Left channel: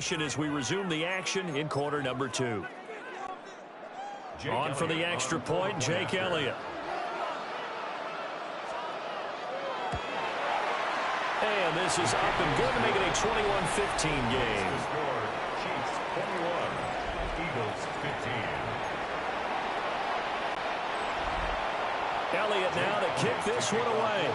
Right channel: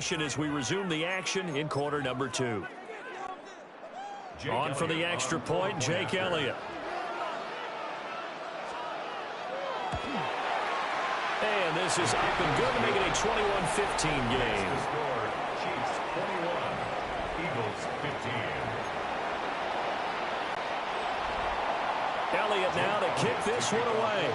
possession as we resume the action in quarter number 2. On for the extra point, Jake Elliott. And this is up and good to make it a 21-15 game. Chiefs 21, Eagles 15. Elliott now to kick this one away.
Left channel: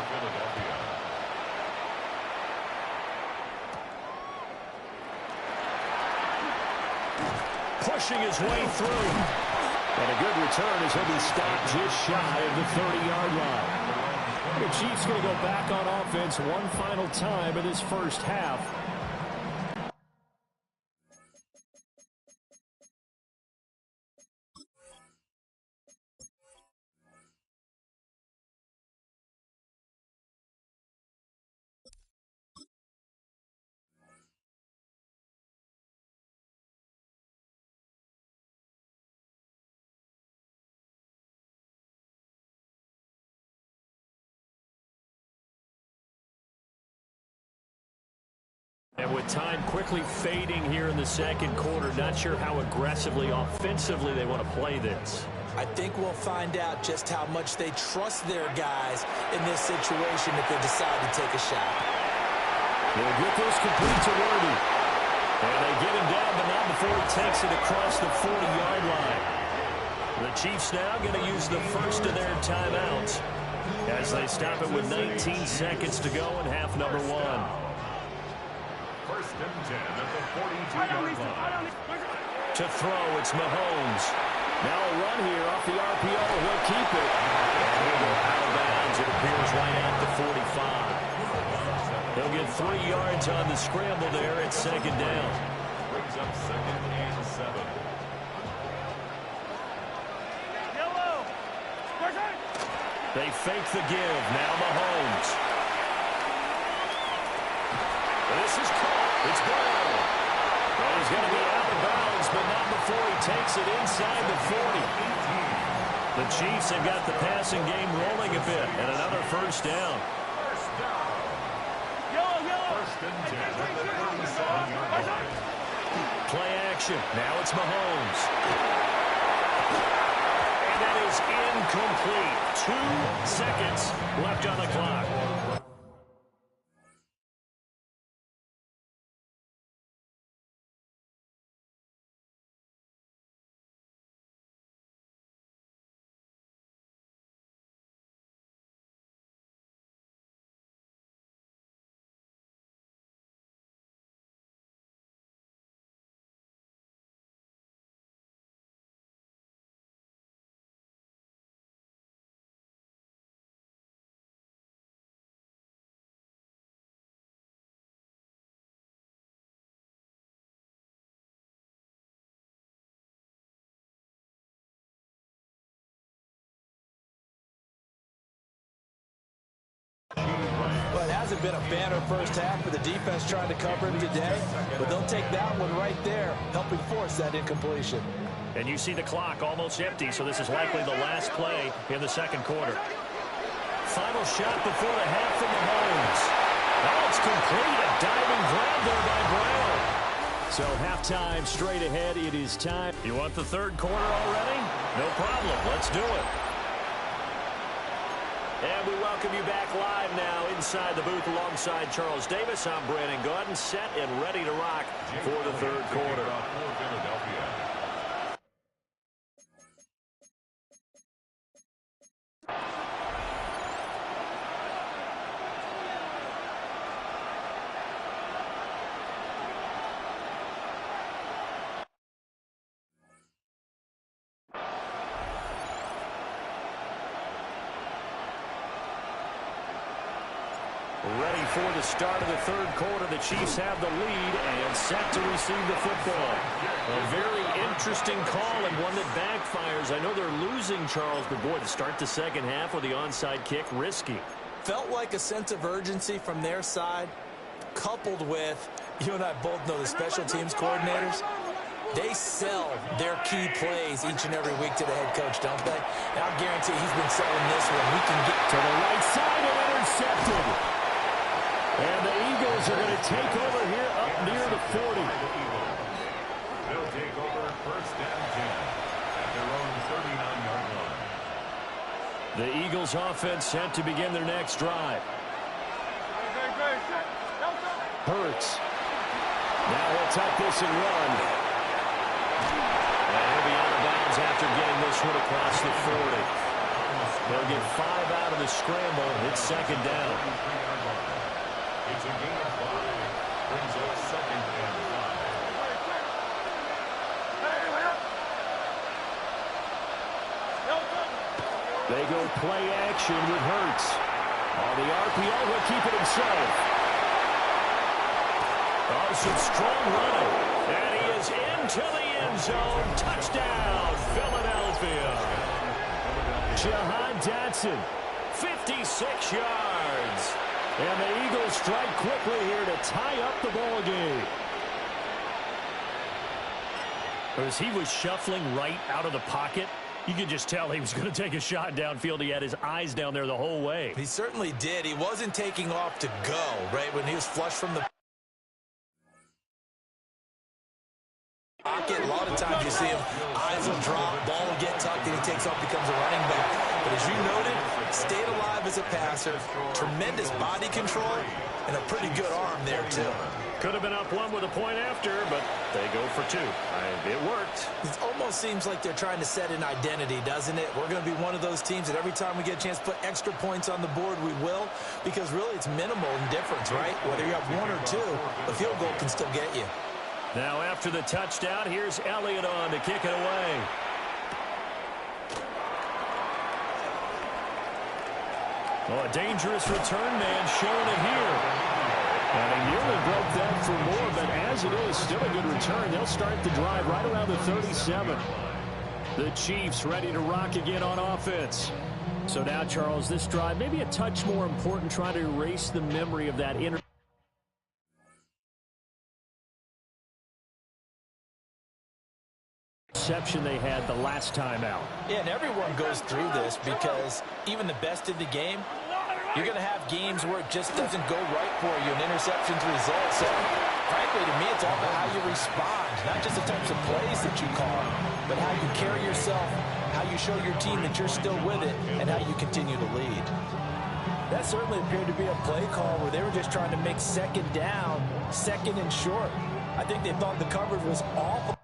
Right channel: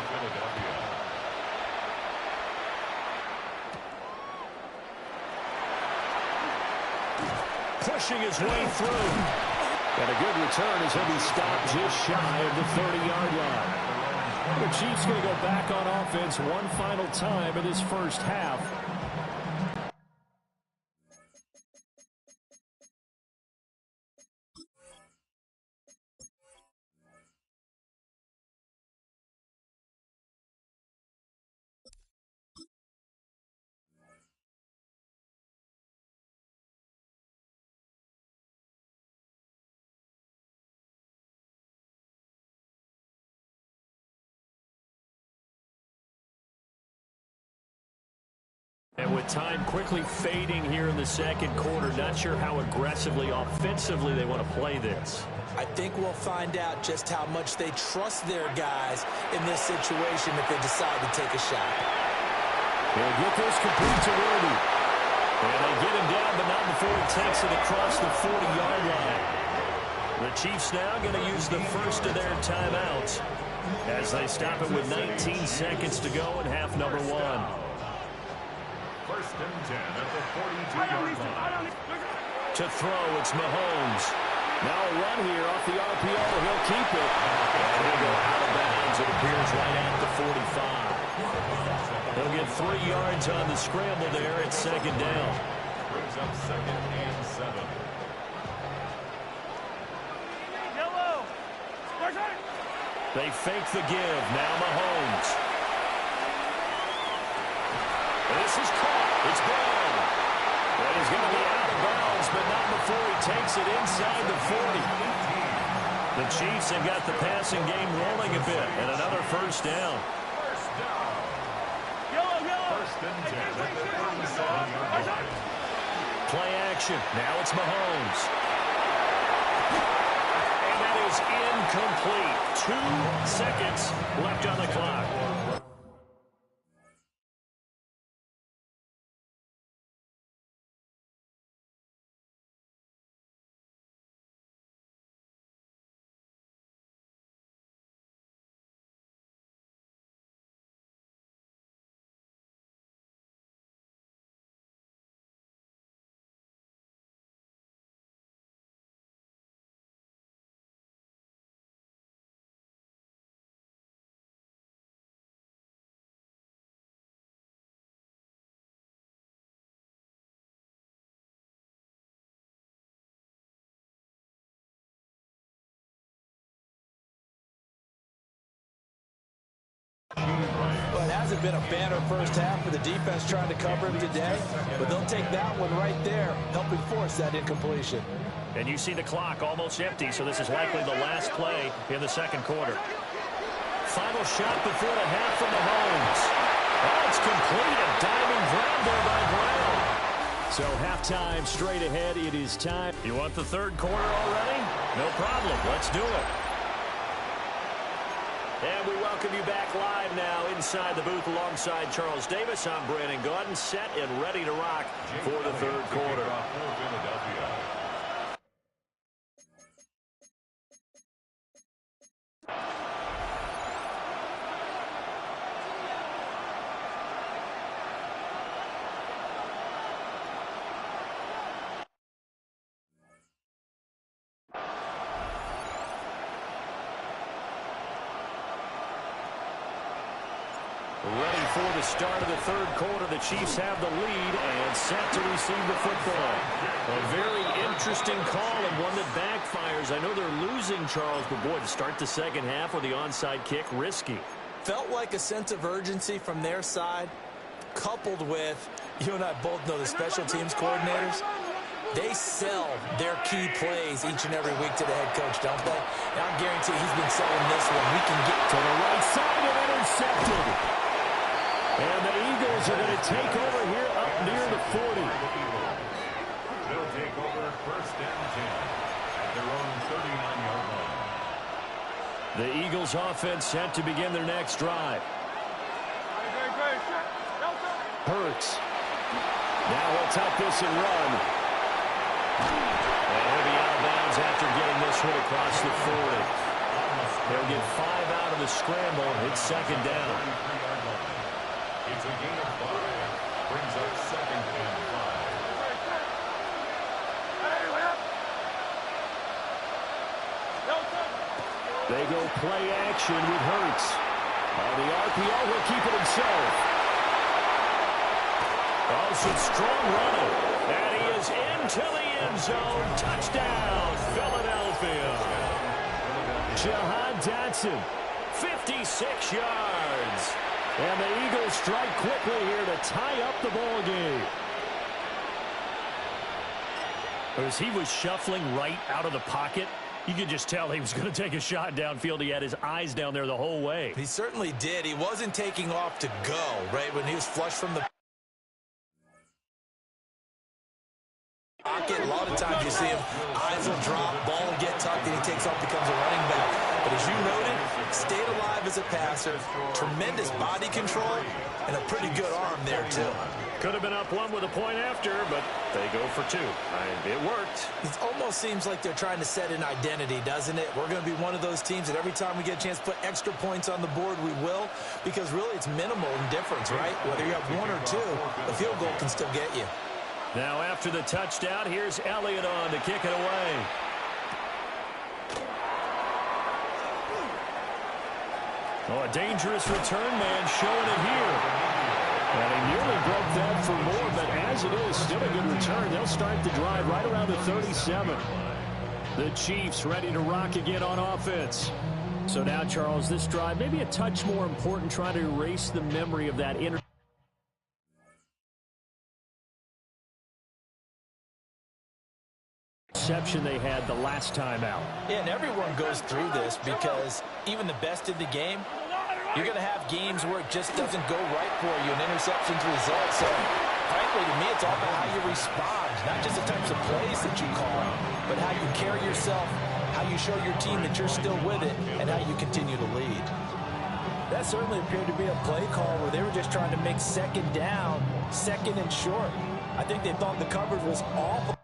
Pushing his way through. And a good return as he'll be stopped just shy of the 30-yard line. The Chiefs going to go back on offense one final time in this first half. And with time quickly fading here in the second quarter, not sure how aggressively, offensively they want to play this. I think we'll find out just how much they trust their guys in this situation if they decide to take a shot. He'll get this complete to Worthy. And they get him down, but not before he takes it across the 40-yard line. The Chiefs now going to use the first of their timeouts as they stop it with 19 seconds to go in half number 1. First and 10 at the 42-yard line. To throw, it's Mahomes. Now a run here off the RPO. He'll keep it. And he'll go out of bounds. It appears right at the 45. He'll get 3 yards on the scramble there at second down. Brings up second and 7. They fake the give. Now Mahomes. This is caught. It's Brown. And he's going to be out of bounds, but not before he takes it inside the 40. The Chiefs have got the passing game rolling a bit, and another first down. First down. First and 10 at the 37-yard line. Play action. Now it's Mahomes. And that is incomplete. 2 seconds left on the clock. Well, it hasn't been a banner first half for the defense trying to cover him today, but they'll take that one right there, helping force that incompletion. And you see the clock almost empty, so this is likely the last play in the second quarter. Final shot before the half from Mahomes. Oh, it's complete. A diving grab there by Brown. So halftime straight ahead. It is time. You want the third quarter already? No problem. Let's do it. And we welcome you back live now inside the booth alongside Charles Davis. I'm Brandon Gaudin, set and ready to rock for the third quarter. Ready for the start of the third quarter. The Chiefs have the lead and set to receive the football. A very interesting call and one that backfires. I know they're losing, Charles, but boy, to start the second half with the onside kick, risky. Felt like a sense of urgency from their side, coupled with, you and I both know the special teams coordinators. They sell their key plays each and every week to the head coach, don't they? And I guarantee he's been selling this one. We can get to the right side and intercepted. And the Eagles are going to take over here up near the 40. take over 1st and 10 at their own 39-yard line. The Eagles offense set to begin their next drive. Hurts. Now he'll tuck this and run. And he'll be out of bounds after getting this one across the 40. He'll get 5 out of the scramble. It's 2nd down. It's a gain of 5. Brings up 2nd and 5. They go play action with Hurts. On the RPO, he'll keep it himself. Oh, some strong running. And he is into the end zone. Touchdown, Philadelphia. Jahan Dotson, 56 yards. And the Eagles strike quickly here to tie up the ball game. As he was shuffling right out of the pocket, you could just tell he was going to take a shot downfield. He had his eyes down there the whole way. He certainly did. He wasn't taking off to go, right, when he was flush from the pocket. A lot of times you see him, eyes will drop, ball will get tucked, and he takes off, becomes a running back. But as you noted, stayed alive as a passer, tremendous body control, and a pretty good arm there, too. Could have been up 1 with a point after, but they go for 2. It worked. It almost seems like they're trying to set an identity, doesn't it? We're going to be one of those teams that every time we get a chance to put extra points on the board, we will, because really it's minimal in difference, right? Whether you have 1 or 2, the field goal can still get you. Now after the touchdown, here's Elliott on to kick it away. Oh, a dangerous return man showing it here. And he nearly broke that for more, but as it is, still a good return. They'll start the drive right around the 37. The Chiefs ready to rock again on offense. So now, Charles, this drive maybe a touch more important, trying to erase the memory of that interception they had the last time out. Yeah, and everyone goes through this because even the best in the game, you're going to have games where it just doesn't go right for you, and interceptions result. So, frankly, to me, it's all about how you respond, not just the types of plays that you call, but how you carry yourself, how you show your team that you're still with it, and how you continue to lead. That certainly appeared to be a play call where they were just trying to make 2nd down, 2nd and short. I think they thought the coverage was awful.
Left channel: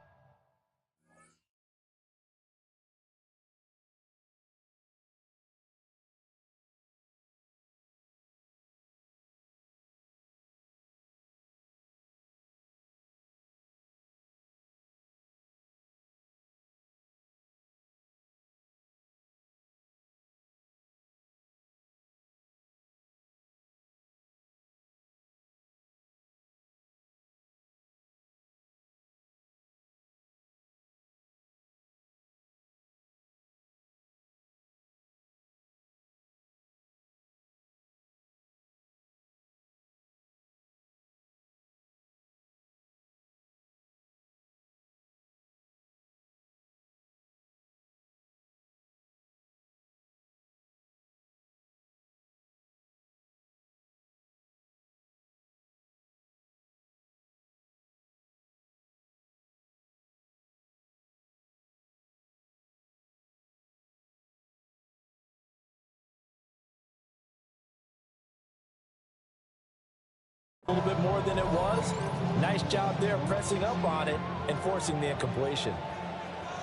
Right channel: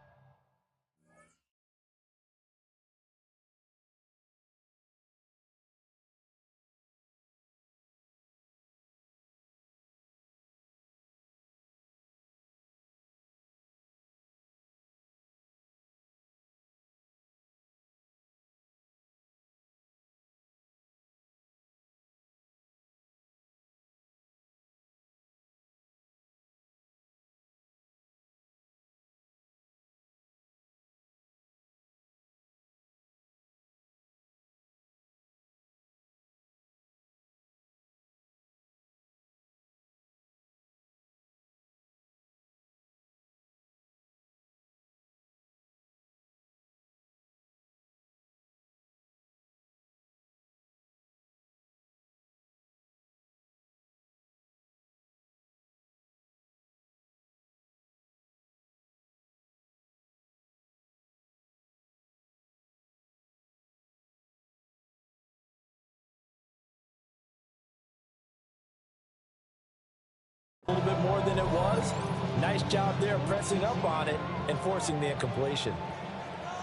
A little bit more than it was. Nice job there pressing up on it and forcing the incompletion.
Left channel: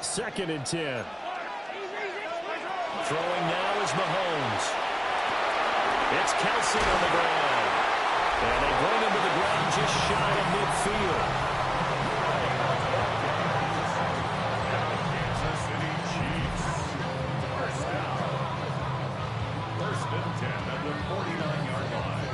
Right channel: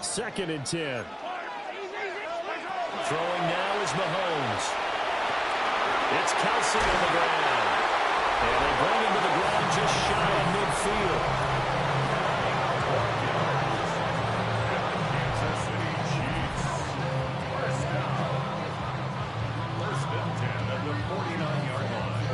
2nd and 10. Throwing now is Mahomes. It's Kelsey on the ground. And they bring him to the ground just shy of midfield. Kansas City Chiefs. 1st down. 1st and 10 at the 49-yard line.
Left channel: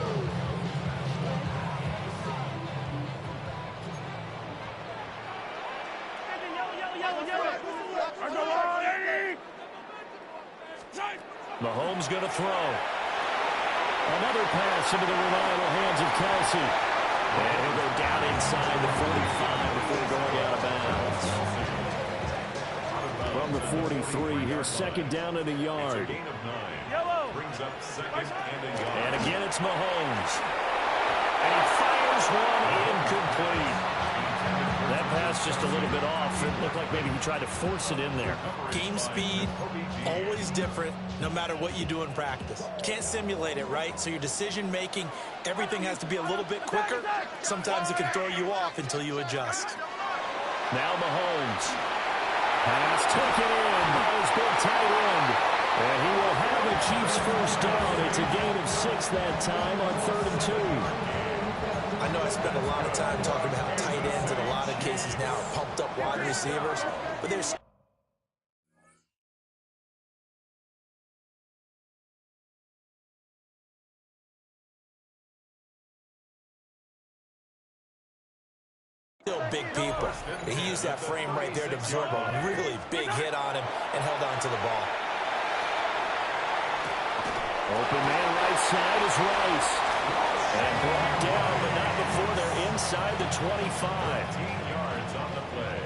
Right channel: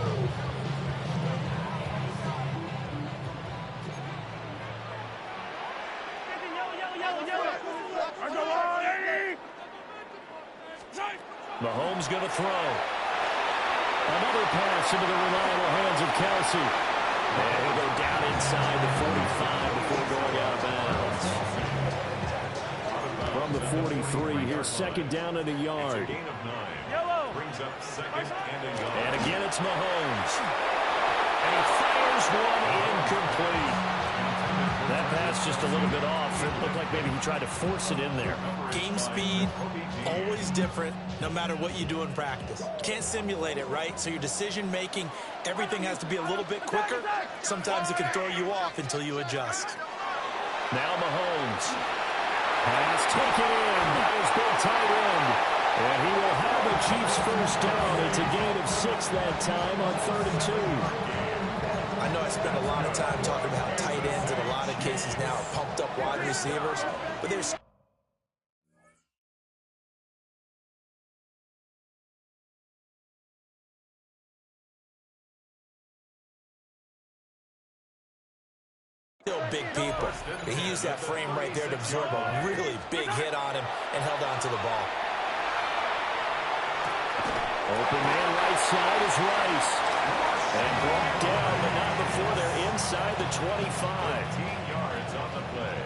Mahomes going to throw. Another pass into the reliable hands of Kelsey. And he'll go down inside the 45 before going out of bounds. From the 43, here's 2nd down and a yard. Gain of 9. Brings up 2nd and a yard. And again, it's Mahomes. And he fires one incomplete. That pass just a little bit off. It looked like maybe he tried to force it in there. Game speed, always different, no matter what you do in practice. Can't simulate it, right? So your decision-making, everything has to be a little bit quicker. Sometimes it can throw you off until you adjust. Now Mahomes. Pass taken in by his big tight end. And he will have the Chiefs first down. It's a gain of 6 that time on 3rd and 2. I know I spend a lot of time talking about how tight ends in a lot of cases now are pumped up wide receivers, but there's still big people. He used that frame right there to absorb a really big hit on him and held on to the ball. Open man right side is Rice. And brought down, but not before they're inside the 25. 15 yards on the play.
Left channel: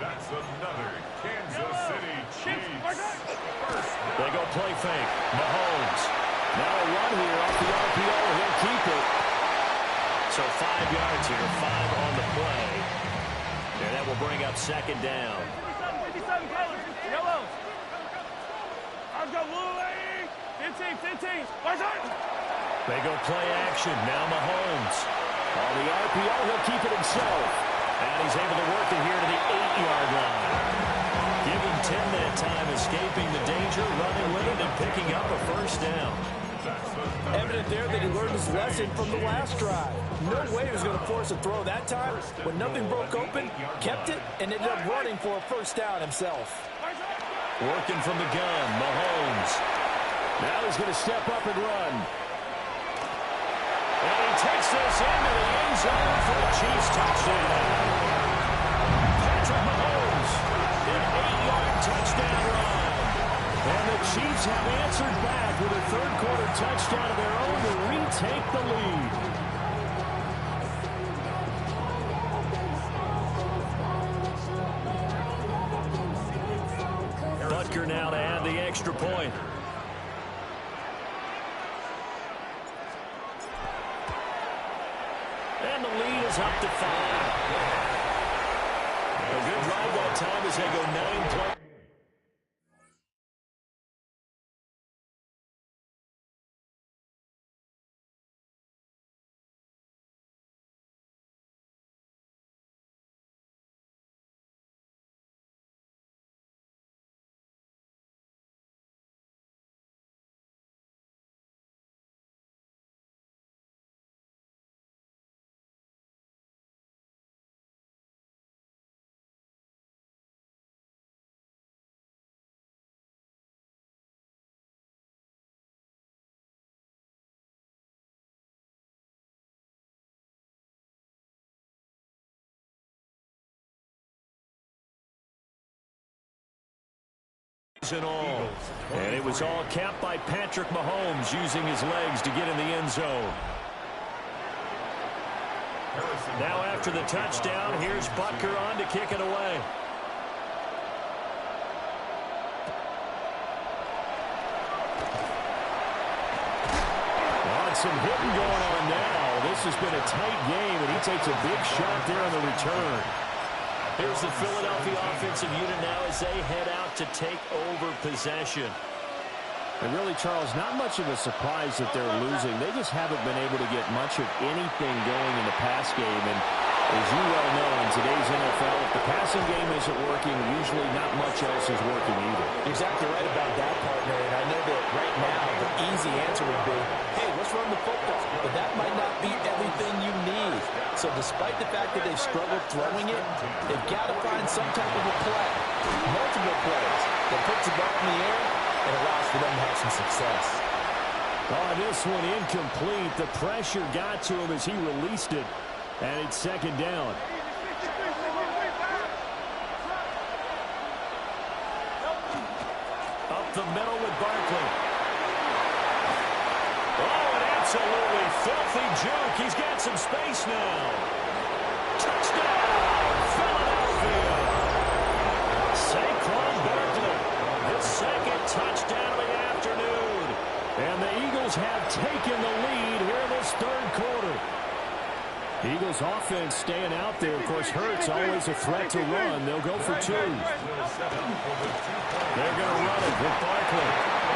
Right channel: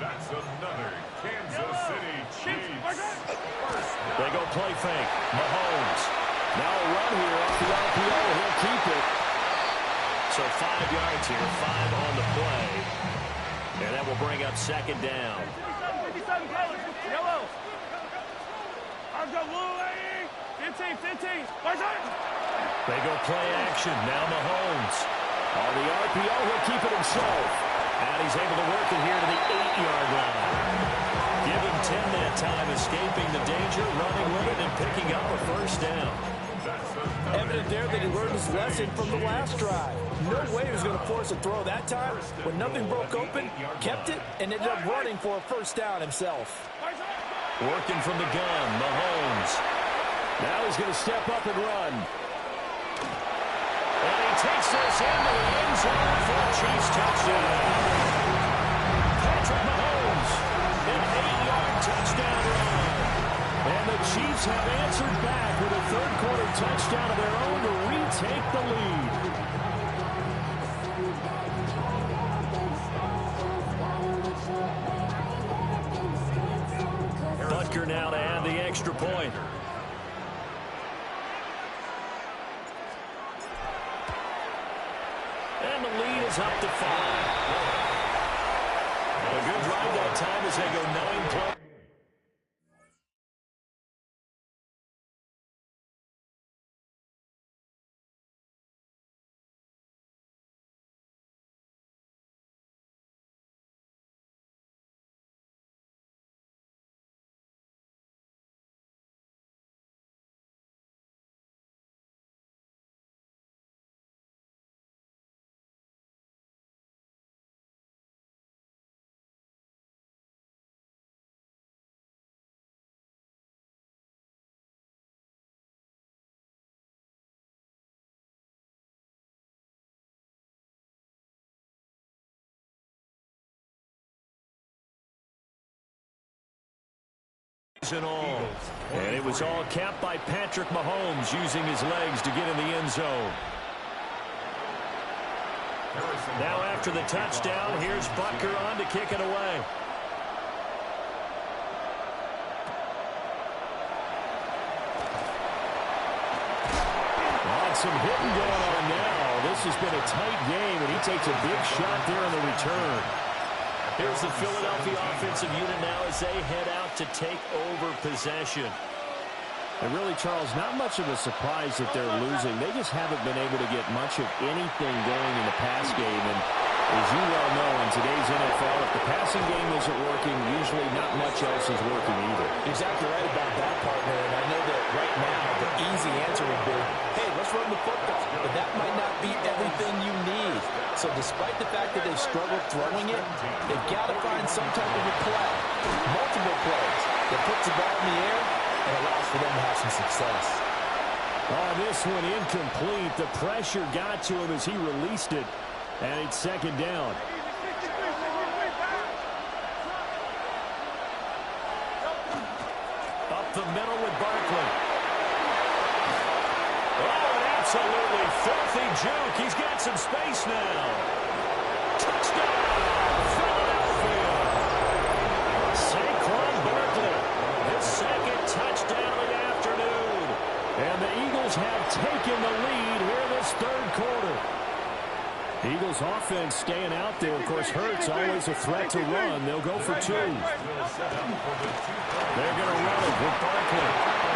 That's another Kansas City Chiefs. They go play fake. Mahomes. Now a run here off the RPO. He'll keep it. So 5 yards here, 5 on the play. And that will bring up 2nd down. 57 colors. Yellow. I've got blue. 15. They go play action. Now Mahomes. On the RPO, he'll keep it himself. And he's able to work it here to the 8-yard line. Give him 10 that time, escaping the danger, running with it, and picking up a first down. Evident there that he learned his lesson from the last drive. No way he was going to force a throw that time. When nothing broke open, kept it, and ended up running for a first down himself. Working from the gun, Mahomes. Now he's going to step up and run. And he takes this into the end zone for a Chiefs touchdown. Patrick Mahomes, an 8-yard touchdown run. And the Chiefs have answered back with a third-quarter touchdown of their own to retake the lead. Butker now to add the extra point. And the lead is up to 5. A good drive that time as they go 9 plays. And all. And it was all capped by Patrick Mahomes using his legs to get in the end zone. Now after the touchdown, here's Butker on to kick it away. On some hitting going on now. This has been a tight game, and he takes a big shot there on the return. Here's the Philadelphia offensive unit now as they head out to take over possession. And really, Charles, not much of a surprise that they're losing. They just haven't been able to get much of anything going in the pass game. And as you well know, in today's NFL, if the passing game isn't working, usually not much else is working either. Exactly right about that, partner. And I know that right now the easy answer would be, hey, let's run the football. But that might not be everything you need. So despite the fact that they've struggled throwing it, they've got to find some type of a play, multiple plays, that puts the ball in the air and allows for them to have some success. Oh, this one incomplete. The pressure got to him as he released it. And it's 2nd down. Up the middle with Barkley. Oh, an absolutely filthy juke. He's got some space now. Touchdown, Philadelphia. Saquon Barkley, his 2nd touchdown of the afternoon. And the Eagles have taken the lead here in this 3rd quarter. Eagles offense staying out there. Of course, Hurts always a threat to run. They'll go for 2. They're going to run it with Barkley.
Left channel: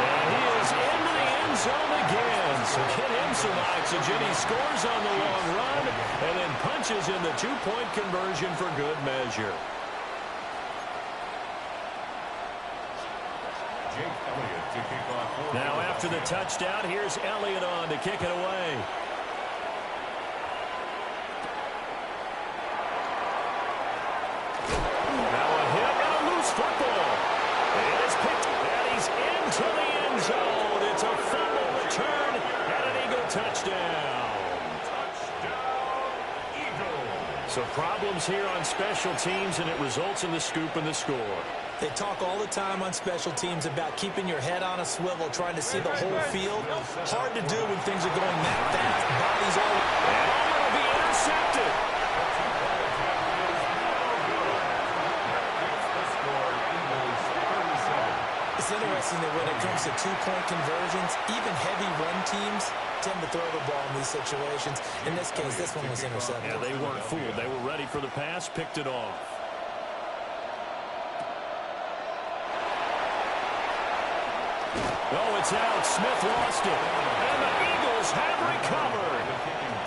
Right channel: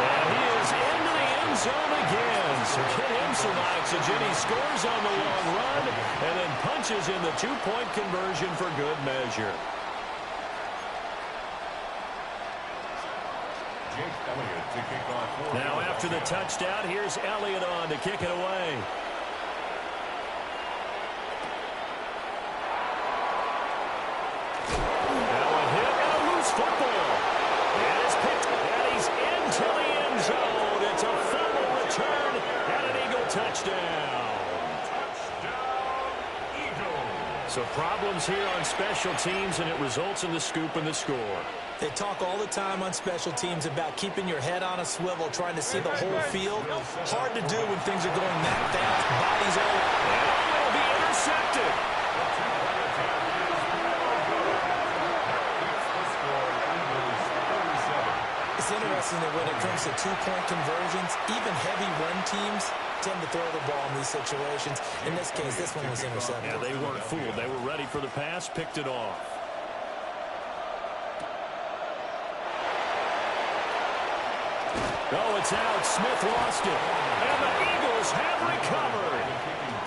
And he is into the end zone again. So get him some oxygen. He scores on the long run and then punches in the 2-point conversion for good measure. Jake Elliott to kick off. Now after the touchdown, here's Elliott on to kick it away. Now a hit and a loose football. It is picked and he's into the end zone. It's a fumble return and an Eagle touchdown. Touchdown, Eagles. So problems here on special teams, and it results in the scoop and the score. They talk all the time on special teams about keeping your head on a swivel, trying to see the whole field. Hard to do when things are going that fast. Bodies all... And it'll be intercepted. The two-point attempt is no good. That keeps the score Eagles 37. It's interesting that when it comes to 2-point conversions, even heavy run teams tend to throw the ball in these situations. In this case, this one was intercepted. Yeah, they weren't fooled. They were ready for the pass, picked it off. Oh, it's out. Smith lost it. And the Eagles have recovered.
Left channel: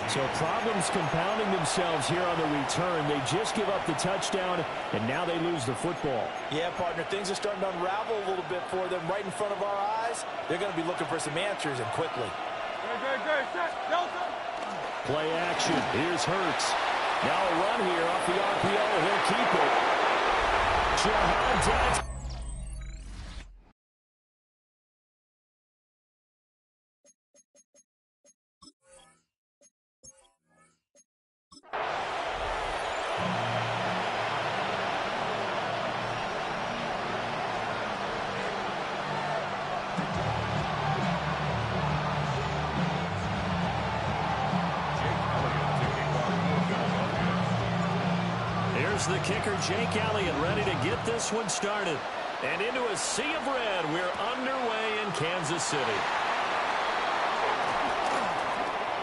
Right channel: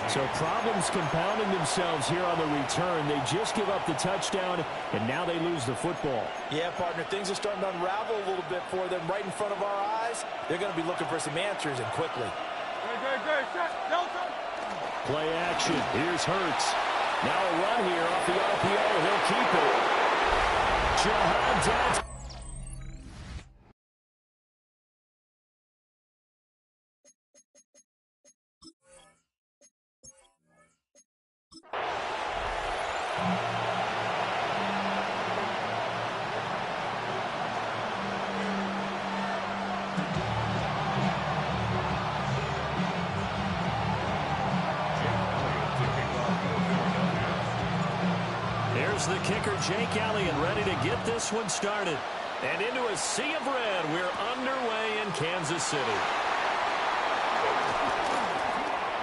So problems compounding themselves here on the return. They just give up the touchdown, and now they lose the football. Yeah, partner, things are starting to unravel a little bit for them right in front of our eyes. They're going to be looking for some answers, and quickly. Play action. Here's Hurts. Now a run here off the RPO. He'll keep it. Jahan Dodson. Here's the kicker, Jake Elliott, ready to get this one started. And into a sea of red, we're underway in Kansas City.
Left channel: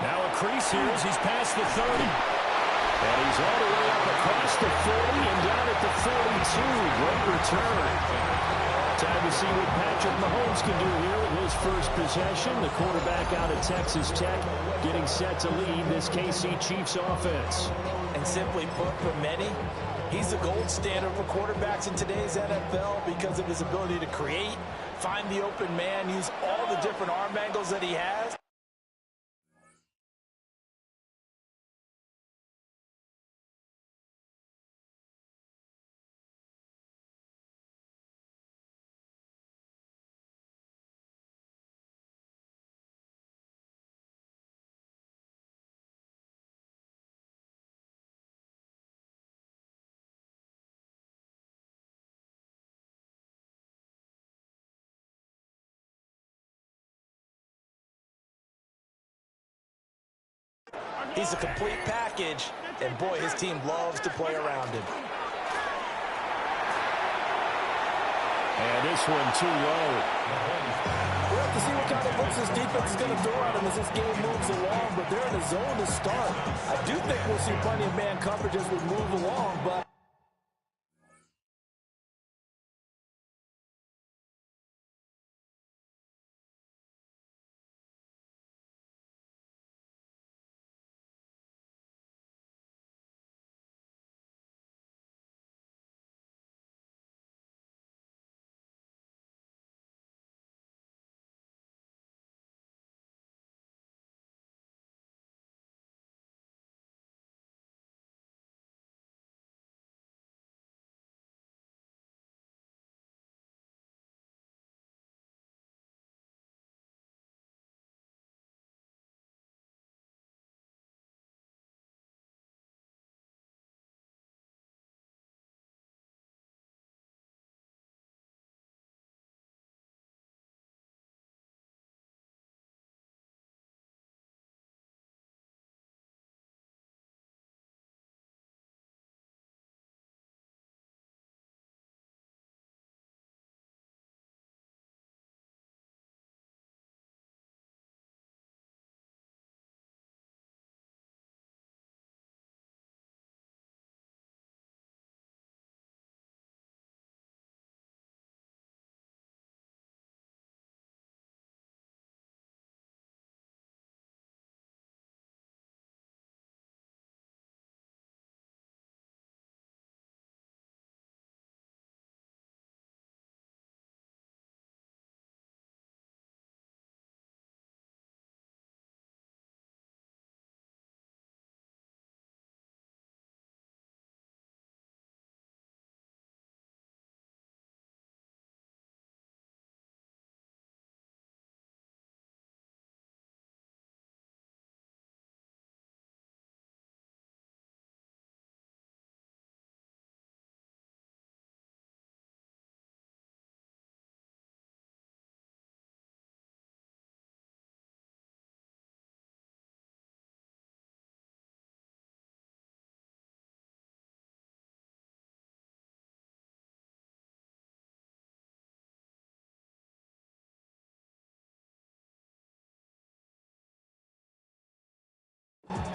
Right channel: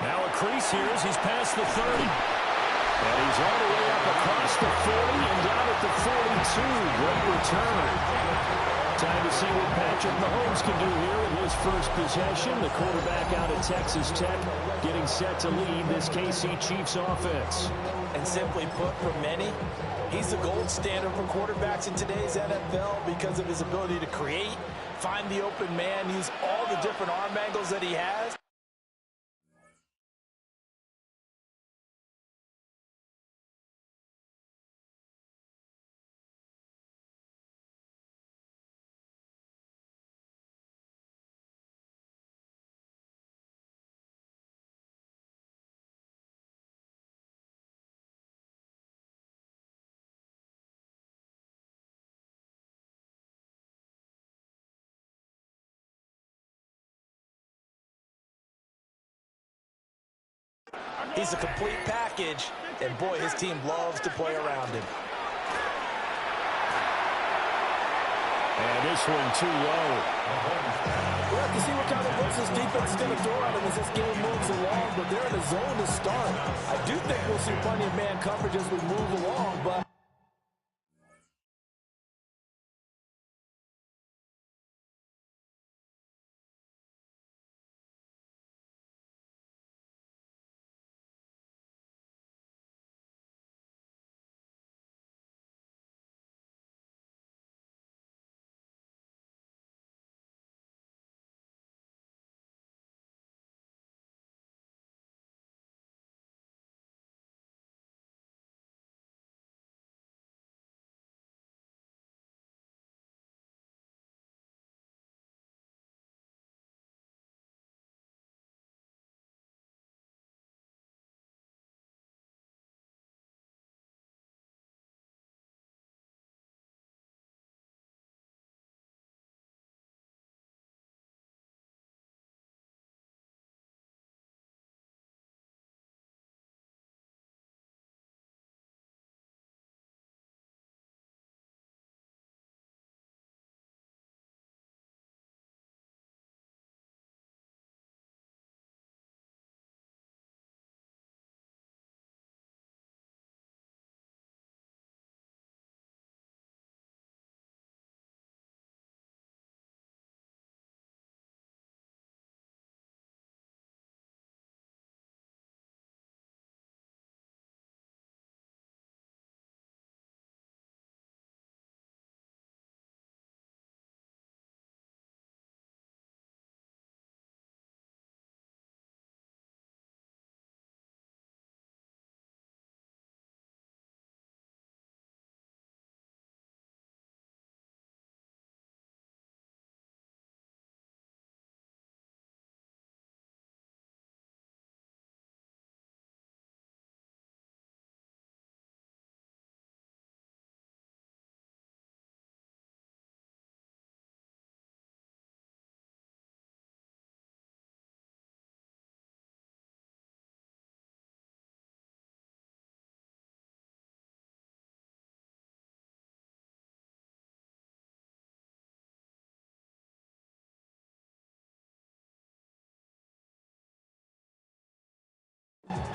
Now a crease here as he's past the 30. And he's all the way up across the 40 and down at the 42. Great return. Time to see what Patrick Mahomes can do here with his first possession. The quarterback out of Texas Tech getting set to lead this KC Chiefs offense. And simply put, for many, he's the gold standard for quarterbacks in today's NFL because of his ability to create, find the open man, use all the different arm angles that he has. He's a complete package, and boy, his team loves to play around him. And this one too low. We'll have to see what kind of looks this defense is going to throw at him as this game moves along, but they're in a zone to start. I do think we'll see plenty of man coverage as we move along, but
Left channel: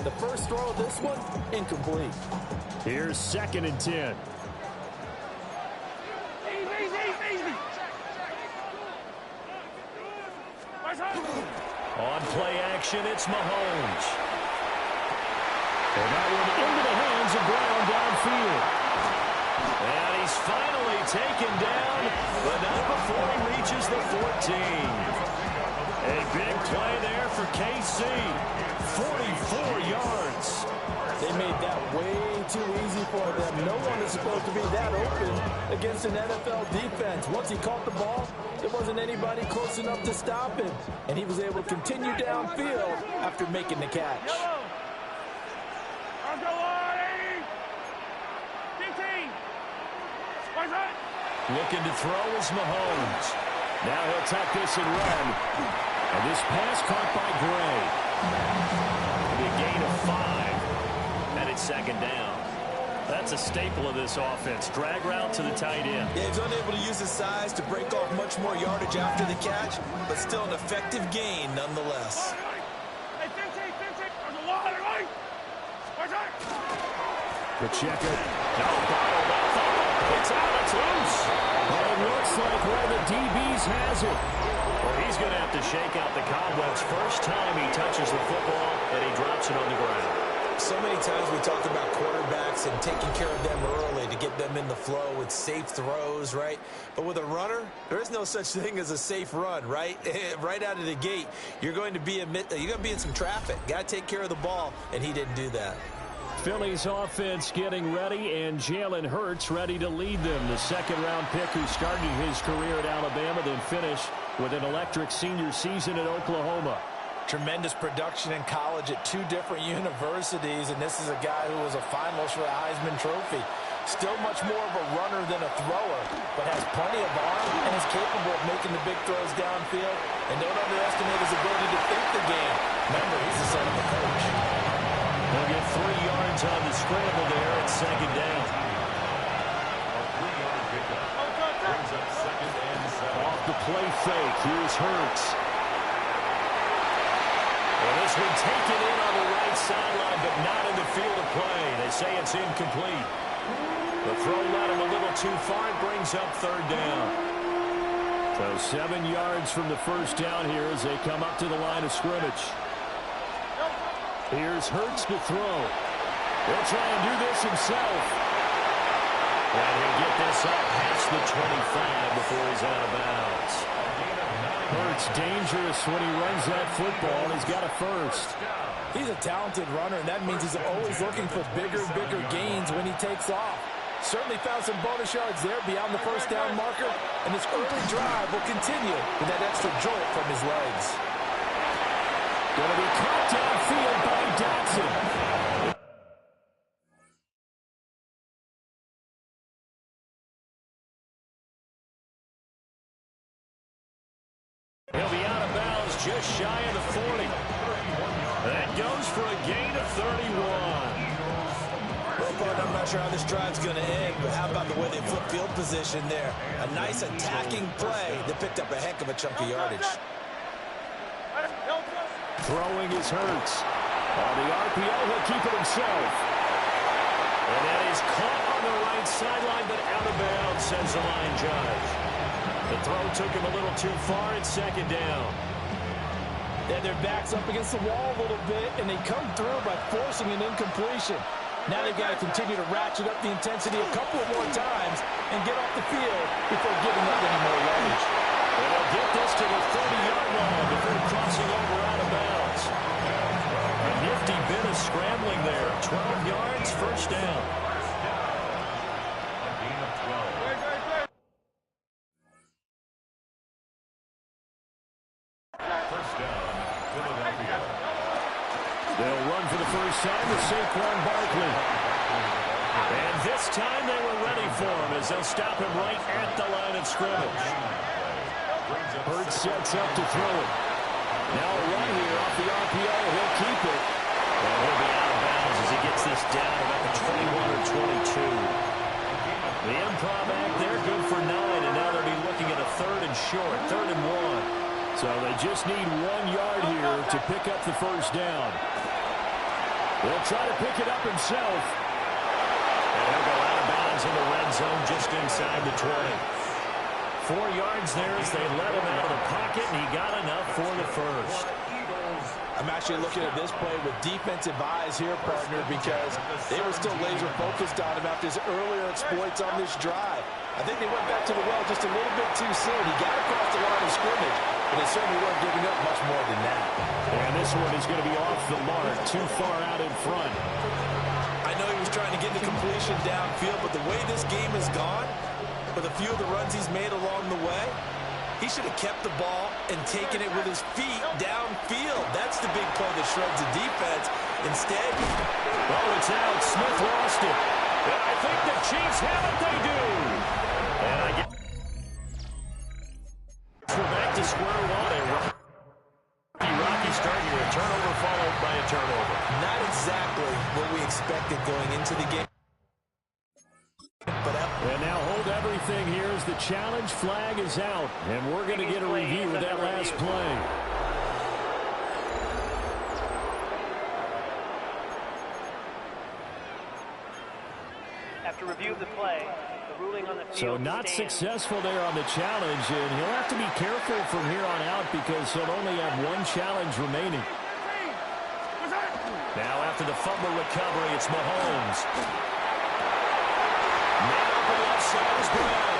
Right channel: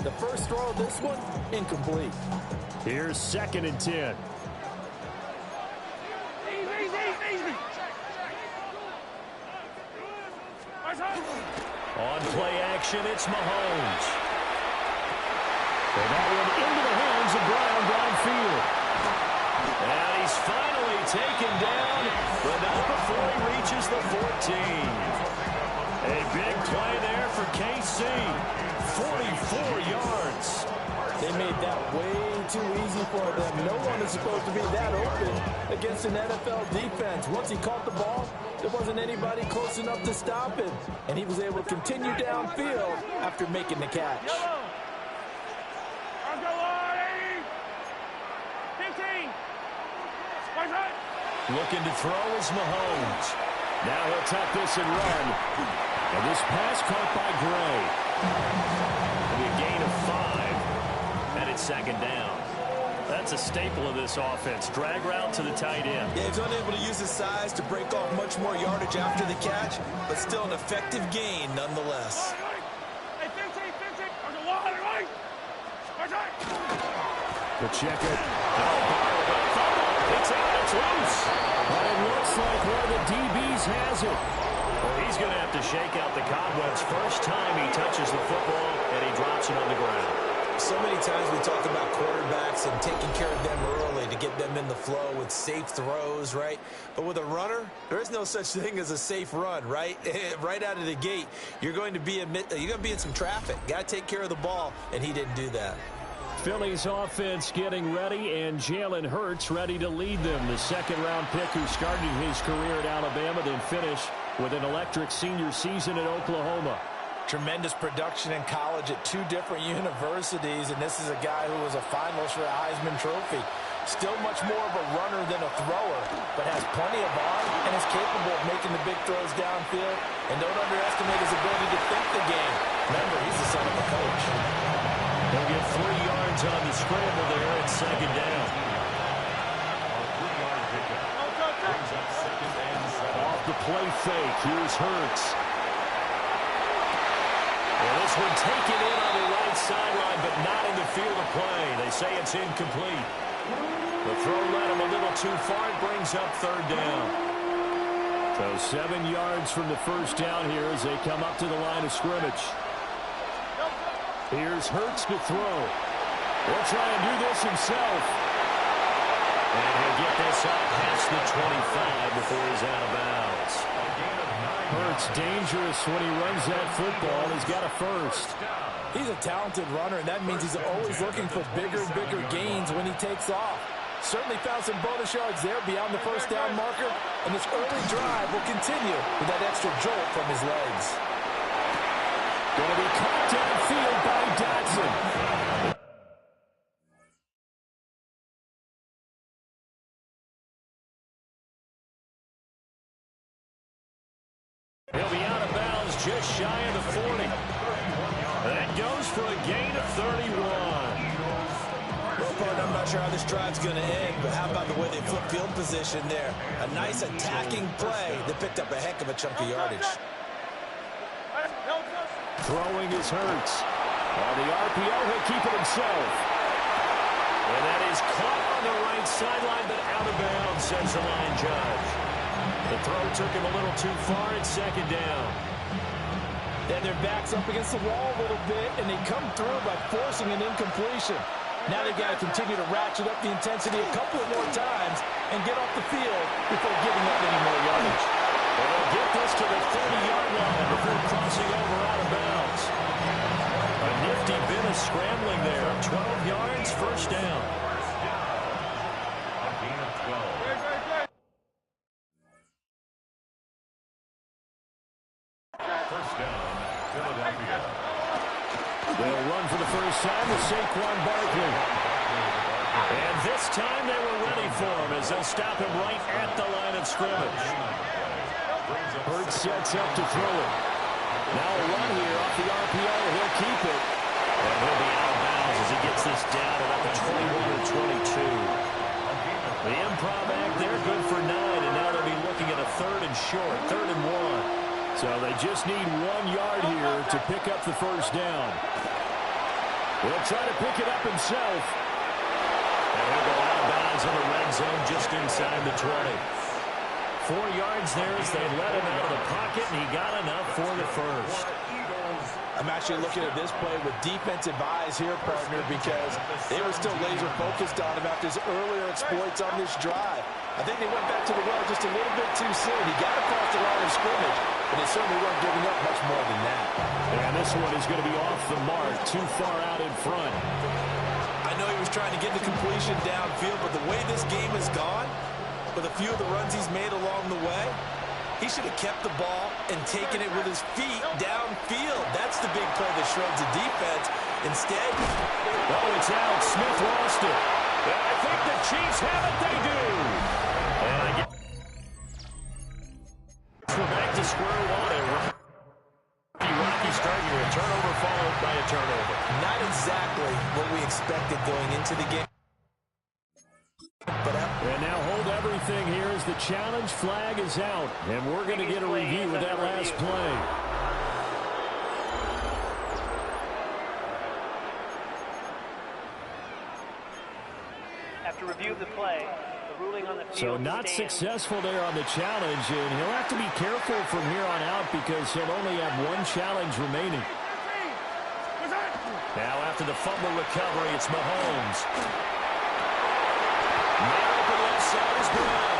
The first throw of this one, incomplete. Here's 2nd and 10. On play action, it's Mahomes. And that one into the hands of Brown downfield. And he's finally taken down, but not before he reaches the 14. A big play there for KC. 44 yards. They made that way too easy for them. No one is supposed to be that open against an NFL defense. Once he caught the ball, there wasn't anybody close enough to stop him. And he was able to continue downfield after making the catch. Looking to throw is Mahomes. Now he'll tuck this and run. And this pass caught by Gray. It'll be a gain of 5. And it's 2nd down. That's a staple of this offense. Drag route to the tight end. Yeah, he's unable to use his size to break off much more yardage after the catch, but still an effective gain nonetheless. Pacheco. No, bottled up. Fumble. It's out. It's loose. But it looks like one of the DBs has it. Well, he's going to have to shake out the cobwebs first time he touches the football, and he drops it on the ground. So many times we talk about quarterbacks and taking care of them early to get them in the flow with safe throws, right? But with a runner, there is no such thing as a safe run, right? Right out of the gate, you're going to be in some traffic. Got to take care of the ball, and he didn't do that. Philly's offense getting ready, and Jalen Hurts ready to lead them. The 2nd-round pick who started his career at Alabama, then finished with an electric senior season at Oklahoma. Tremendous production in college at 2 different universities, and this is a guy who was a finalist for the Heisman Trophy. Still much more of a runner than a thrower, but has plenty of arm and is capable of making the big throws downfield. And don't underestimate his ability to think the game. Remember, he's the son of a coach. He'll get 3 yards on the scramble there at 2nd down. A 3-yard pickup brings up 2nd and 7. Off the play fake, here's Hurts. Well, this one taken in on the right sideline, but not in the field of play. They say it's incomplete. The throw led him a little too far. It brings up 3rd down. So 7 yards from the first down here as they come up to the line of scrimmage. Here's Hurts to throw. He'll try and do this himself. And he'll get this up past the 25 before he's out of bounds. Hurts dangerous when he runs that football. He's got a first. He's a talented runner, and that means he's always looking for bigger and bigger gains when he takes off. Certainly found some bonus yards there beyond the first down marker, and this early drive will continue with that extra jolt from his legs. Going to be caught downfield by Dotson. He'll be out of bounds just shy of the 40. That goes for a gain of 31. Well, partner, I'm not sure how this drive's going to end, but how about the way they flip field position there? A nice attacking play that picked up a heck of a chunk of yardage. Throwing is Hurts. On the RPO, he'll keep it himself. And that is caught on the right sideline, but out of bounds, says the line judge. The throw took him a little too far at 2nd down. Then their back's up against the wall a little bit, and they come through by forcing an incompletion. Now they've got to continue to ratchet up the intensity a couple of more times and get off the field before giving up any more yardage. And they'll get this to the 30-yard line before crossing over out of bounds. A nifty bit of scrambling there. 12 yards, first down. A gain of 12. First down, Philadelphia. They'll run for the first time with Saquon Barkley. And this time they were ready for him as they'll stop him right at the line of scrimmage. Hurts sets up to throw it. Now a run here off the RPO. He'll keep it. And he'll be out of bounds as he gets this down about the 21 or 22. The improv act there, good for 9, and now they'll be looking at a 3rd and short, 3rd and 1. So they just need 1 yard here to pick up the first down. He'll try to pick it up himself. And he'll go out of bounds in the red zone just inside the 20. 4 yards there as they let him out of the pocket, and he got enough for the first. I'm actually looking at this play with defensive eyes here, partner, because they were still laser focused on him after his earlier exploits on this drive. I think they went back to the well just a little bit too soon. He got across the line of scrimmage, but they certainly weren't giving up much more than that. And this one is going to be off the mark, too far out in front. I know he was trying to get the completion downfield, but the way this game has gone, with a few of the runs he's made along the way, he should have kept the ball and taken it with his feet downfield. That's the big play that shreds the defense. Instead, oh, it's out. Smith lost it. And I think the Chiefs have it. They do. And I get we're back to square one. A rocky start here. A turnover followed by a turnover. not exactly what we expected going into the game. And now hold everything here as the challenge flag is out. And we're going to get a review of that last play. After review of the play, the ruling on the field So not stands. successful there on the challenge, and he'll have to be careful from here on out because he'll only have one challenge remaining. Now after the fumble recovery, it's Mahomes. Man open left side is Brown.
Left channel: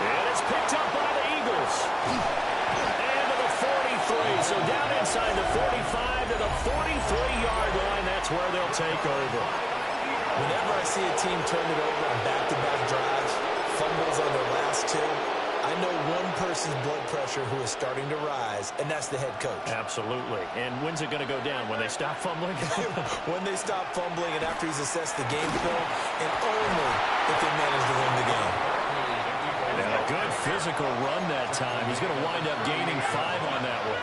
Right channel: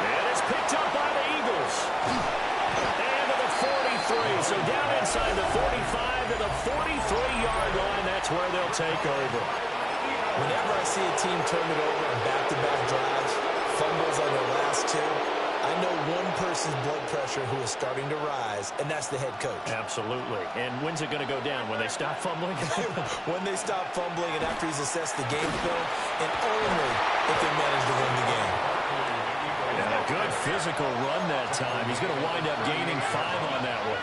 And it's picked up by the Eagles. And to the 43. So down inside the 45 to the 43-yard line. That's where they'll take over. Whenever I see a team turn it over on back-to-back drives, fumbles on their last two, I know one person's blood pressure who is starting to rise, and that's the head coach. Absolutely. And when's it going to go down? When they stop fumbling? When they stop fumbling and after he's assessed the game film, and only if they manage to win the game. And a good physical run that time. He's going to wind up gaining 5 on that one.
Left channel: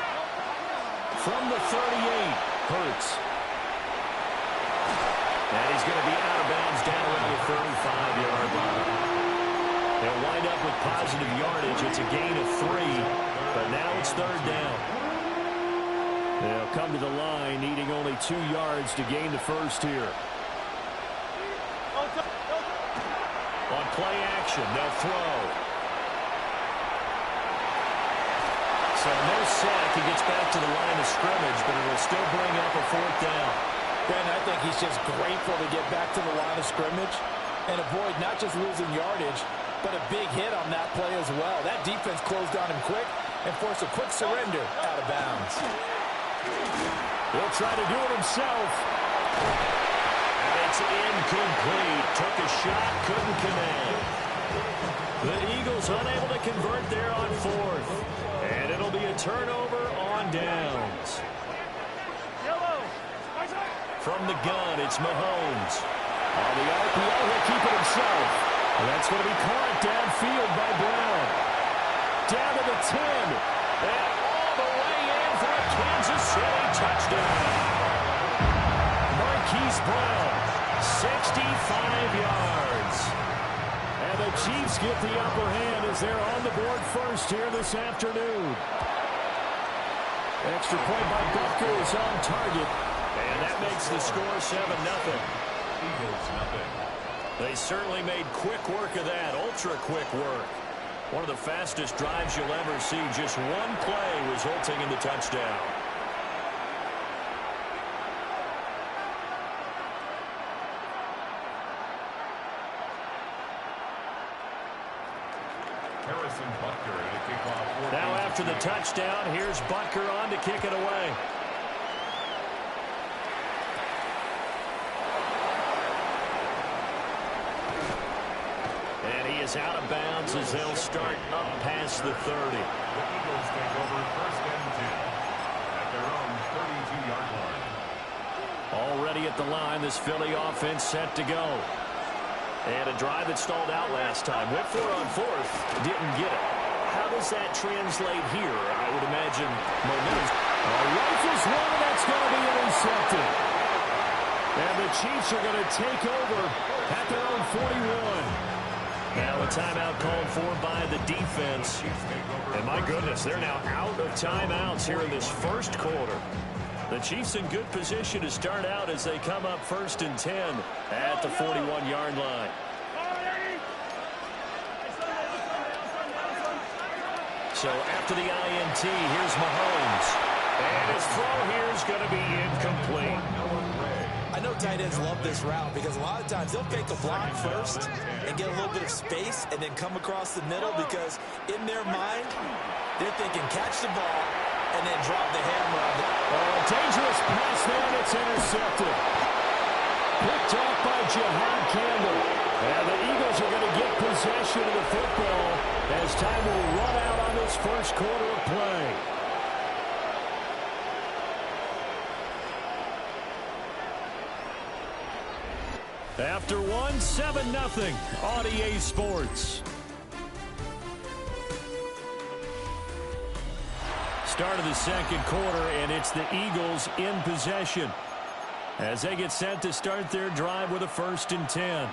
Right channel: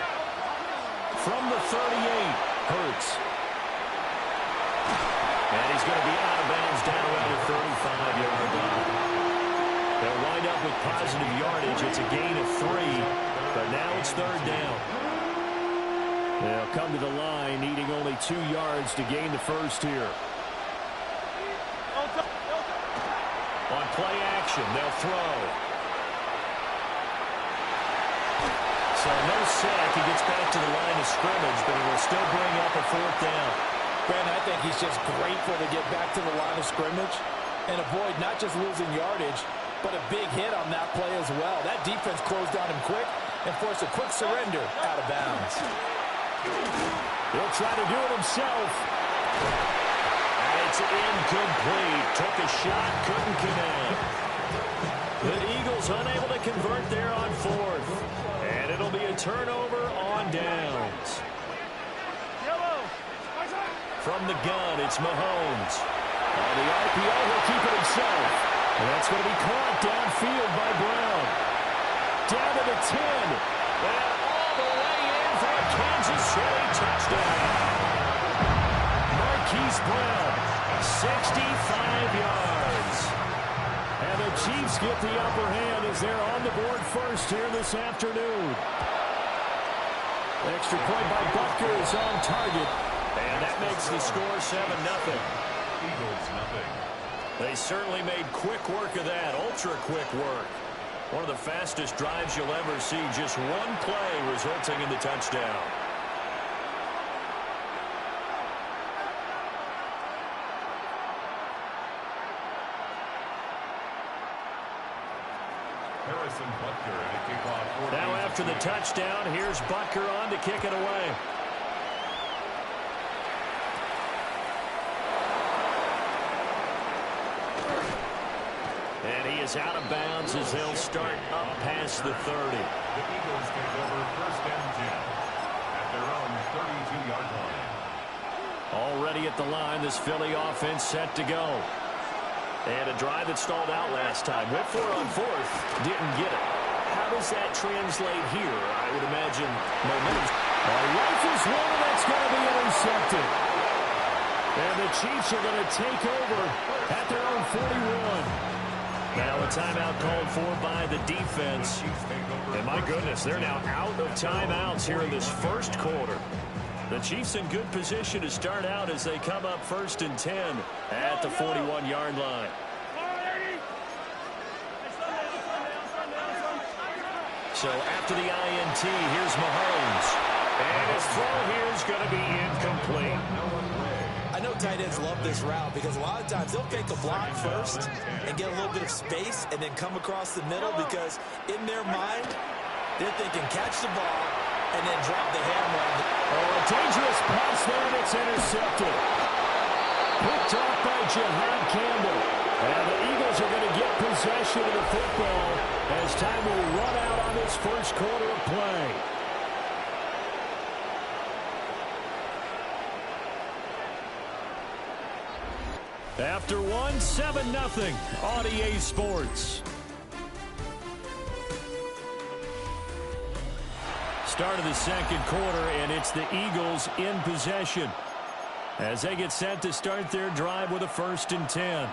From the 38, Hurts. And he's going to be out of bounds down around the 35-yard line. They'll wind up with positive yardage. It's a gain of 3, but now it's third down. They'll come to the line, needing only 2 yards to gain the first here. On play action, they'll throw. So no sack. He gets back to the line of scrimmage, but it'll still bring up a 4th down. Brandon, I think he's just grateful to get back to the line of scrimmage and avoid not just losing yardage, but a big hit on that play as well. That defense closed on him quick and forced a quick surrender out of bounds. He'll try to do it himself. And it's incomplete. Took a shot, couldn't connect. The Eagles unable to convert there on 4th. And it'll be a turnover on downs. From the gun, it's Mahomes. On the RPO, he'll keep it himself. And that's going to be caught downfield by Brown. Down to the 10. And all the way in for a Kansas City touchdown. Marquise Brown, 65 yards. And the Chiefs get the upper hand as they're on the board first here this afternoon. Extra point by Butker is on target. And that makes the score 7-0. Eagles, nothing. They certainly made quick work of that, ultra-quick work. One of the fastest drives you'll ever see, just one play resulting in the touchdown. Harrison Butker at a kickoff. Now after the touchdown, here's Butker on to kick it away. And he is out of bounds as they'll start up past the 30. The Eagles take over 1st and 10 at their own 32-yard line. Already at the line, this Philly offense set to go. And a drive that stalled out last time. Went for it on 4th, didn't get it. How does that translate here? I would imagine momentum. He rifles one, and that's going to be intercepted. And the Chiefs are going to take over at their own 41. Now a timeout called for by the defense. And my goodness, they're now out of timeouts here in this first quarter. The Chiefs in good position to start out as they come up 1st and 10 at the 41-yard line. So after the INT, here's Mahomes. And his throw here is going to be incomplete. I know tight ends love this route because a lot of times they'll fake a block first and get a little bit of space and then come across the middle because in their mind, they're thinking catch the ball and then drop the hammer on the... Oh, a dangerous pass there, and it's intercepted. Picked off by Jihad Campbell. And the Eagles are going to get possession of the football as time will run out on this first quarter of play. After one, 7-0 on EA Sports. Start of the second quarter, and it's the Eagles in possession as they get set to start their drive with a 1st and 10.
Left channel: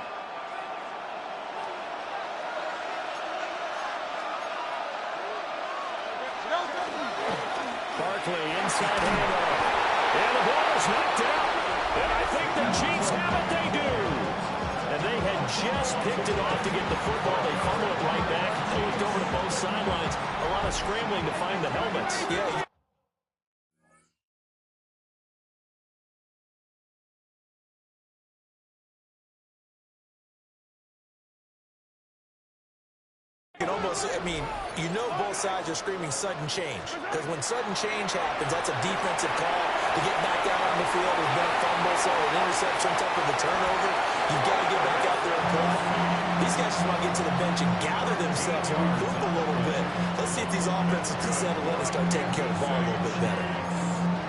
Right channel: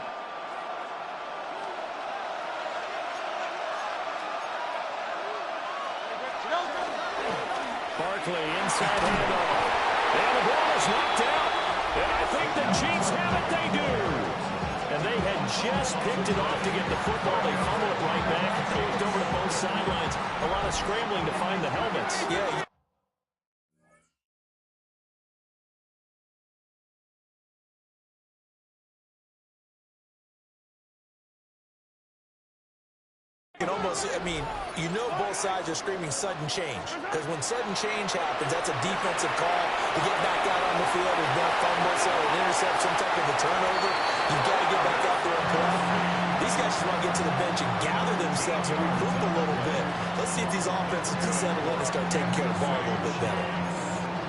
Barkley inside handoff. And the ball is knocked out. And I think the Chiefs have it. They do. And they had just picked it off to get the football. They fumble it right back. They looked over to both sidelines. A lot of scrambling to find the helmets. Yeah. You can almost, I mean, you know both sides are screaming sudden change. Because when sudden change happens, that's a defensive call to get back out on the field. There's been a fumble, so an interception, some type of a turnover. You've got to get back out there and play. These guys just want to get to the bench and gather themselves and regroup a little bit. Let's see if these offenses can settle in and start taking care of the ball a little bit better.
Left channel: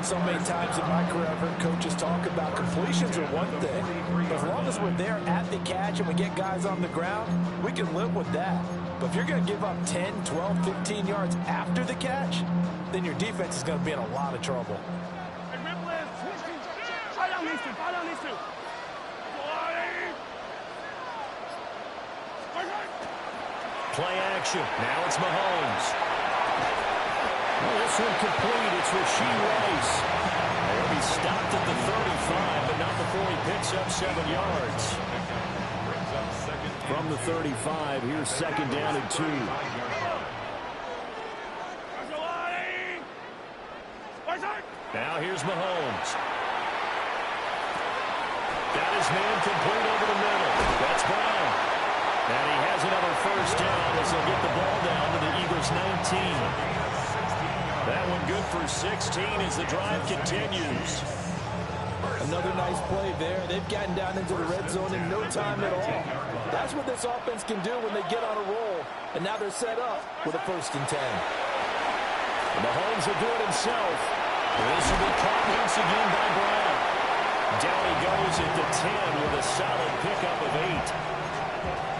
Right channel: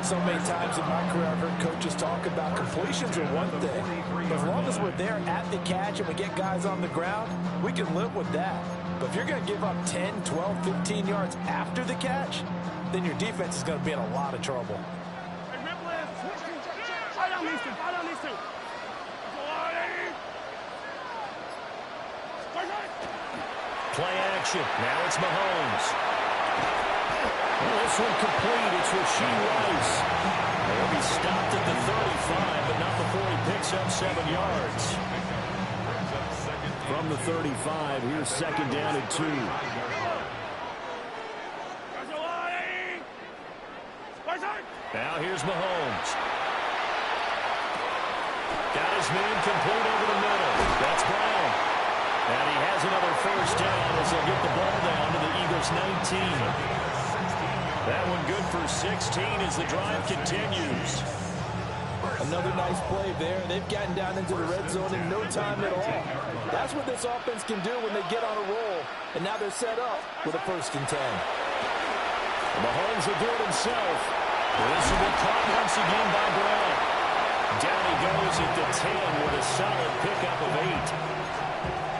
So many times in my career, I've heard coaches talk about completions are one thing. But as long as we're there at the catch and we get guys on the ground, we can live with that. But if you're going to give up 10, 12, 15 yards after the catch, then your defense is going to be in a lot of trouble. Play action. Now it's Mahomes. Well, this one complete. It's Rashee Rice. He'll be stopped at the 35, but not before he picks up 7 yards. From the 35, here's 2nd down and 2. Now here's Mahomes. Got his man complete over the middle. That's Brown. And he has another 1st down as they'll get the ball down to the Eagles' 19. That one good for 16 as the drive continues. Another nice play there. They've gotten down into the red zone in no time at all. That's what this offense can do when they get on a roll. And now they're set up with a 1st and 10. And Mahomes will do it himself. This will be caught once again by Brown. Down he goes at the 10 with a solid pickup of 8.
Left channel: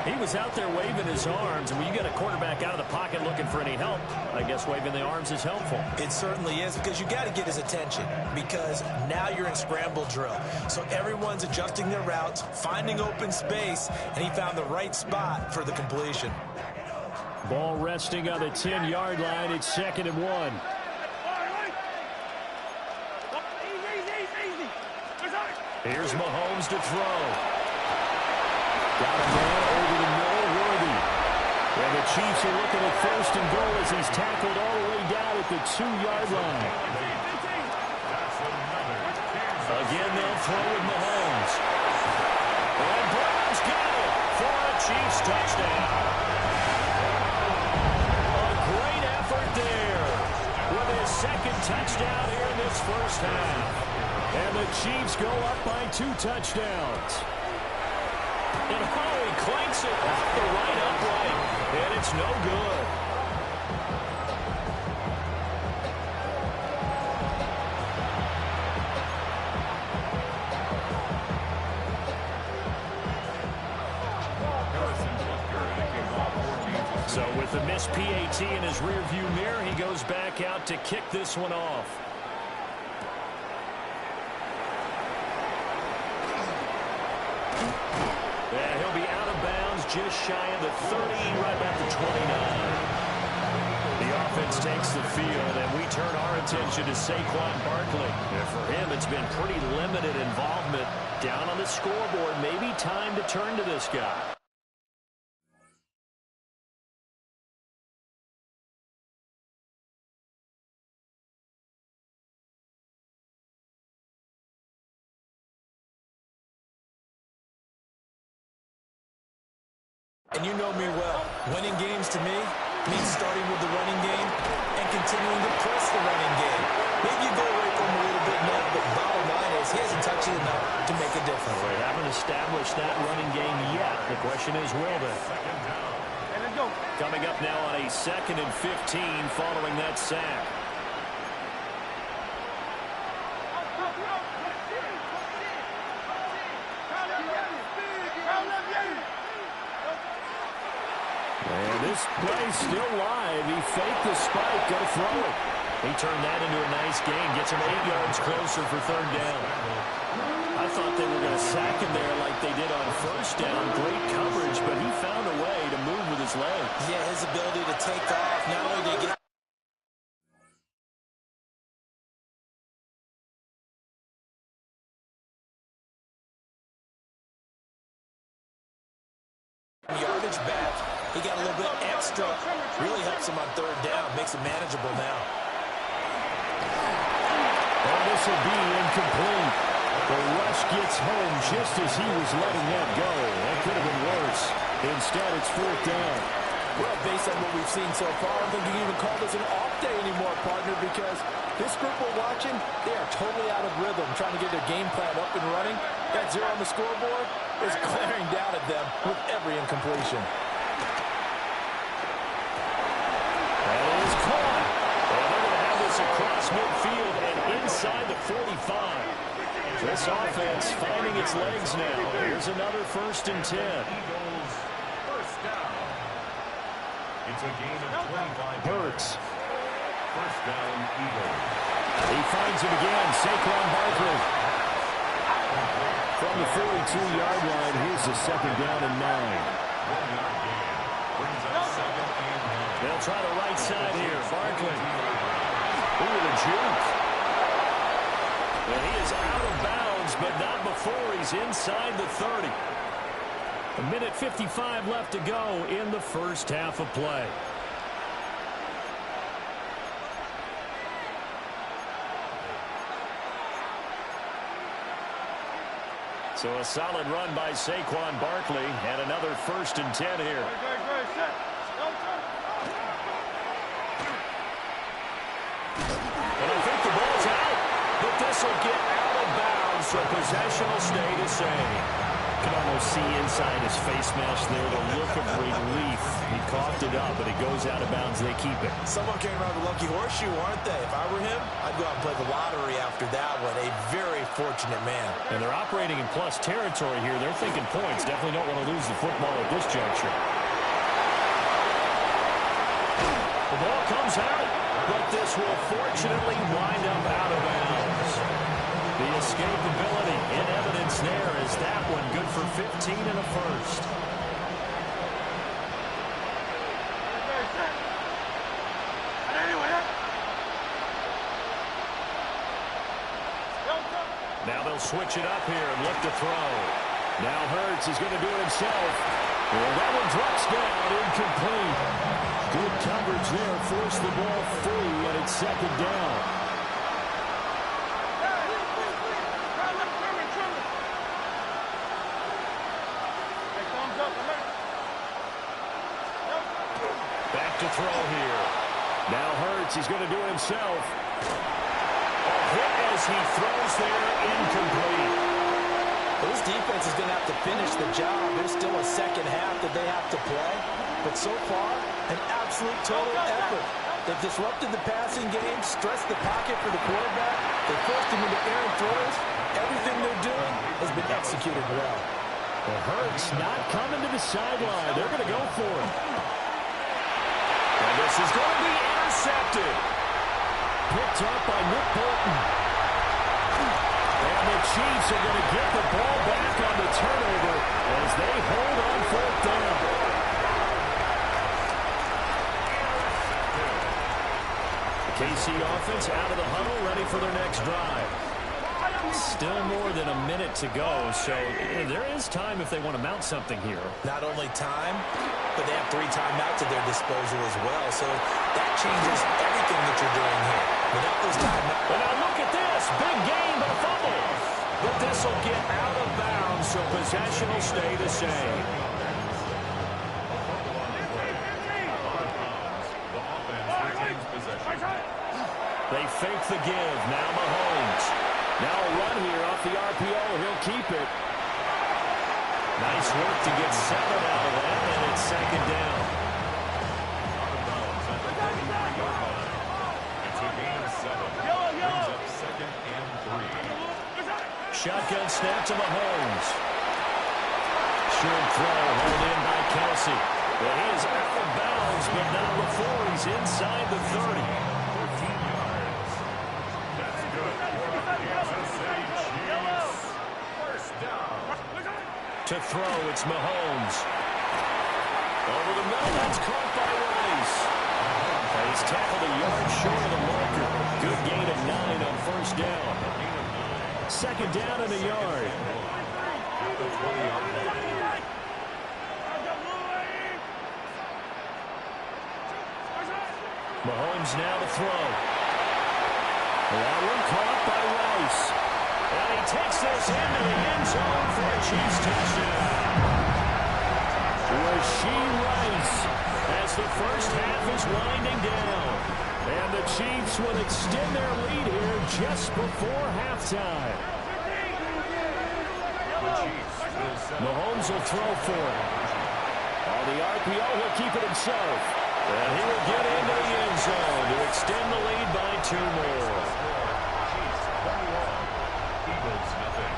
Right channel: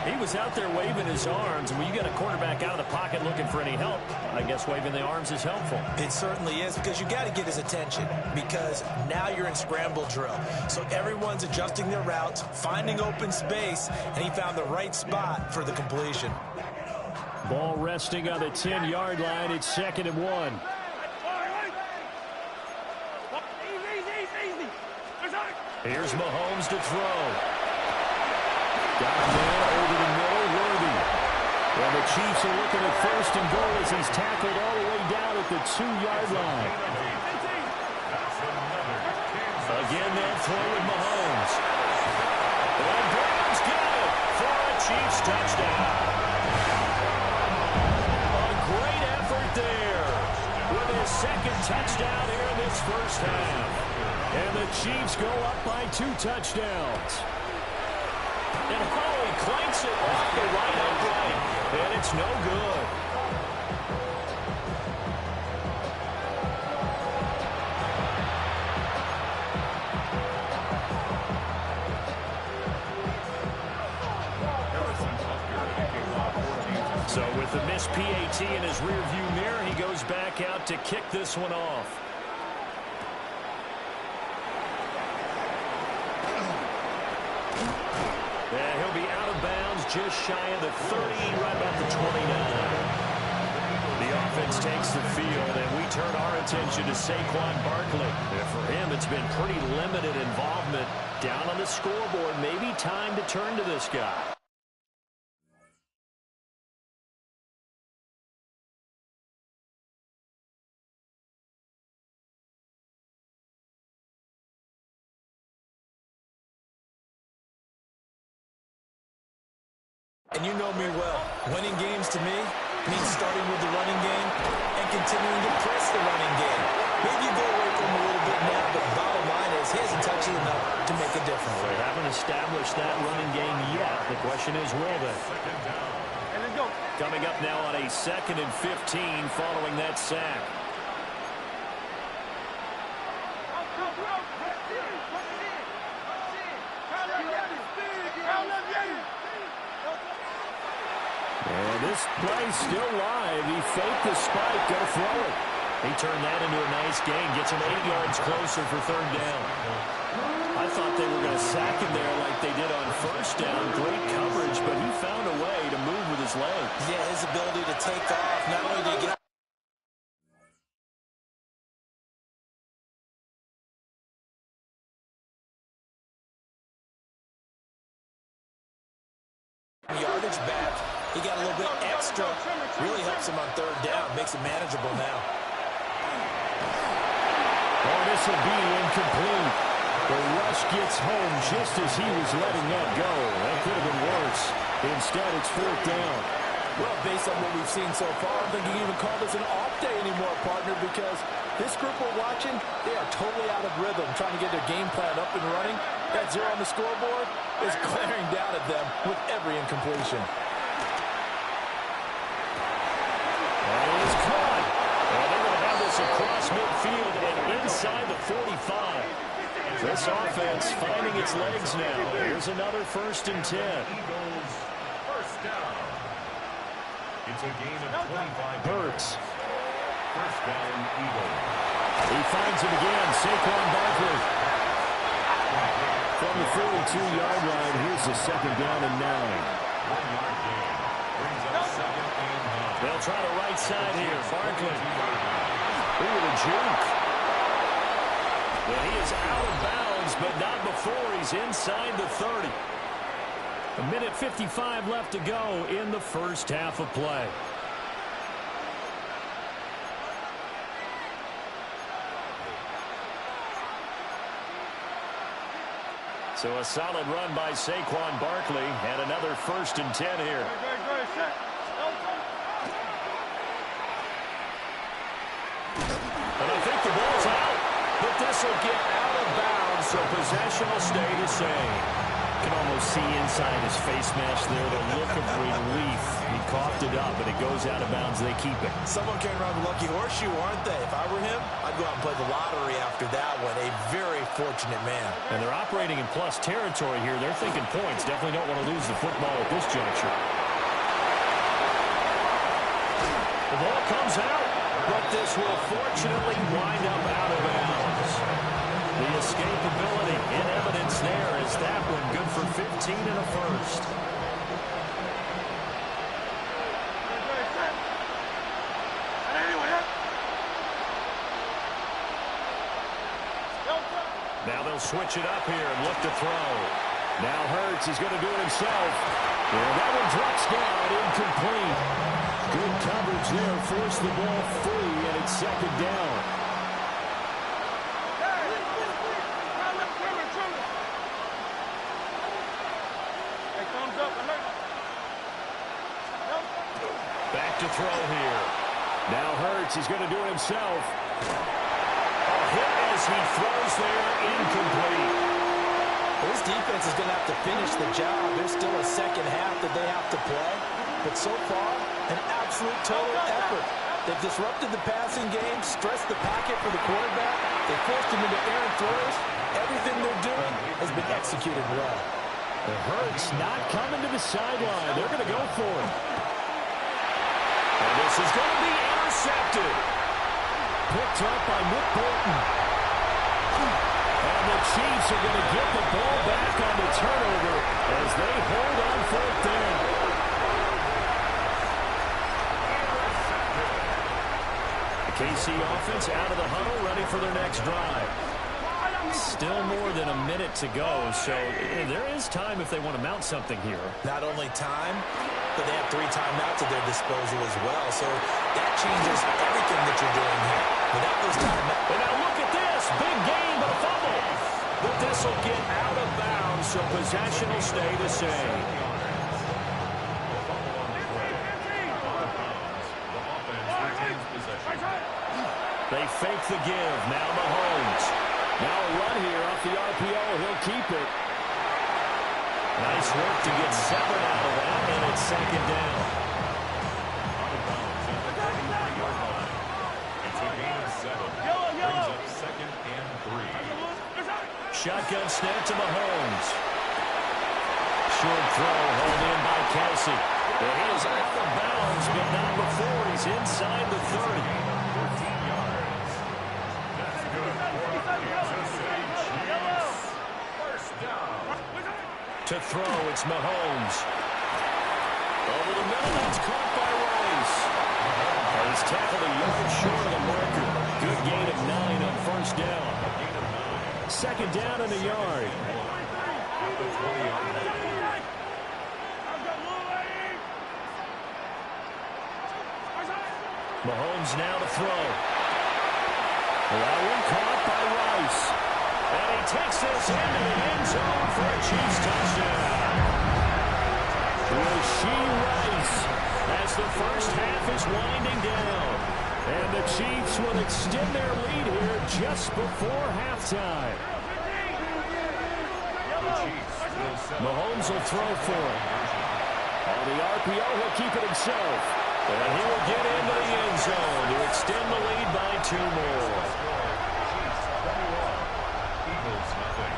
He was out there waving his arms, and when you get a quarterback out of the pocket looking for any help, I guess waving the arms is helpful. It certainly is, because you got to get his attention, because now you're in scramble drill. So everyone's adjusting their routes, finding open space, and he found the right spot for the completion. Ball resting on the 10-yard line. It's 2nd and 1. Here's Mahomes to throw. Got a man over the middle, Worthy. And the Chiefs are looking at 1st and goal as he's tackled all the way down at the 2-yard line. Again, they'll throw with Mahomes. And Brown's got it for a Chiefs touchdown. A great effort there with his 2nd touchdown here in this first half. And the Chiefs go up by 2 touchdowns. And he clanks it off the right upright, and it's no good. So with the missed PAT in his rearview mirror, he goes back out to kick this one off. He'll be out of bounds just shy of the 30, right about the 29. The offense takes the field, and we turn our attention to Saquon Barkley. And for him, it's been pretty limited involvement down on the scoreboard. Maybe time to turn to this guy. And you know me well. Winning games to me means starting with the running game and continuing to press the running game. Maybe you go away from him a little bit now, but the bottom line is he hasn't touched it enough to make a difference. They haven't established that running game yet. The question is, will they? Hey, let's go. Coming up now on a 2nd and 15 following that sack. And this play's still live. He faked the spike, going to throw it. He turned that into a nice gain, gets him 8 yards closer for 3rd down. I thought they were going to sack him there like they did on 1st down. Great coverage, but he found a way to move with his legs. Yeah, his ability to take off, not only did he get yardage back, he got a little bit extra. Really helps him on 3rd down. Makes it manageable now. Oh, this will be incomplete. The rush gets home just as he was letting that go. That could have been worse. Instead, it's 4th down. Well, based on what we've seen so far, I don't think you can even call this an off day anymore, partner, because this group we're watching, they are totally out of rhythm, trying to get their game plan up and running. That 0 on the scoreboard is glaring down at them with every incompletion. That is caught. And they're going to have this across midfield and inside the 45. This offense finding its legs now. Here's another 1st and 10. Eagles, 1st down. It's a gain of 25 Hurts. 1st down, Eagles. He finds him again. Saquon Barkley. From the 42-yard line, here's the 2nd down and 9. 1-yard gain. Brings up 2nd and 9. They'll try the right side here. Barkley. Ooh, the juke. And he is out of bounds, but not before he's inside the 30. 1:55 left to go in the 1st half of play. So a solid run by Saquon Barkley and another 1st and 10 here. And I think the ball's out, but this will get out of bounds, so possession will stay the same. Can almost see inside his face mask there the look of relief. He coughed it up, but it goes out of bounds. They keep it. Someone came around with a lucky horseshoe, aren't they? If I were him, I'd go out and play the lottery after that one. A very fortunate man. And they're operating in plus territory here. They're thinking points. Definitely don't want to lose the football at this juncture. The ball comes out, but this will fortunately wind up out of bounds. The escapability in evidence there is that one good for 15 and a 1st. Now they'll switch it up here and look to throw. Now Hurts is going to do it himself. And that one drops down, incomplete. Good coverage there, forced the ball free, and it's 2nd down. Back to throw here. Now Hurts, he's going to do it himself. A hit as he throws there, incomplete. Well, this defense is going to have to finish the job. There's still a 2nd half that they have to play. But so far, an absolute total effort. They've disrupted the passing game, stressed the pocket for the quarterback. They forced him into errant throws. Everything they're doing has been executed well. The Hurts not coming to the sideline. They're going to go for it. And this is going to be intercepted. Picked up by Nick Bolton. And the Chiefs are going to get the ball back on the turnover as they hold on 4th down. Intercepted. KC offense out of the huddle, ready for their next drive. Still more than a minute to go, so there is time if they want to mount something here. Not only time, but they have 3 timeouts at their disposal as well, so that changes everything that you're doing here. Without those timeouts. But now look at this. Big gain, but a fumble. But this will get out of bounds, so possession will stay the same. A fumble on the play. Out of bounds. The offense retains possession. They fake the give. Now Mahomes. Now a run here off the RPO. He'll keep it. Nice work to get 7 out of that, and it's second down. Out of bounds at the 33-yard line. It's a gain of 7. Brings up second and 3. Shotgun snap to Mahomes. Short throw, hauled in by Kelsey. But he is out of bounds, but not before he's inside the 30. 14 yards. That's good for the Kansas City Chiefs. First down. To throw, it's Mahomes. Over the middle, that's caught by Rice. He's tackled a yard short of the marker. Good gain of 9 on first down. Second down and a yard. At the 20-yard line. Mahomes now to throw. That one caught by Rice. And he takes this into the end zone for a Chiefs touchdown. Rashee Rice as the first half is winding down. And the Chiefs will extend their lead here just before halftime. Mahomes will throw for it. On the RPO, he'll keep it himself. And he will get into the end zone to extend the lead by 2 more. Chiefs 21, Eagles nothing.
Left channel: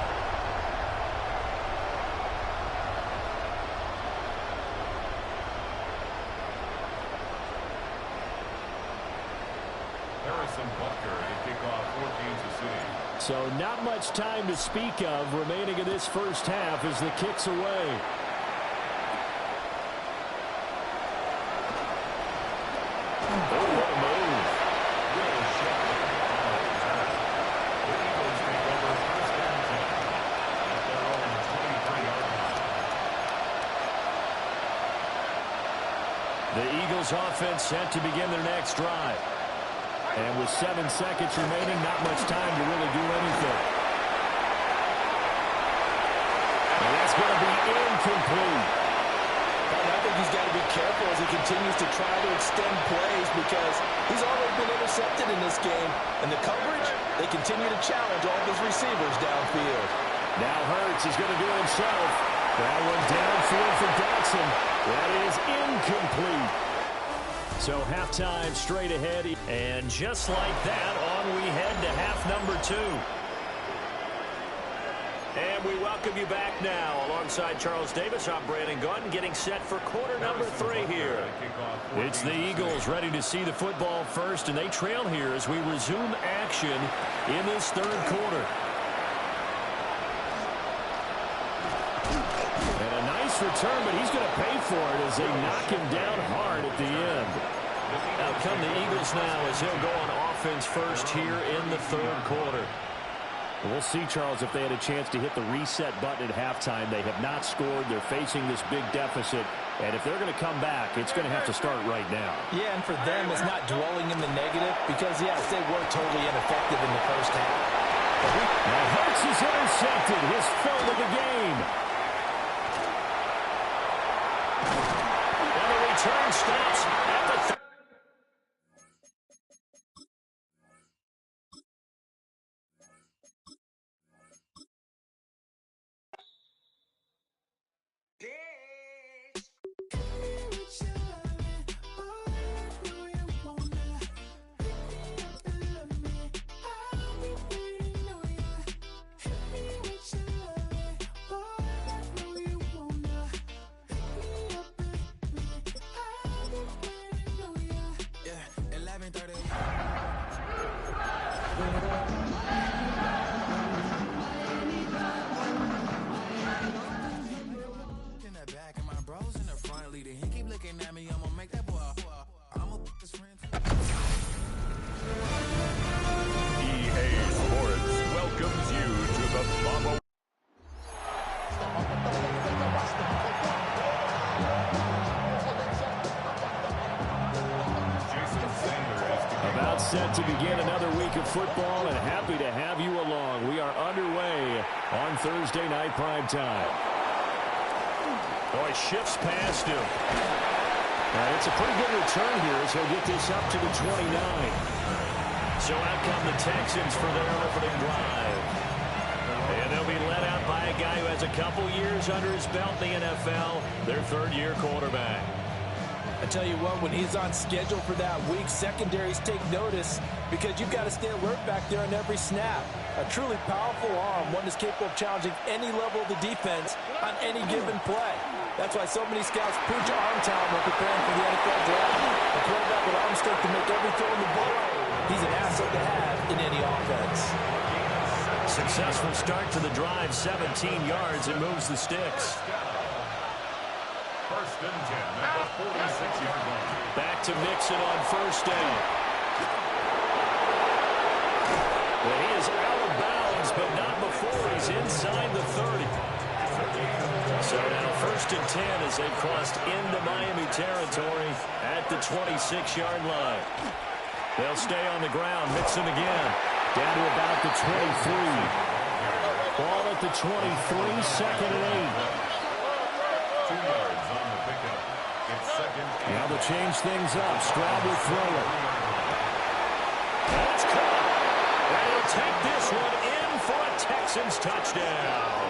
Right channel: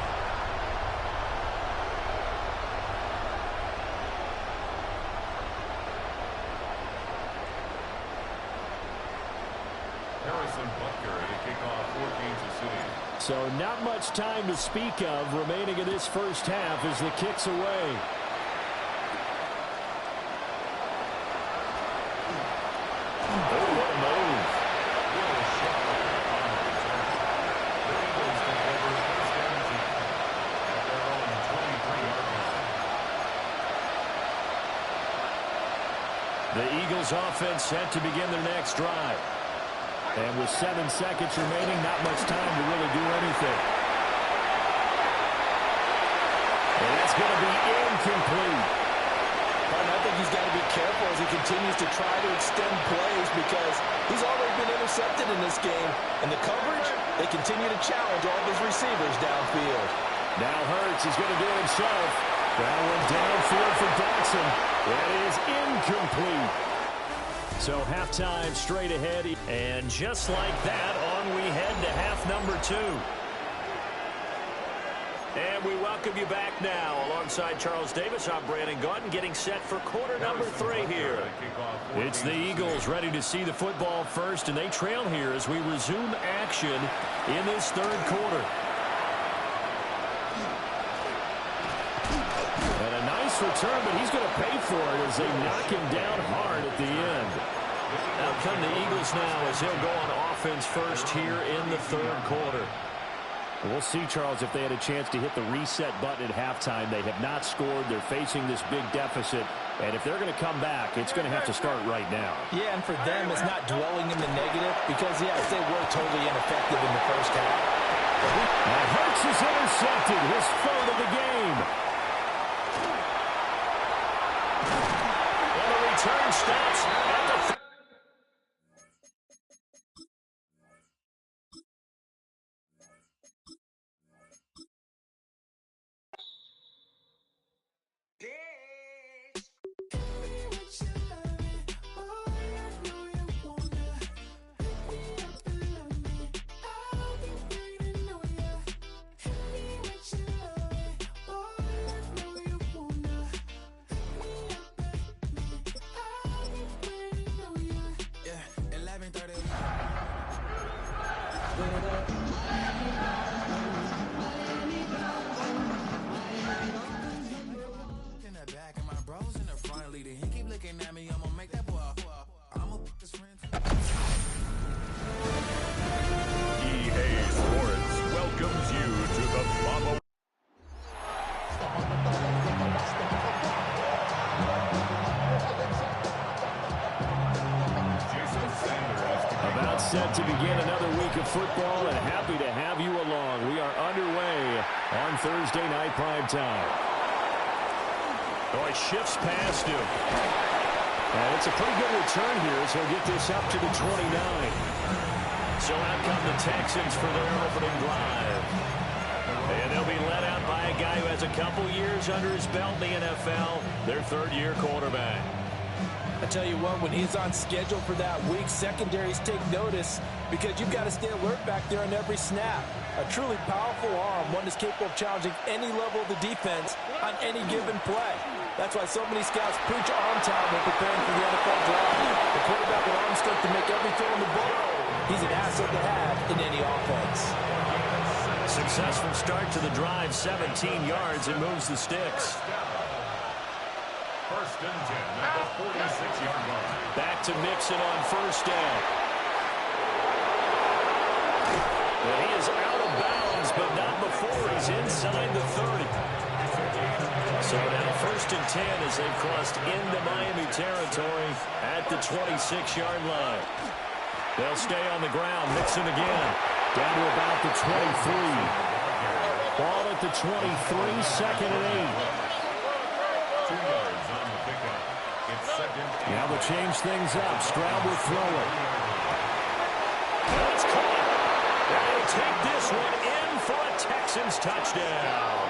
Harrison Butker to kick off for Kansas City. So not much time to speak of remaining in this first half as the kick's away. Oh, what a move. Will Shipley on the return. The Eagles take over first and 10 at their own 23-yard line. The Eagles offense set to begin their next drive. And with 7 seconds remaining, not much time to really do anything. And that's going to be incomplete. I think he's got to be careful as he continues to try to extend plays because he's already been intercepted in this game. And the coverage, they continue to challenge all of his receivers downfield. Now Hurts, he's going to do it himself. That one downfield for Dotson. That is incomplete. So halftime straight ahead. And just like that, on we head to half number 2. And we welcome you back now. Alongside Charles Davis, I'm Brandon Gaudin, getting set for quarter number 3 here. It's the Eagles ready to see the football first, and they trail here as we resume action in this third quarter. And a nice return, but he's going to pay for it as they knock him down hard at the end. Out come the Eagles now as he'll go on offense first here in the third quarter. We'll see, Charles, if they had a chance to hit the reset button at halftime. They have not scored. They're facing this big deficit. And if they're going to come back, it's going to have to start right now. Yeah, and for them, it's not dwelling in the negative because, yes, they were totally ineffective in the first half. Now Hurts is intercepted, his 3rd of the game. And the return stops at the EA Sports welcomes you to the Bubba. Jason Sanders. About set to begin another week of football, and happy to have you along. We are underway on Thursday night prime time. Oh, he shifts past him. And it's a pretty good return here as he'll get this up to the 29. So out come the Texans for their opening drive. And they'll be led out by a guy who has a couple years under his belt in the NFL, their third-year quarterback. I tell you what, when he's on schedule for that week, secondaries take notice because you've got to stay alert back there on every snap. A truly powerful arm, one that's capable of challenging any level of the defense on any given play. That's why so many scouts preach arm talent when preparing for the NFL draft. A quarterback with arm strength to make every throw in the book, he's an asset to have in any offense. Successful start to the drive, 17 yards. It moves the sticks. First and 10 at the 46-yard line. Back to Mixon on first down. And he is out of bounds, but not before he's inside the 30. So now first and 10 as they've crossed into Miami territory at the 26-yard line. They'll stay on the ground. Mixon again. Down to about the 23. Ball at the 23, second and 8. 2 yards on the pickup. It's second. Now they'll change things up. Stroud will throw it. And it's caught. And he'll take this one in for a Texans touchdown.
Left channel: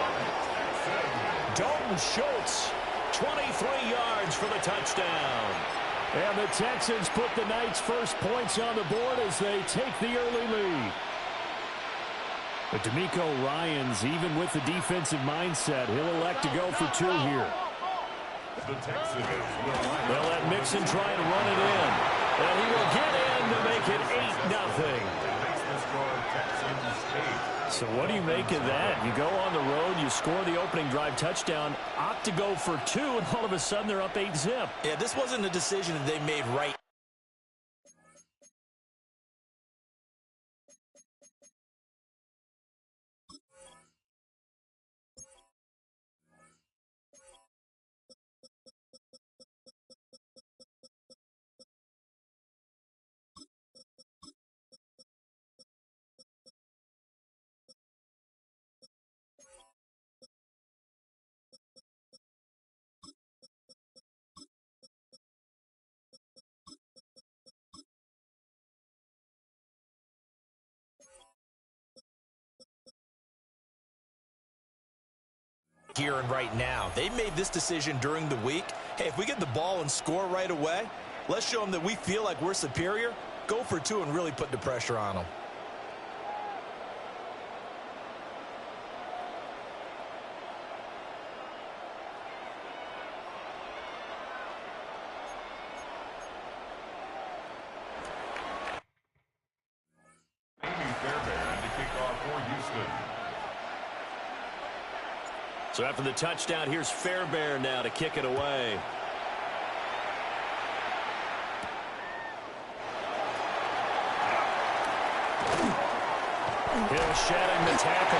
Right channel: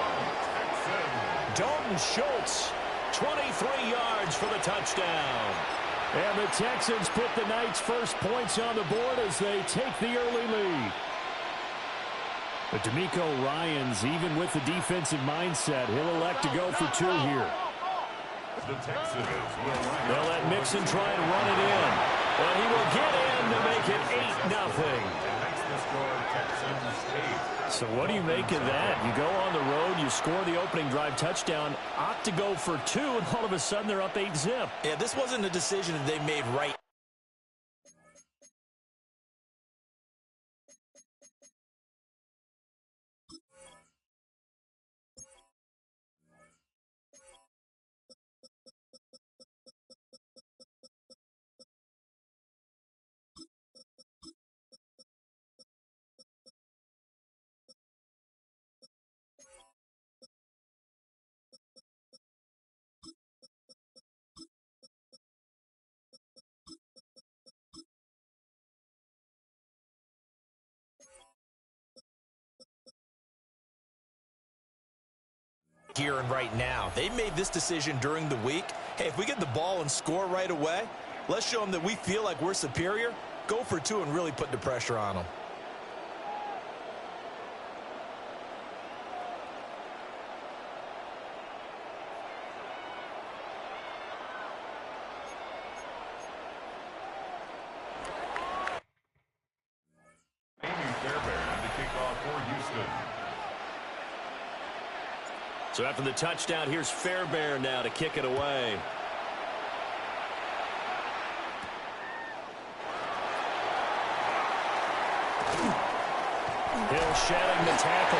Dalton Schultz, 23 yards for the touchdown. And the Texans put the Knights' first points on the board as they take the early lead. But DeMeco Ryans, even with the defensive mindset, he'll elect to go for 2 here. The Texans will line They'll let Mixon try and run it in. And he will get in to make it 8-0. makes the score Texans 8. So what do you make of that? You go on the road, you score the opening drive touchdown, opt to go for 2, and all of a sudden they're up 8-zip. Yeah, this wasn't a decision that they made right. Here and right now. They made this decision during the week. Hey, if we get the ball and score right away, let's show them that we feel like we're superior. Go for 2 and really put the pressure on them. Amy Fairbairn to kick off for Houston. So after the touchdown, here's Fairbairn now to kick it away. Hill shedding the tackle.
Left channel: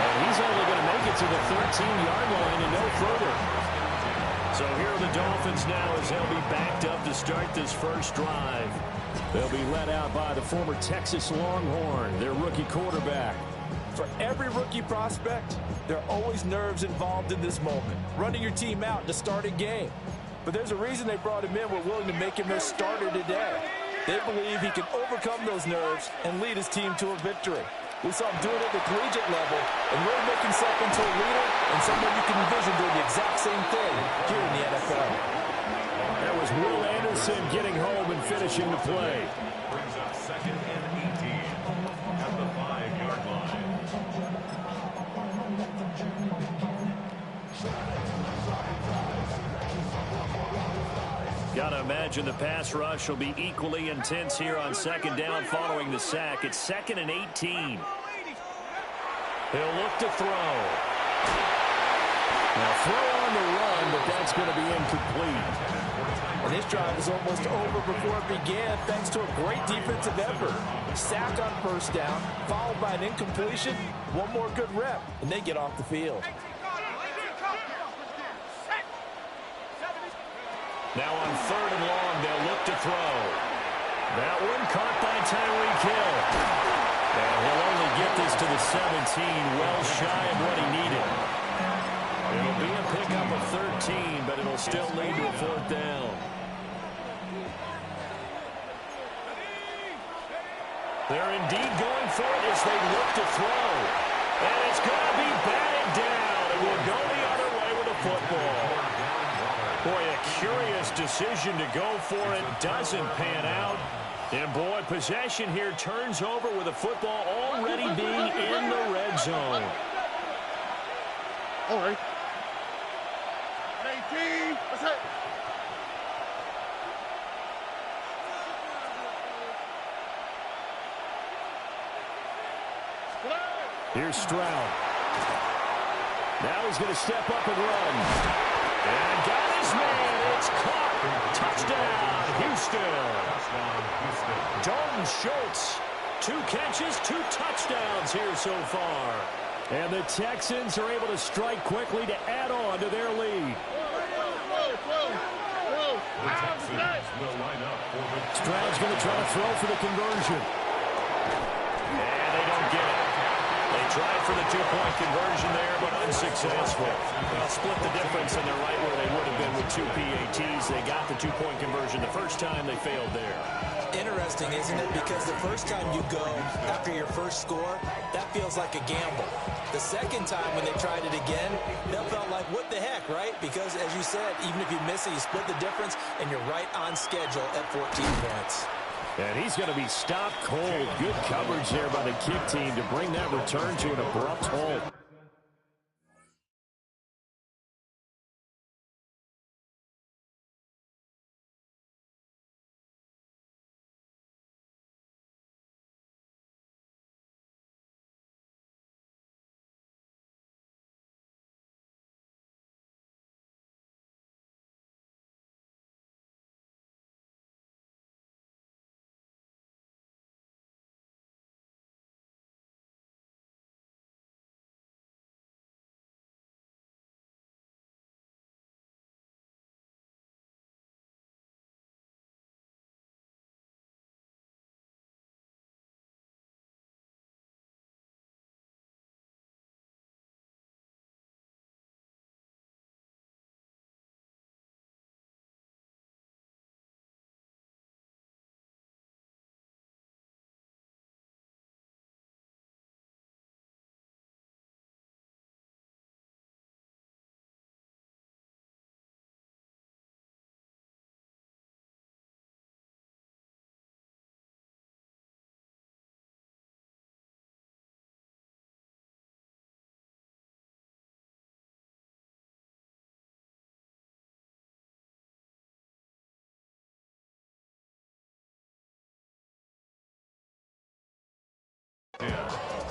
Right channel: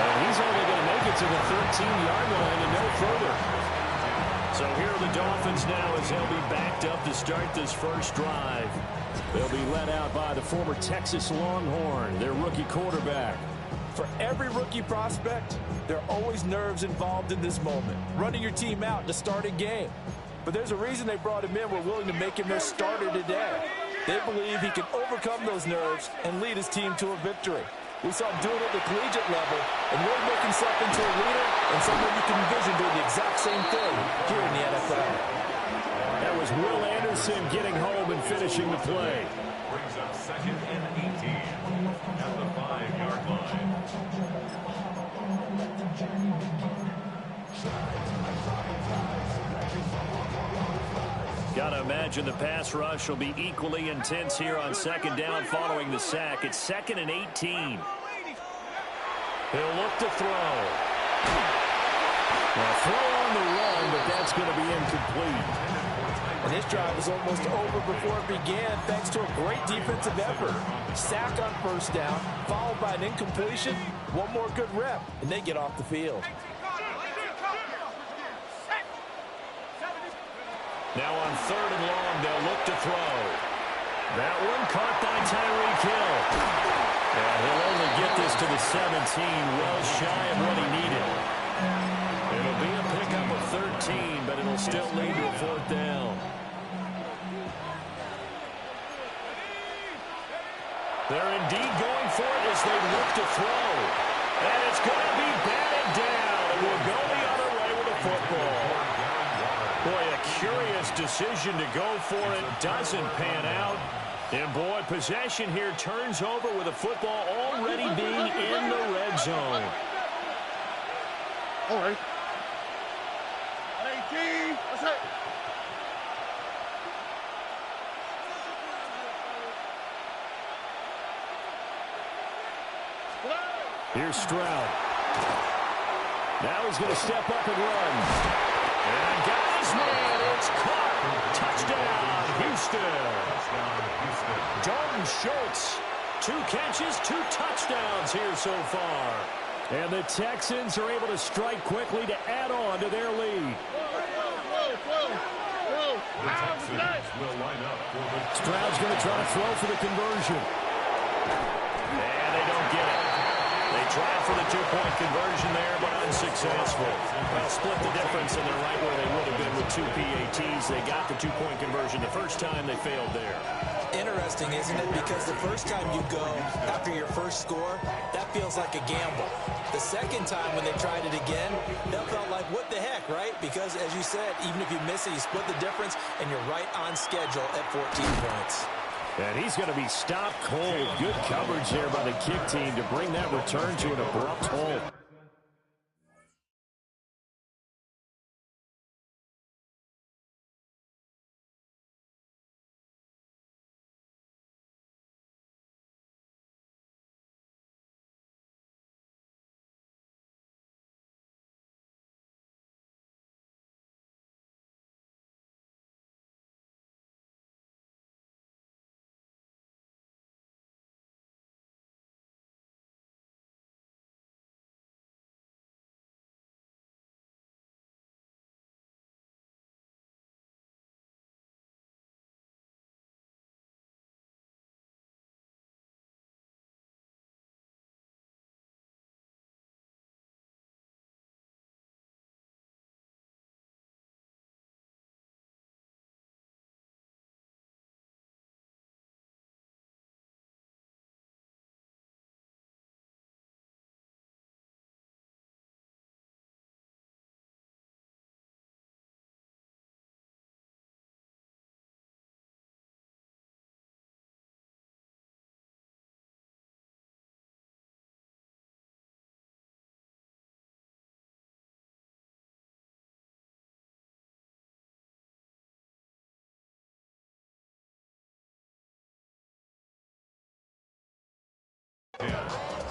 And he's only going to make it to the 13-yard line and no further. So here are the Dolphins now as they'll be backed up to start this first drive. They'll be led out by the former Texas Longhorn, their rookie quarterback. For every rookie prospect, there are always nerves involved in this moment. Running your team out to start a game. But there's a reason they brought him in. We're willing to make him their starter today. They believe he can overcome those nerves and lead his team to a victory. We saw him do it at the collegiate level and really make himself into a leader and someone you can envision doing the exact same thing here in the NFL. That was Will Anderson getting home and finishing the play. Brings up second and 18 at the 5-yard line. Got to imagine the pass rush will be equally intense here on second down following the sack. It's second and 18. He'll look to throw. Now throw on the run, but that's going to be incomplete. And this drive is almost over before it began thanks to a great defensive effort. Sack on first down, followed by an incompletion. One more good rep, and they get off the field. Now on 3rd and long, they'll look to throw. That one caught by Tyreek Hill. And he'll only get this to the 17, well shy of what he needed. It'll be a pickup of 13, but it'll still lead to a 4th down. They're indeed going for it as they look to throw. And it's going to be batted down. It will go the other way with the football. Boy, a curious decision to go for it. Doesn't pan out. And, boy, possession here turns over with the football already being in the red zone. All right. 18. What's that? Here's Stroud. Now he's going to step up and run. And got his man. It's caught. Touchdown, Houston. Dalton Schultz. 2 catches, 2 touchdowns here so far. And the Texans are able to strike quickly to add on to their lead. The Texans will line up for the... Stroud's going to try to throw for the conversion. And they don't get it. They tried for the 2-point conversion there, but unsuccessful. Well, split the difference, and they're right where they would have been with 2 PATs. They got the 2-point conversion the first time. They failed there. Interesting, isn't it? Because the first time you go after your first score, that feels like a gamble. The second time when they tried it again, that felt like, what the heck, right? Because, as you said, even if you miss it, you split the difference, and you're right on schedule at 14 points. And he's going to be stopped cold. Good coverage there by the kick team to bring that return to an abrupt halt.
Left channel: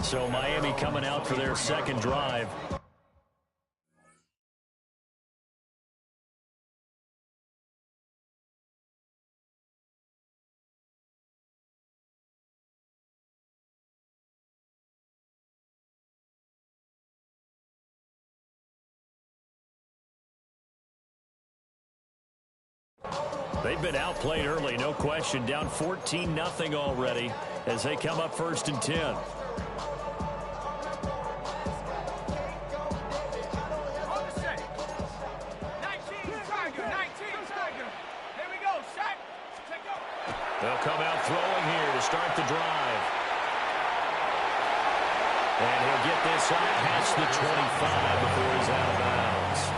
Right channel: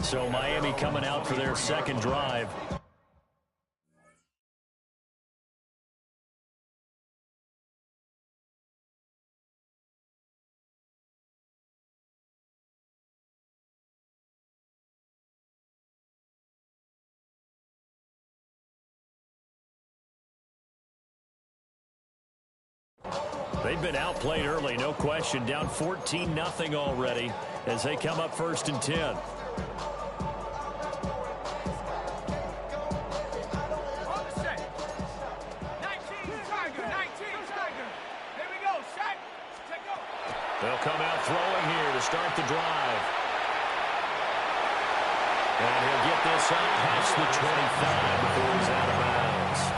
So Miami coming out for their second drive. They've been outplayed early, no question. Down 14-0 already as they come up 1st and 10. They'll come out throwing here to start the drive. And he'll get this up past the 25 before he's out of bounds.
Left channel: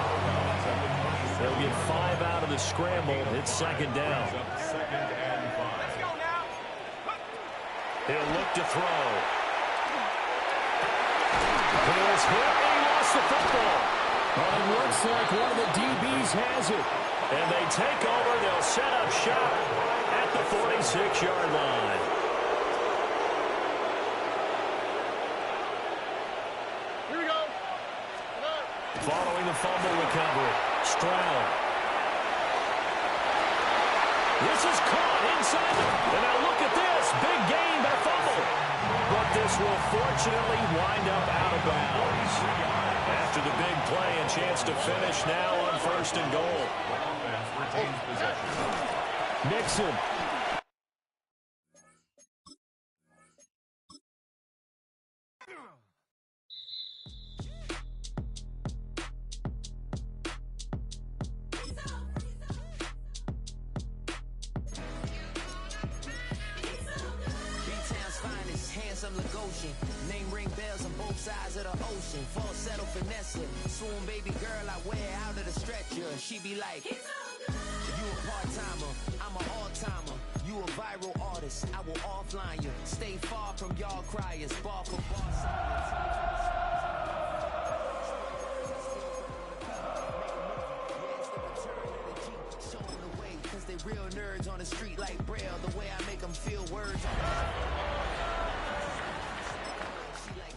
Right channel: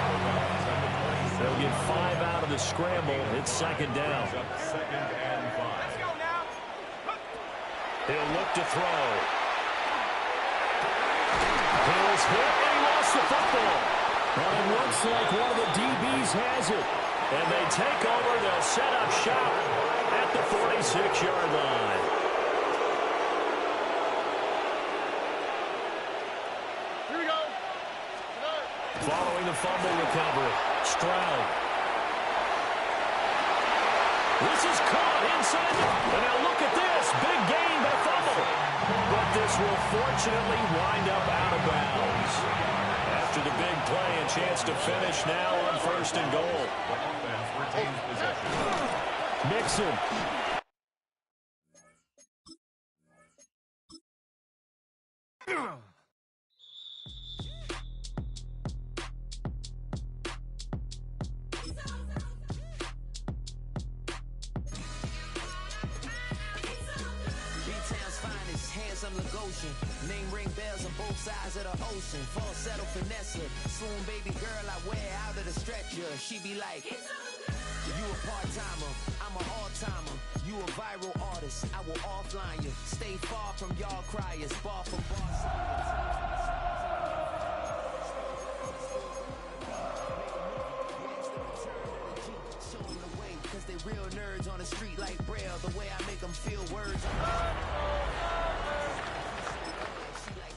They'll get 5 out of the scramble. It's 2nd down. He'll look to throw. Hill's hit, and he lost the football. Well, it looks like one of the DBs has it. And they take over. They'll set up shop at the 46-yard line. Here we go. Following the fumble recovery, Stroud. This is caught inside and now look at this. Big gain by fumble. But this will fortunately wind up out of bounds. After the big play, a chance to finish now on 1st and goal. The offense retains possession. Mixon. Handsome Lagosian, name ring bells on both sides of the ocean. Falsetto finesse, swoon baby girl I wear out of the stretcher. She be like, you a part-timer, I'm an all-timer. You a viral artist, I will offline you. Stay far from y'all criers, bar for bar. Cause they real nerds on the street like Braille. The way I make them feel words on the she like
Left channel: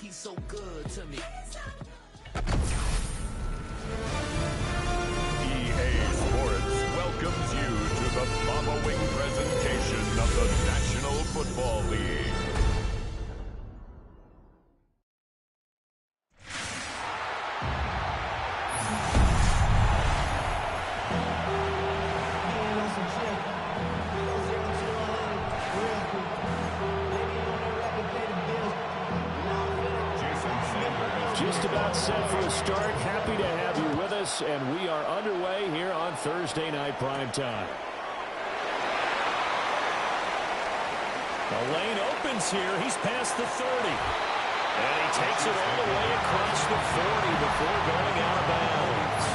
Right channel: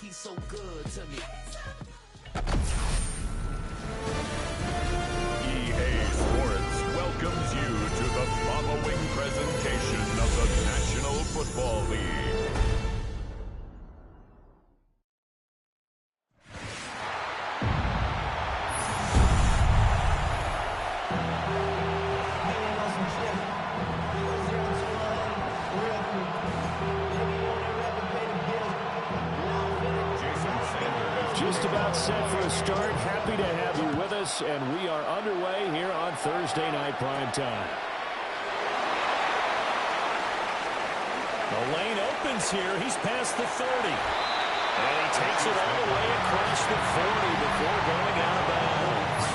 he's so good to me. EA Sports welcomes you to the following presentation of the National Football League. Just about set for a start. Happy to have you with us, and we are underway here on Thursday Night Primetime. The lane opens here. He's past the 30. And he takes it all the way across the 40 before going out of bounds.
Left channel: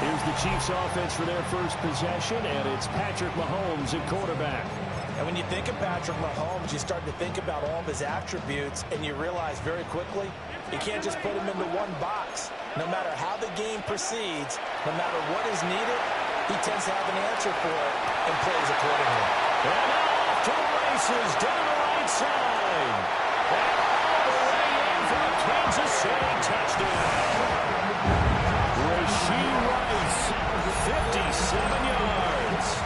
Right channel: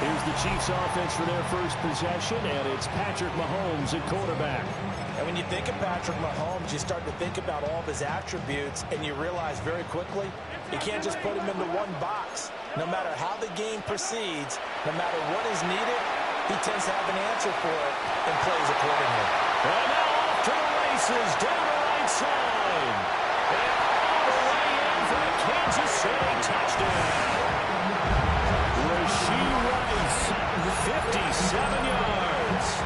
Here's the Chiefs offense for their first possession, and it's Patrick Mahomes at quarterback. And when you think of Patrick Mahomes, you start to think about all of his attributes, and you realize very quickly you can't just put him into one box. No matter how the game proceeds, no matter what is needed, he tends to have an answer for it and plays accordingly. And now off to the races down the right side. And all the way in for a Kansas City touchdown. Rashee Rice, 57 yards.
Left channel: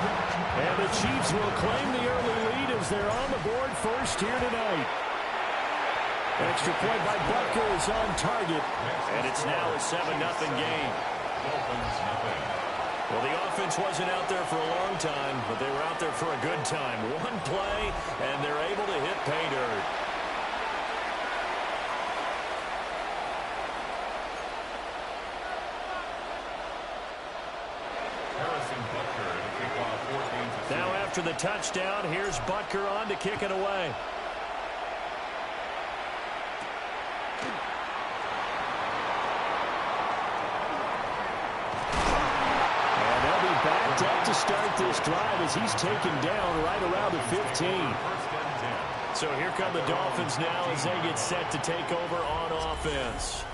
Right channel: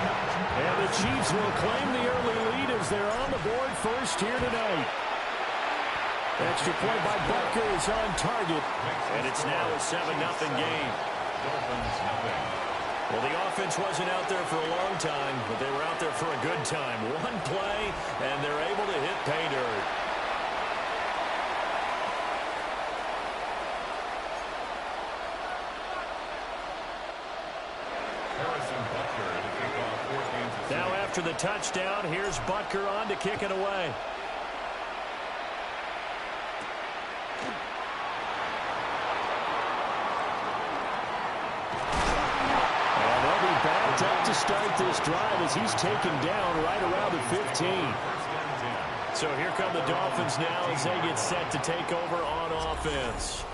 And the Chiefs will claim the early lead as they're on the board first here tonight. Extra point by Butker is on target. And it's now a 7-0 game. Dolphins nothing. Well, the offense wasn't out there for a long time, but they were out there for a good time. One play, and they're able to hit pay dirt. Harrison Butker to kick off for Kansas City. Now after the touchdown, here's Butker on to kick it away. And they'll be backed up to start this drive as he's taken down right around the 15. First and 10. So here come the Dolphins now as they get set to take over on offense.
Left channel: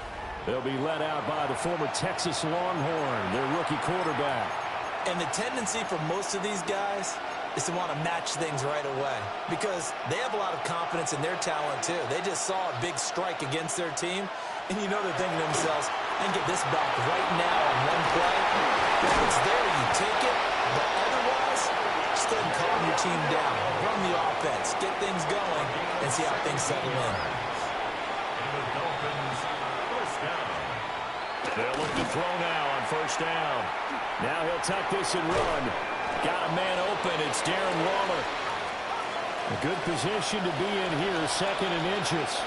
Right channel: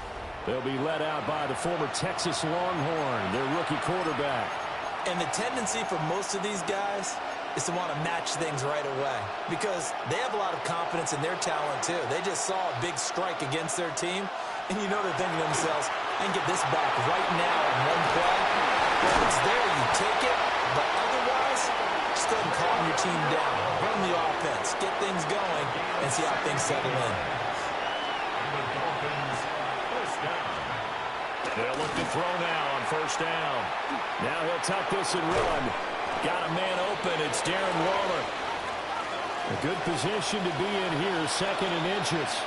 They'll be led out by the former Texas Longhorn, their rookie quarterback. And the tendency for most of these guys is to want to match things right away because they have a lot of confidence in their talent too. They just saw a big strike against their team, and you know they're thinking to themselves, I can get this back right now on one play. If it's there, you take it, but otherwise, just go ahead and calm your team down. Run the offense, get things going, and see how things settle in. And the Dolphins first down. They'll look to throw now on first down. Now he'll tuck this and run. Got a man open. It's Darren Waller. A good position to be in here, 2nd and inches.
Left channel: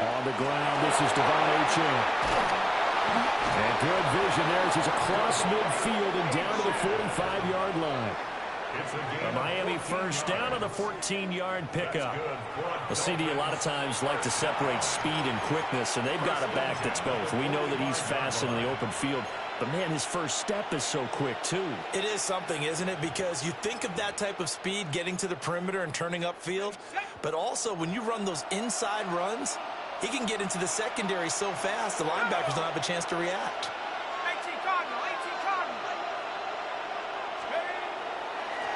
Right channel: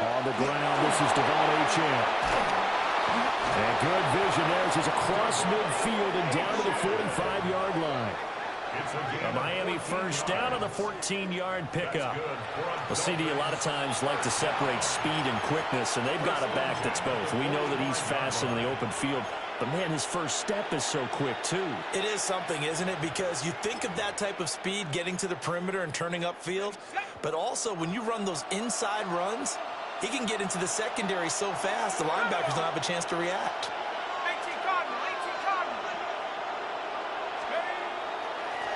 On the ground, this is Devon Achane. And good vision there as he's across midfield and down to the 45-yard line. A Miami first down on the 14-yard pickup. Well, CD, a lot of times like to separate speed and quickness, and they've got a back that's both. We know that he's fast in the open field, but, man, his first step is so quick, too. It is something, isn't it? Because you think of that type of speed getting to the perimeter and turning upfield, but also when you run those inside runs, he can get into the secondary so fast the linebackers don't have a chance to react.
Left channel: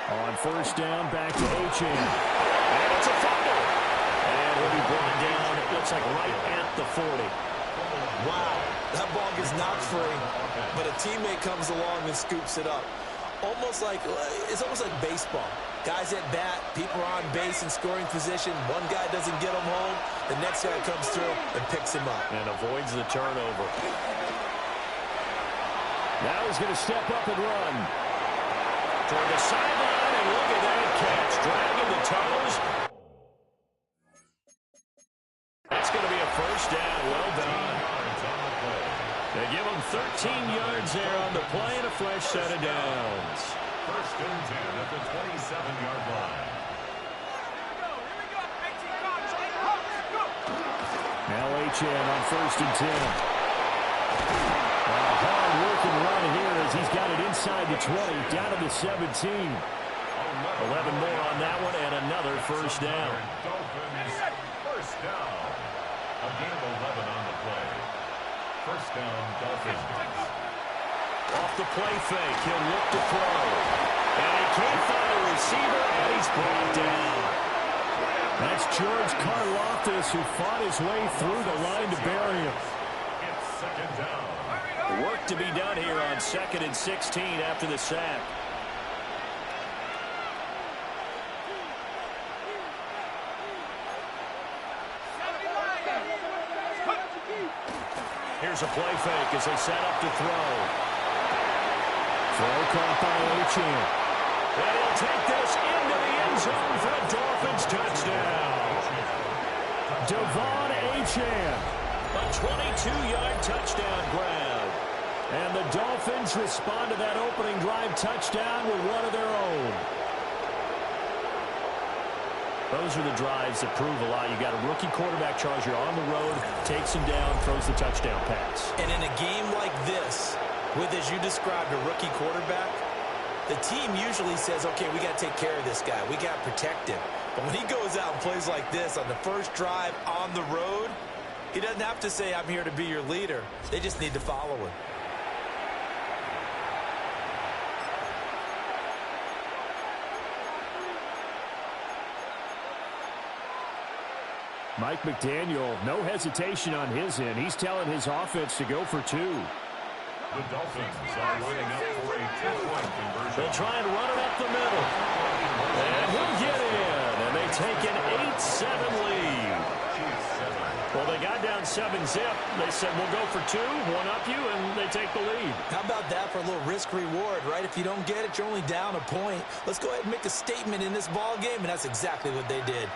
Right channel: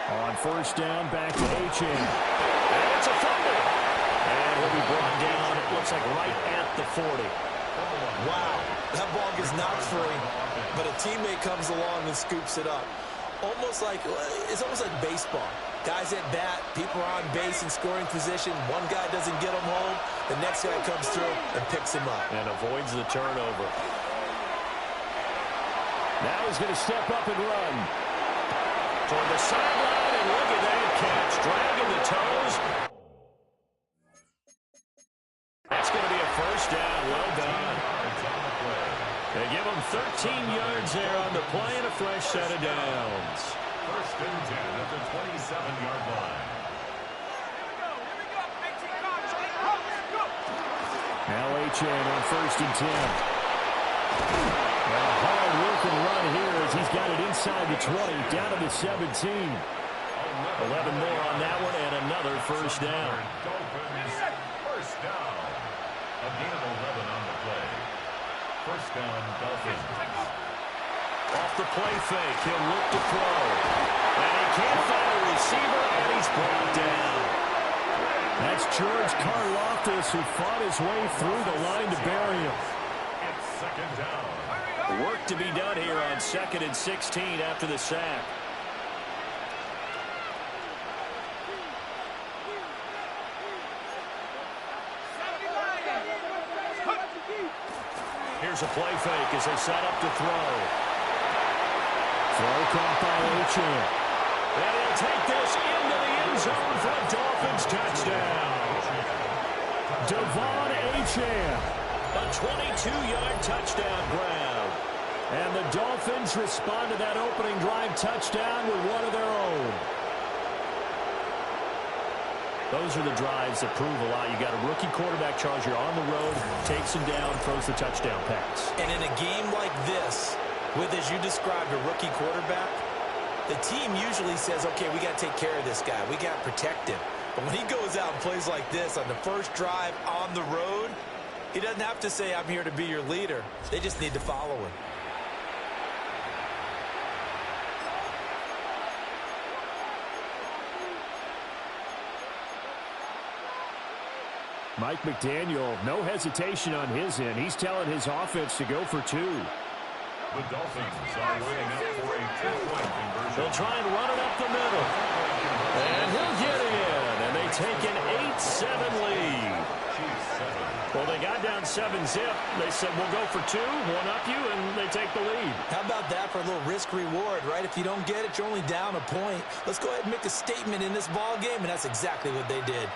On first down, back to Achane. And it's a fumble. And he'll be brought down looks like right at the 40. Wow, that ball gets knocked free, but a teammate comes along and scoops it up. It's almost like baseball. Guys at bat, people are on base in scoring position. One guy doesn't get him home. The next guy comes through and picks him up. And avoids the turnover. Now he's going to step up and run. Toward the sideline, and look at that catch. Dragging the toes. That's going to be a first down. Well done. They give him 13 yards there on the play and a fresh set of downs. First and 10 at the 27-yard line. Now Achane on first and 10. And a hard-working run here as he's got it inside the 20, down to the 17. 11 more on that one, and another first down. Dolphins, first down. A gain of 11 on the play. First down, Dolphins. Off the play fake, he'll look to throw. And he can't find a receiver, and he's brought down. That's George Karlaftis, who fought his way through the line to bury him. It's second down. Work to be done here on 2nd and 16 after the sack. Here's a play fake as they set up to throw. Throw caught by Achane. And he'll take this into the end zone for a Dolphins touchdown. Devon Achane. A 22-yard touchdown grab. And the Dolphins respond to that opening drive touchdown with one of their own. Those are the drives that prove a lot. You got a rookie quarterback, Charles. You're on the road, takes him down, throws the touchdown pass. And in a game like this, with, as you described, a rookie quarterback, the team usually says, okay, we got to take care of this guy. We got to protect him. But when he goes out and plays like this on the first drive on the road, he doesn't have to say, I'm here to be your leader. They just need to follow him. Mike McDaniel, no hesitation on his end. He's telling his offense to go for two. The Dolphins are lining up for a two-point conversion. They'll try and run it up the middle. And he'll get in. And they take an 8-7 lead. Well, they got down 7-zip. They said, we'll go for two, one up you, and they take the lead. How about that for a little risk-reward, right? If you don't get it, you're only down a point. Let's go ahead and make a statement in this ball game, and that's exactly what they did.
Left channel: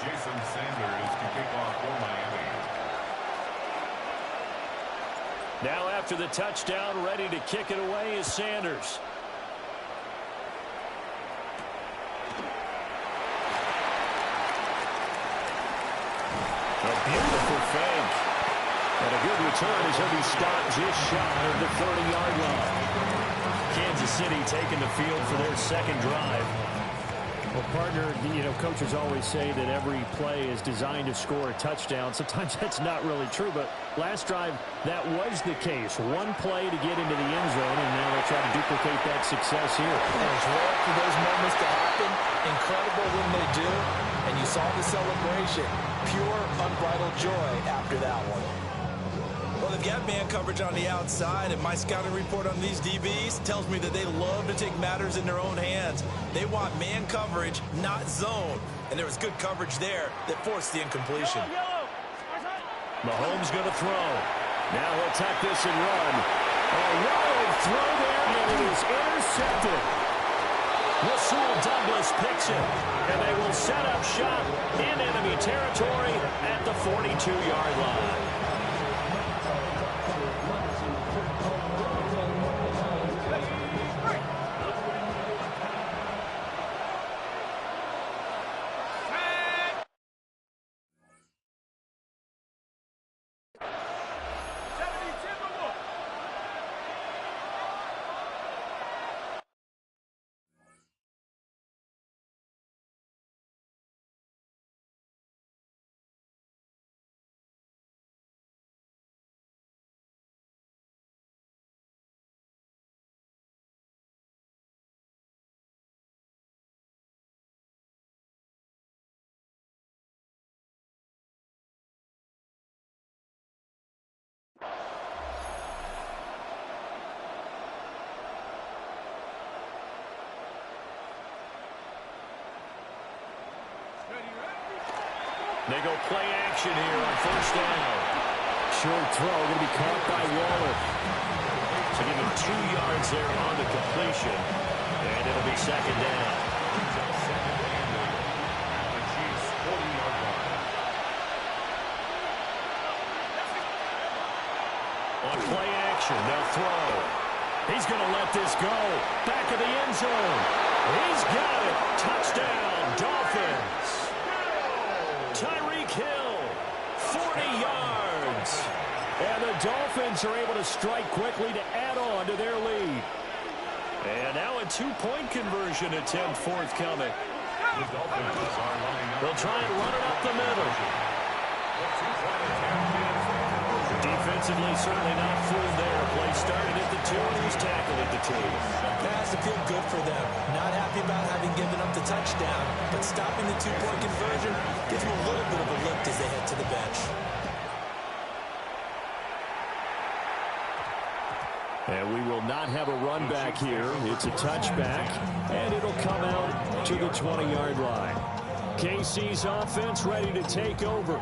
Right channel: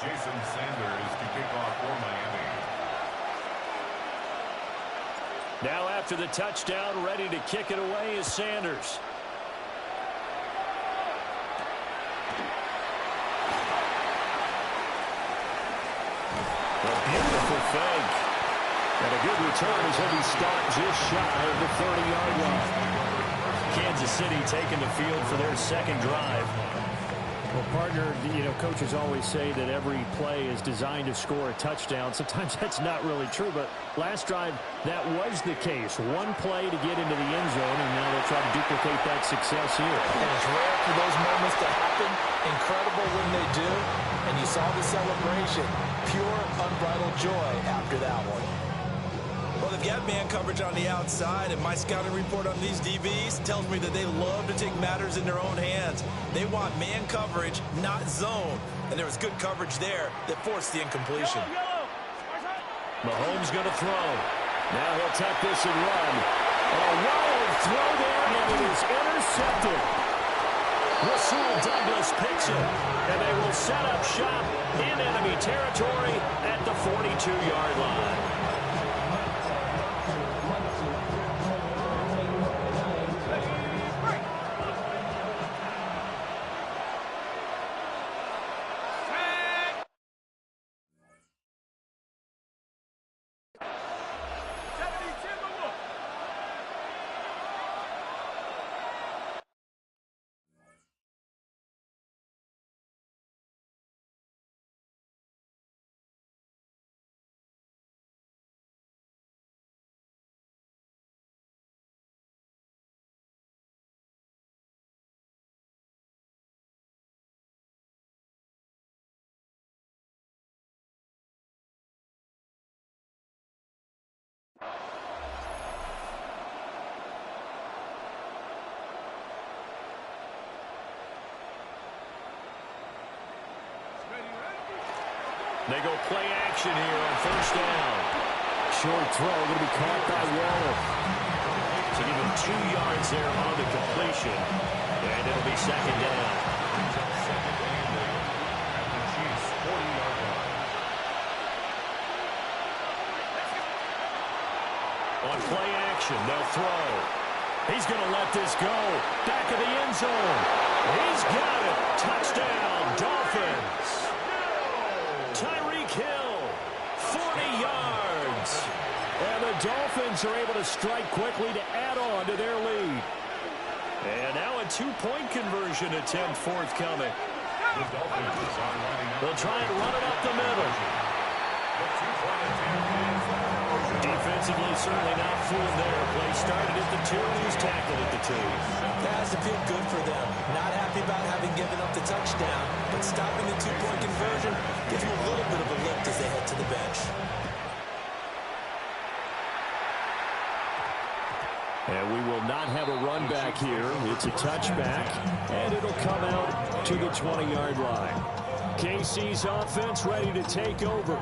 Jason Sanders to kick off for Miami. Now after the touchdown, ready to kick it away is Sanders. A beautiful fake. And a good return as he'll be stopped just shy of the 30-yard line. Kansas City taking the field for their second drive. Well, partner, you know, coaches always say that every play is designed to score a touchdown. Sometimes that's not really true, but last drive, that was the case. One play to get into the end zone, and now they'll try to duplicate that success here. And it's rare for those moments to happen. Incredible when they do. And you saw the celebration. Pure, unbridled joy after that one. Well, they've got man coverage on the outside, and my scouting report on these DBs tells me that they love to take matters in their own hands. They want man coverage, not zone. And there was good coverage there that forced the incompletion. Mahomes going to throw. Now he'll tuck this and run. A wild throw there, and it is intercepted. Rasul Douglas picks it, and they will set up shop in enemy territory at the 42-yard line. They go play action here on first down. Short throw going to be caught by Waller. So give him 2 yards there on the completion. And it'll be second down. Brings up second and 8 at the Chiefs' 40-yard line. On play action, they'll throw. He's going to let this go. Back of the end zone. He's got it. Touchdown, Dolphins. Tyreek Hill, 40 yards. And the Dolphins are able to strike quickly to add on to their lead. And now a 2-point conversion attempt forthcoming. The Dolphins are lining up. They'll try and run it up the middle. The 2-point attempt is Defensively, certainly not fooled there. Play started at the 2, and he's tackled at the 2. That has to feel good for them. Not happy about having given up the touchdown, but stopping the 2-point conversion gives them a little bit of a lift as they head to the bench. And we will not have a run back here. It's a touchback, and it'll come out to the 20-yard line. KC's offense ready to take over.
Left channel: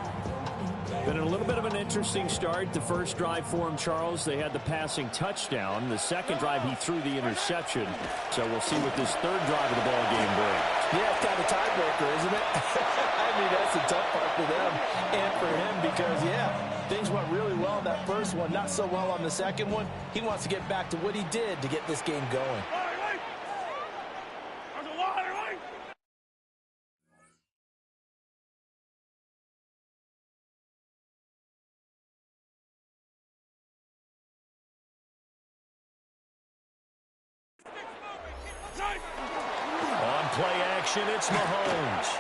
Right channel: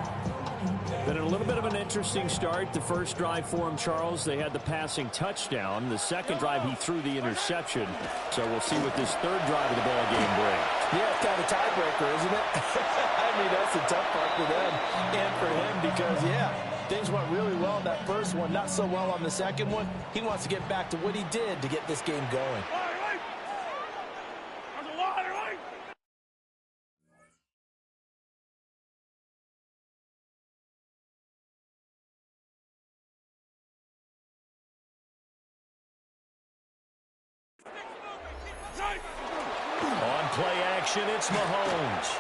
Been a little bit of an interesting start. The first drive for him, Charles, they had the passing touchdown. The second drive, he threw the interception. So we'll see what this third drive of the ball game brings. Yeah, it's kind of a tiebreaker, isn't it? I mean, that's the tough part for them and for him because, yeah, things went really well on that first one, not so well on the second one. He wants to get back to what he did to get this game going. On play action, it's Mahomes.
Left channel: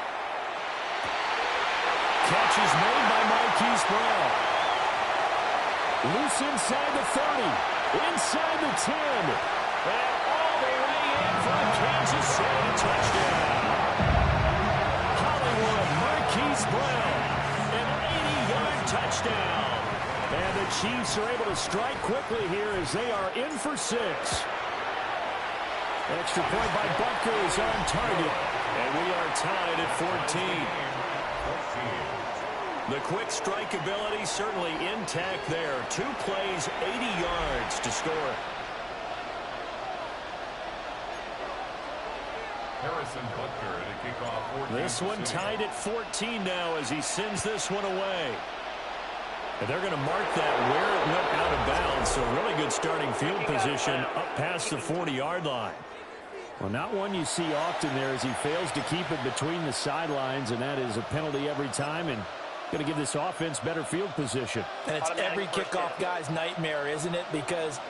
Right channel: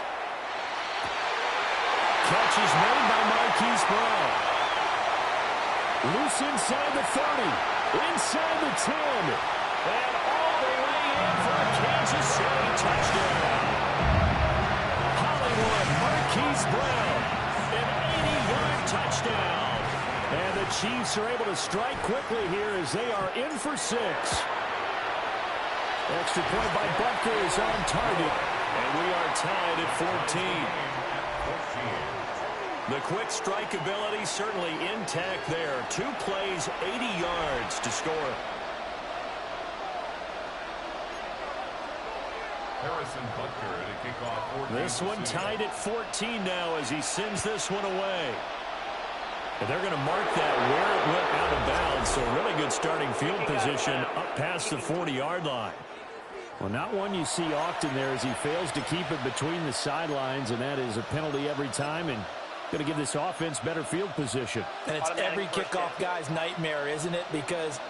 Catch is made by Marquise Brown. Loose inside the 30, inside the 10, And all the way in for a Kansas City touchdown. Hollywood, Marquise Brown, an 80-yard touchdown. and the Chiefs are able to strike quickly here as they are in for 6. Extra point by Butker is on target. And we are tied at 14. The quick strike ability certainly intact there. 2 plays, 80 yards to score. Harrison Butker to kick off 14. This one tied at 14 now as he sends this one away. And they're going to mark that where it went out of bounds. So really good starting field position up past the 40-yard line. Well, not one you see often there as he fails to keep it between the sidelines, and that is a penalty every time and going to give this offense better field position. And it's every kickoff guy's nightmare, isn't it? Because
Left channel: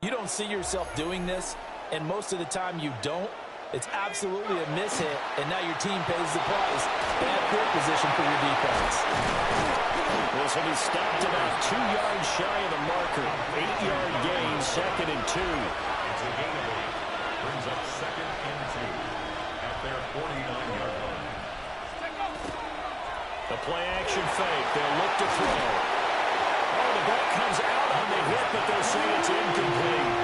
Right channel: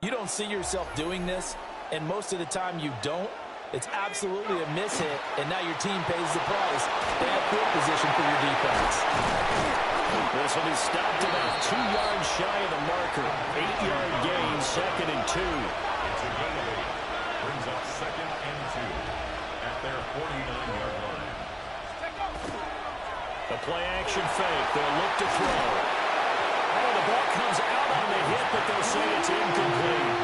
you don't see yourself doing this, and most of the time you don't. It's absolutely a mishit, and now your team pays the price. Bad field position for your defense. This will be stopped about 2 yards shy of the marker. 8-yard gain, 2nd and 2. It's a gain of 8. Brings up 2nd and 2 at their 49-yard line. The play action fake. They'll look to throw. Oh, the ball comes out on the hit, but they'll say it's incomplete.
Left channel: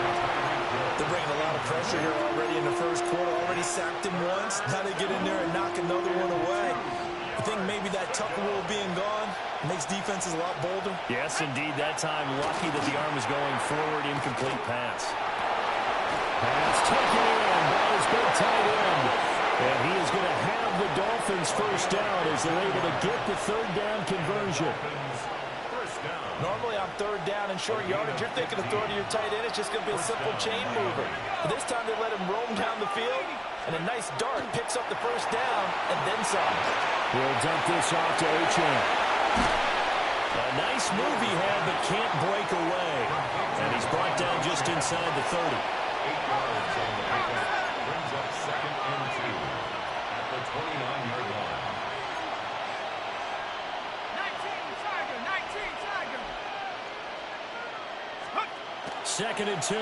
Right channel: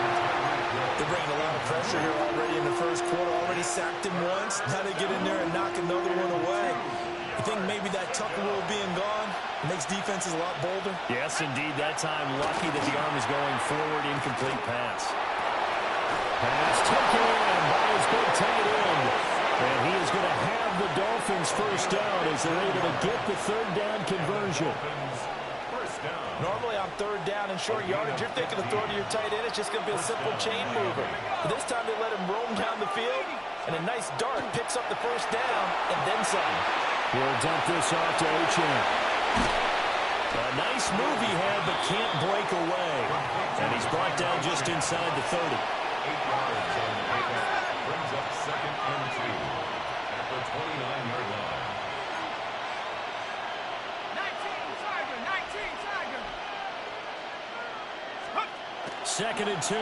They're bringing a lot of pressure here already in the first quarter. Already sacked him once. Now they get in there and knock another one away. I think maybe that Tucker rule being gone makes defenses a lot bolder. Yes, indeed. That time, lucky that the arm was going forward. Incomplete pass. Pass taken in by his big tight end. And he is going to have the Dolphins first down as they're able to get the third down conversion. Normally on third down and short yardage, you're thinking of throwing to your tight end. It's just going to be a simple chain mover. But this time they let him roam down the field, and a nice dart picks up the first down and then some. He'll dump this off to Achane. A nice move he had, but can't break away. And he's brought down just inside the 30. 8 yards on the pickup. Brings up 2nd and 2 at the 29-yard line. 2nd and 2.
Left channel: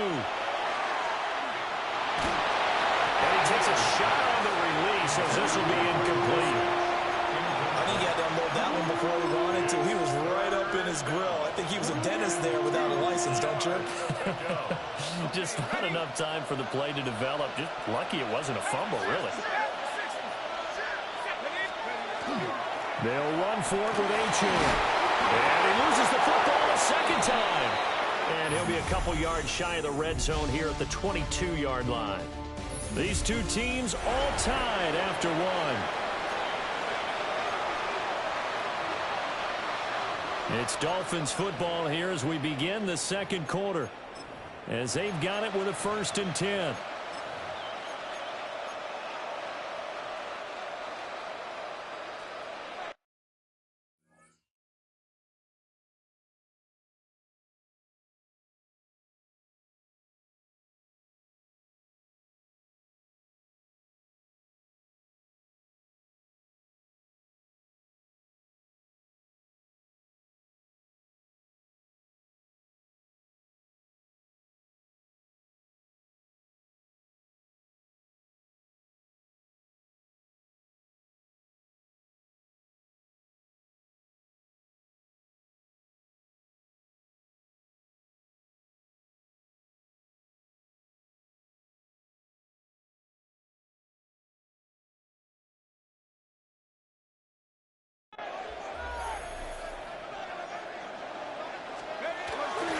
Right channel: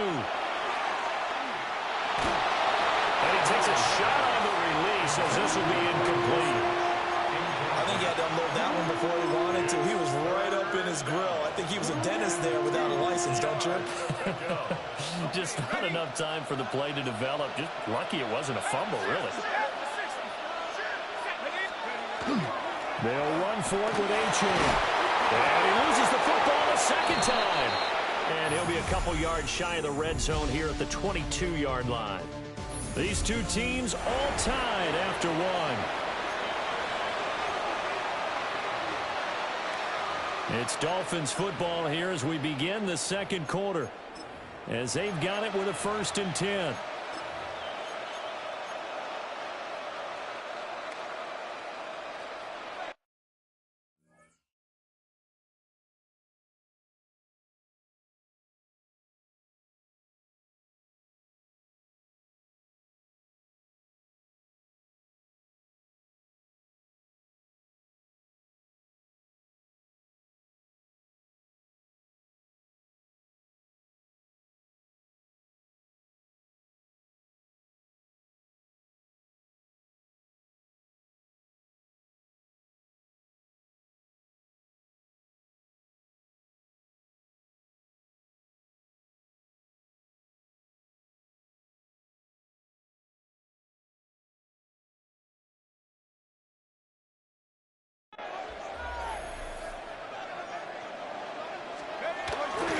And he takes a shot on the release as this will be incomplete. I think he had to unload that one before he wanted to. He was right up in his grill. I think he was a dentist there without a license, don't you? Just not enough time for the play to develop. Just lucky it wasn't a fumble, really. They'll run for it with Achane. And he loses the football a second time. And he'll be a couple yards shy of the red zone here at the 22-yard line. These two teams all tied after one. It's Dolphins football here as we begin the second quarter, as they've got it with a 1st and 10.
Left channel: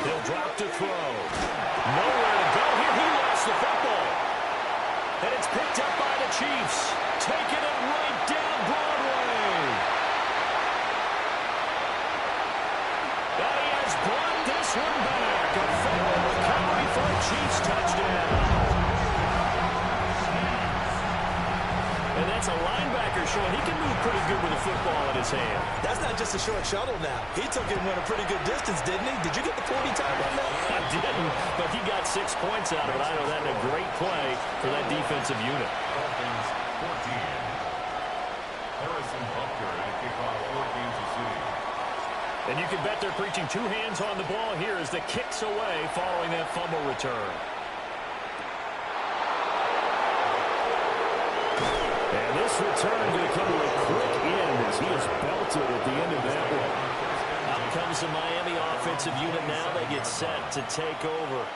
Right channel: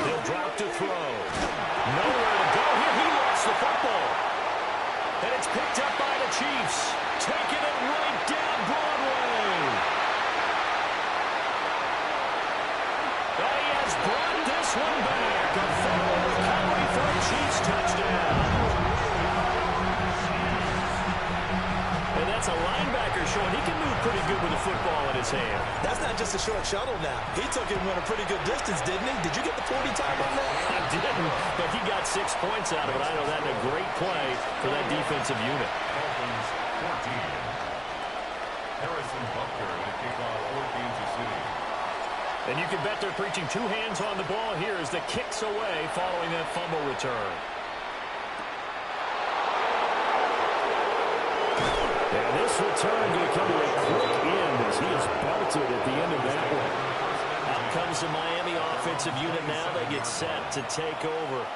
He'll drop to throw. Nowhere to go here. He lost the football. And it's picked up by the Chiefs. Taking it right down Broadway. And he has brought this one back. A fumble recovery for a Chiefs touchdown. And that's a linebacker showing he can move pretty good with a football in his hand. That's not just a short shuttle now. He took it and went a pretty good distance, didn't he? Did you get the 40 time on that? I didn't, but he got 6 points out of it. I know that in a great play for that defensive unit. Dolphins 14. Harrison Butker to kick off for Kansas City. And you can bet they're preaching 2 hands on the ball here as the kick's away following that fumble return. And this return going to come to a quick end as he is belted at the end of that one. Out comes the Miami offensive unit now. They get set to take over.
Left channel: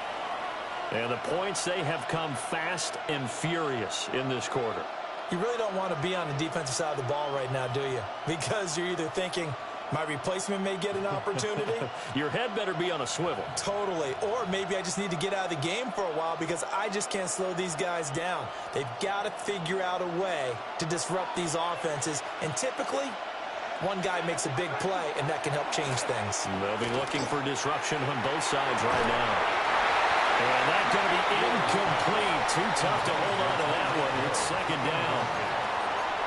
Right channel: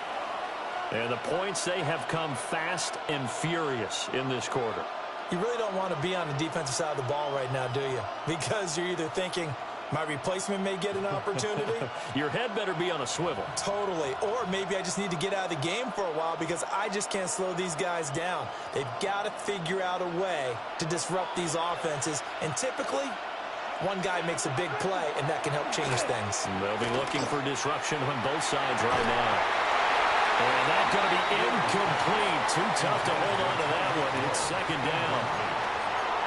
And the points, they have come fast and furious in this quarter. You really don't want to be on the defensive side of the ball right now, do you? Because you're either thinking, my replacement may get an opportunity. Your head better be on a swivel. Totally. Or maybe I just need to get out of the game for a while because I just can't slow these guys down. They've got to figure out a way to disrupt these offenses. And typically, one guy makes a big play, and that can help change things. They'll be looking for disruption on both sides right now. And that's going to be incomplete. Too tough to hold on to that one. It's 2nd down.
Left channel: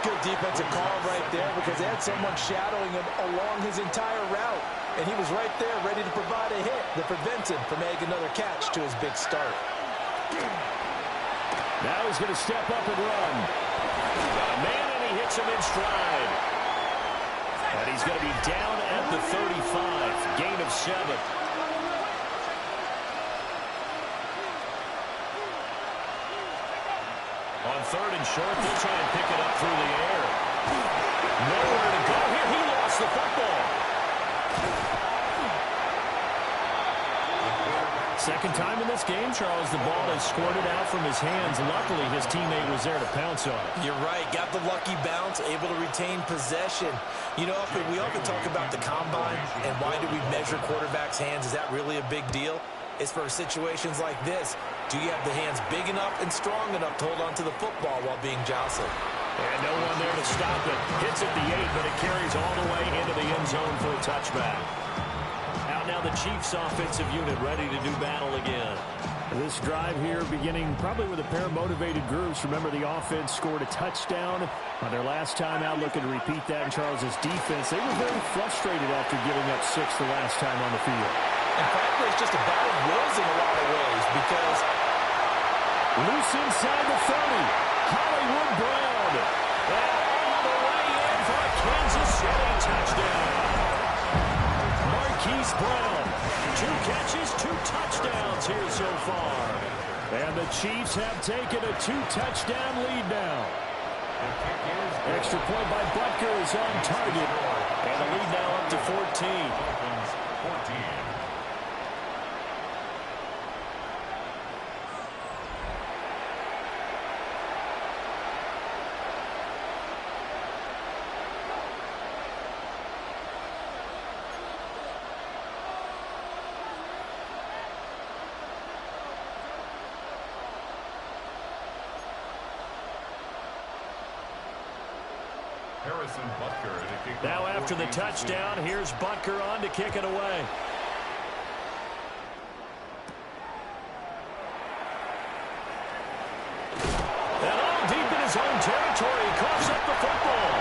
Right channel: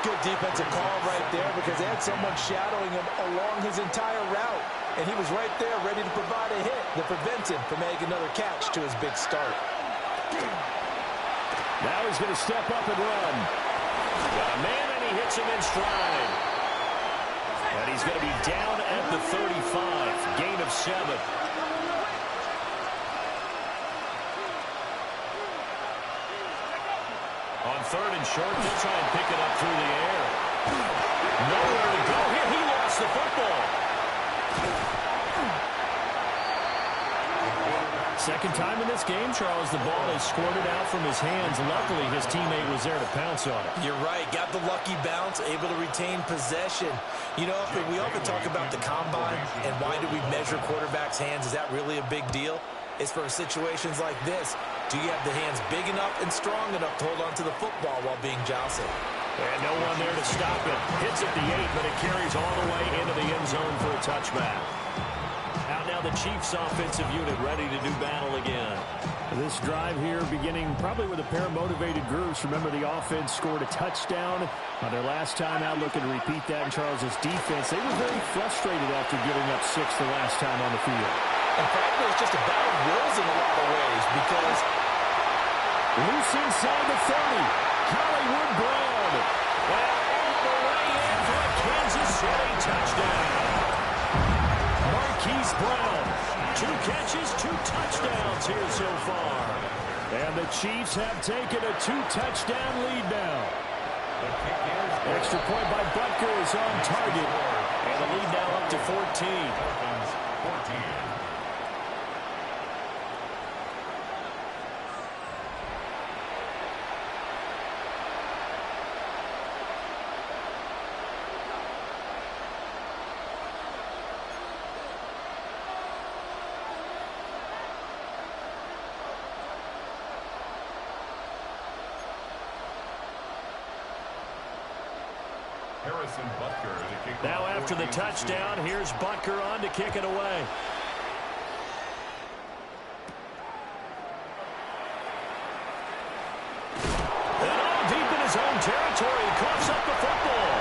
Good defensive call right there because they had someone shadowing him along his entire route. And he was right there ready to provide a hit that prevents him from making another catch to his big start. Now he's going to step up and run. Got a man, and he hits him in stride. And he's going to be down at the 35. Gain of 7. On 3rd and short, they'll try and pick it up through the air. Nowhere to go here. He lost the football. Second time in this game, Charles, the ball is squirted out from his hands. Luckily, his teammate was there to pounce on it. You're right. Got the lucky bounce, able to retain possession. You know, we often talk about the combine and why do we measure quarterbacks' hands. Is that really a big deal? It's for situations like this. Do you have the hands big enough and strong enough to hold on to the football while being jostled? And no one there to stop it. Hits at the 8, but it carries all the way into the end zone for a touchback. Out now the Chiefs offensive unit ready to do battle again. This drive here beginning probably with a pair of motivated groups. Remember, the offense scored a touchdown on their last time out, looking to repeat that in Charles' defense. They were very frustrated after giving up 6 the last time on the field. And frankly, it's just a battle of wills in a lot of ways because loose inside the 30. Hollywood Brown. And all the way in for a Kansas City touchdown. Marquise Brown. 2 catches, 2 touchdowns here so far. And the Chiefs have taken a 2-touchdown lead now. Extra point by Butker is on target. And the lead now up to 14. 14. Harrison Butker to kick off. Now after the touchdown, here's Butker on to kick it away. And all deep in his own territory, he coughs up the football.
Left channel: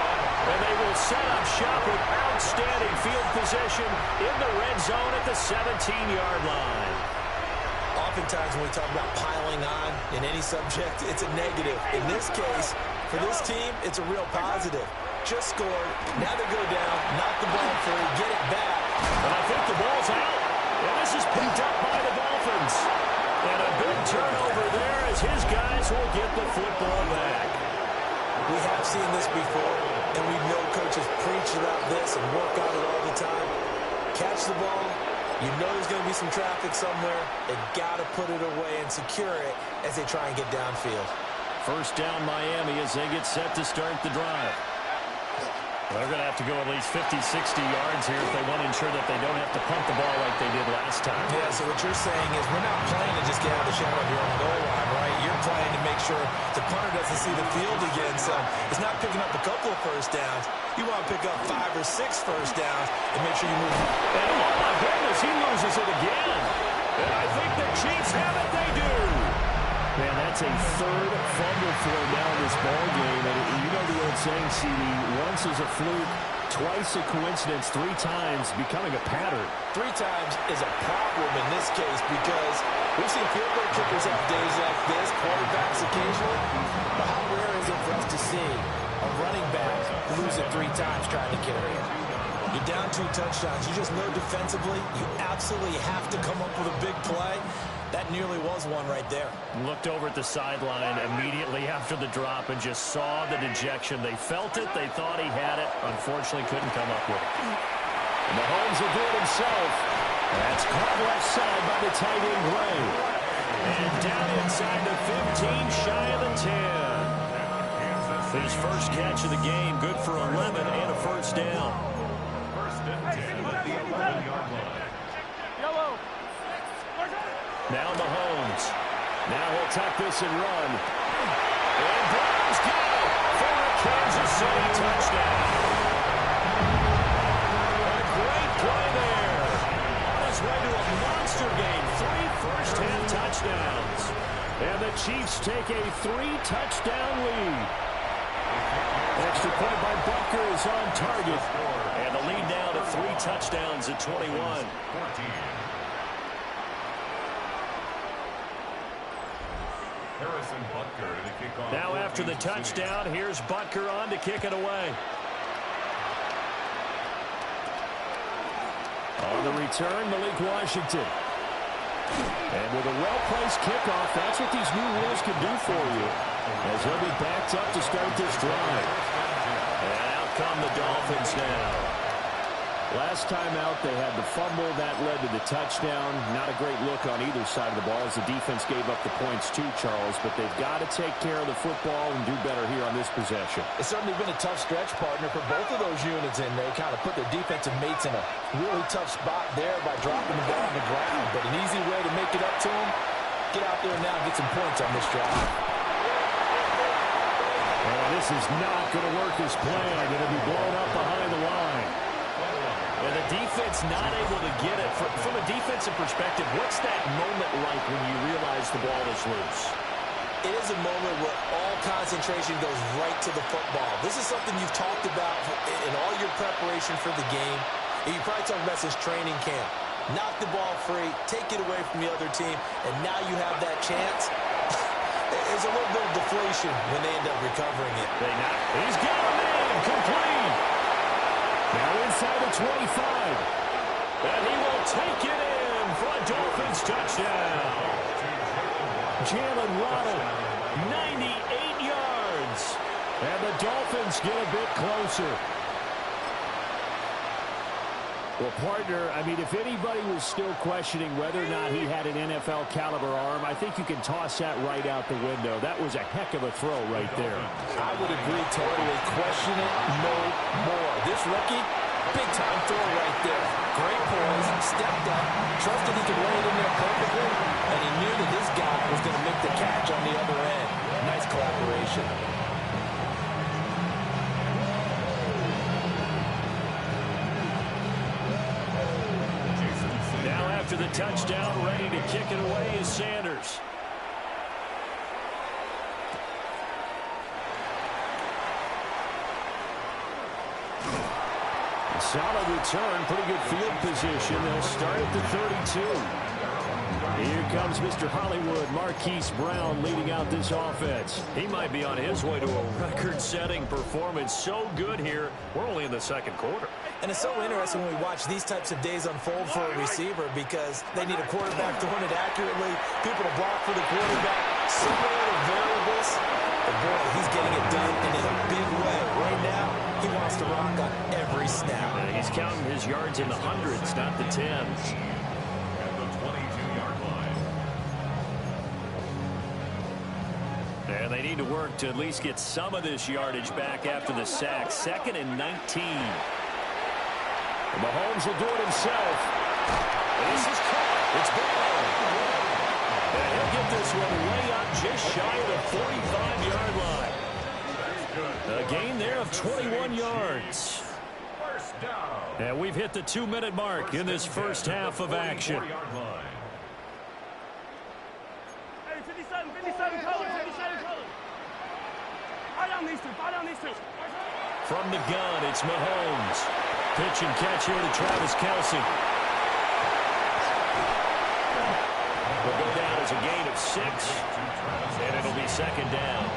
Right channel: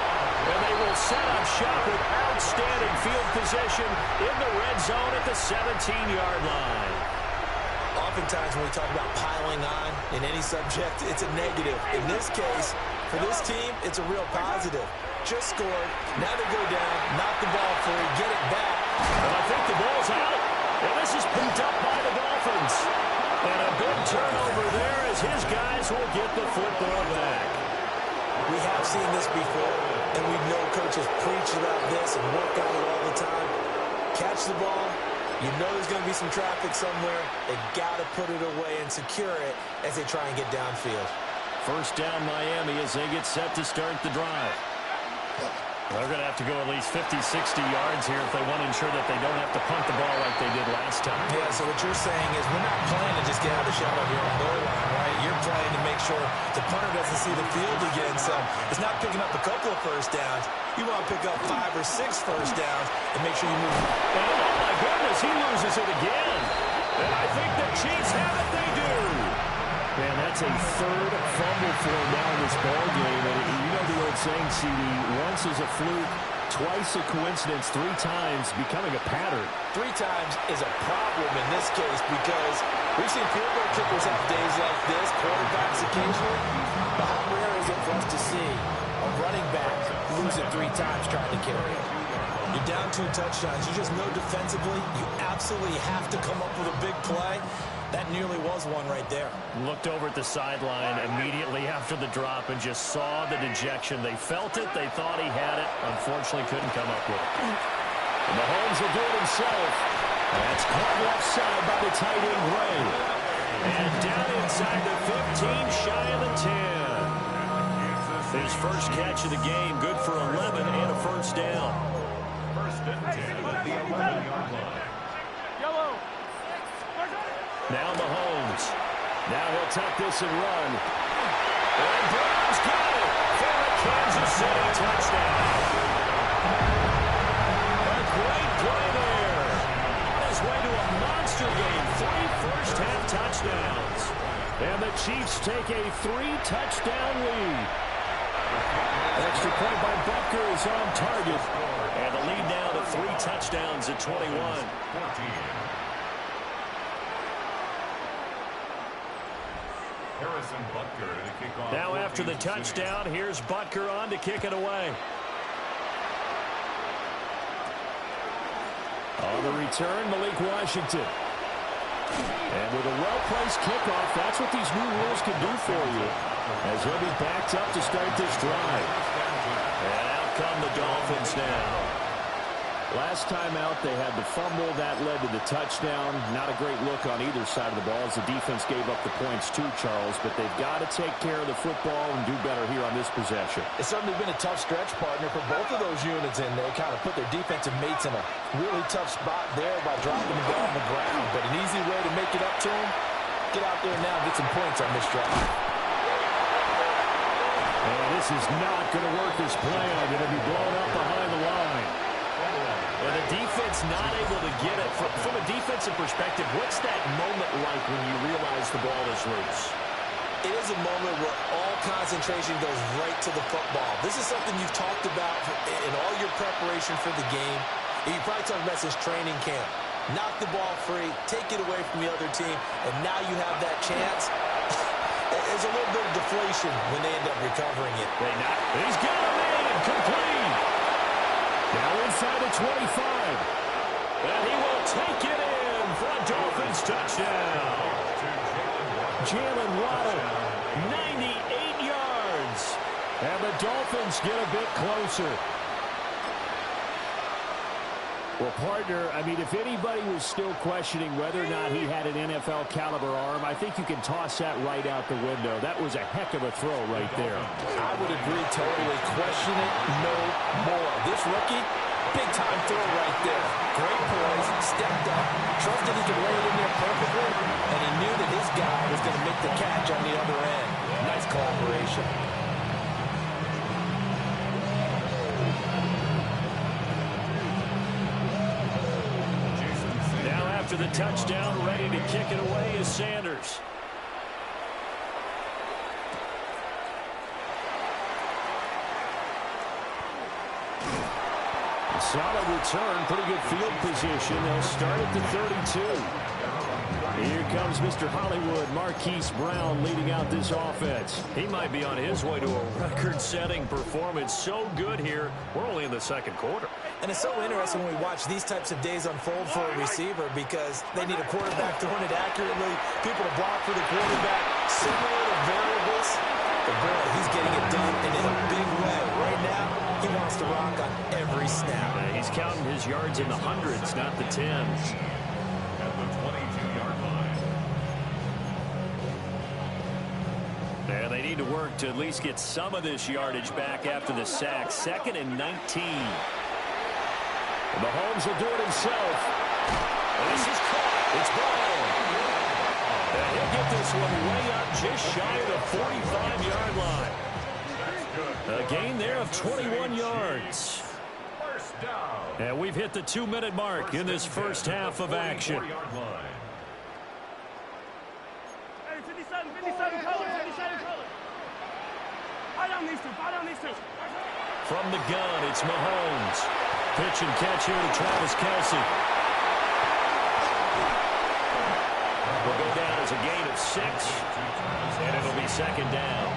And they will set up shop with outstanding field position in the red zone at the 17-yard line. oftentimes when we talk about piling on in any subject, it's a negative. In this case, for this team, it's a real positive. Just scored. Now they go down, knock the ball free, get it back. And I think the ball's out. And this is picked up by the Dolphins. And a big turnover there as his guys will get the football back. We have seen this before, and we know coaches preach about this and work on it all the time. Catch the ball. You know there's going to be some traffic somewhere. They've got to put it away and secure it as they try and get downfield. First down Miami as they get set to start the drive. They're going to have to go at least 50, 60 yards here if they want to ensure that they don't have to punt the ball like they did last time. Yeah, so what you're saying is we're not playing to just get out of the shadow of your own goal line, right? You're playing to make sure the punter doesn't see the field again. So it's not picking up a couple of first downs. You want to pick up 5 or 6 first downs and make sure you move. And oh my goodness, he loses it again. And I think the Chiefs have it. They do. Man, that's a third fumble for him now in this ball game. And you know the old saying, CD, once is a fluke, twice a coincidence, 3 times becoming a pattern. 3 times is a problem in this case because we've seen field goal kickers have days like this, quarterbacks occasionally. But how rare is it for us to see a running back lose it 3 times trying to carry it? You're down 2 touchdowns. You just know defensively you absolutely have to come up with a big play. That nearly was one right there. Looked over at the sideline immediately after the drop and just saw the dejection. They felt it. They thought he had it. Unfortunately, couldn't come up with it. And Mahomes will do it himself. That's caught left side by the tight end, Gray. And down inside the 15, shy of the 10. His first catch of the game, good for 11 and a first down. First and 10 at the 11-yard line. Yellow. Now Mahomes. Now he'll tuck this and run. And Brown's got it for a Kansas City touchdown. A great play there. On his way to a monster game. 3 first-half touchdowns. And the Chiefs take a 3-touchdown lead. Extra point by Butker is on target. And the lead now to 3 touchdowns at 21. 14. Harrison Butker to kick off. Now after the touchdown, here's Butker on to kick it away. On the return, Malik Washington. And with a well-placed kickoff, that's what these new rules can do for you, as he'll be backed up to start this drive. And out come the Dolphins now. Last time out, they had the fumble. That led to the touchdown. Not a great look on either side of the ball as the defense gave up the points too, Charles. But they've got to take care of the football and do better here on this possession. It's certainly been a tough stretch, partner, for both of those units, and they kind of put their defensive mates in a really tough spot there by dropping the ball on the ground. But an easy way to make it up to them, get out there now and get some points on this drive. And this is not going to work as planned. It'll be blown up behind the line. And the defense not able to get it. From a defensive perspective, what's that moment like when you realize the ball is loose? It is a moment where all concentration goes right to the football. This is something you've talked about in all your preparation for the game. And you probably talked about since training camp. Knock the ball free, take it away from the other team, and now you have that chance. There's a little bit of deflation when they end up recovering it. He's got a man, complete. Now inside the 25. And he will take it in for a Dolphins touchdown. Jalen Waddle, 98 yards. and the Dolphins get a bit closer. Well, partner, I mean, if anybody was still questioning whether or not he had an NFL caliber arm, I think you can toss that right out the window. That was a heck of a throw right there. I would agree totally. Question it no more. This rookie, big-time throw right there. Great poise, stepped up, trusted he could lay it in there perfectly, and he knew that his guy was going to make the catch on the other end. Nice collaboration. Now after the touchdown, ready to kick it away is Sanders. Solid return, pretty good field position. They'll start at the 32. Here comes Mr. Hollywood, Marquise Brown, leading out this offense. He might be on his way to a record-setting performance. So good here. We're only in the second quarter. And it's so interesting when we watch these types of days unfold for a receiver because they need a quarterback throwing it accurately, people to block for the quarterback, so many other variables. But boy, he's getting it done and in a big way. Right now, he wants to rock on every snap. He's counting his yards in the hundreds, not the tens. At the 22-yard line. And they need to work to at least get some of this yardage back after the sack. 2nd and 19. And Mahomes will do it himself. And this is caught. It's Brown. And he'll get this one way up just shy of the 45-yard line. A gain there of 21 yards. First down. And we've hit the 2-minute mark in this first half of action. Hey, 57, 57 colors, 57 colors. Buy down these two. From the gun, it's Mahomes. Pitch and catch here to Travis Kelce. Will go down as a gain of 6, and it'll be 2nd down.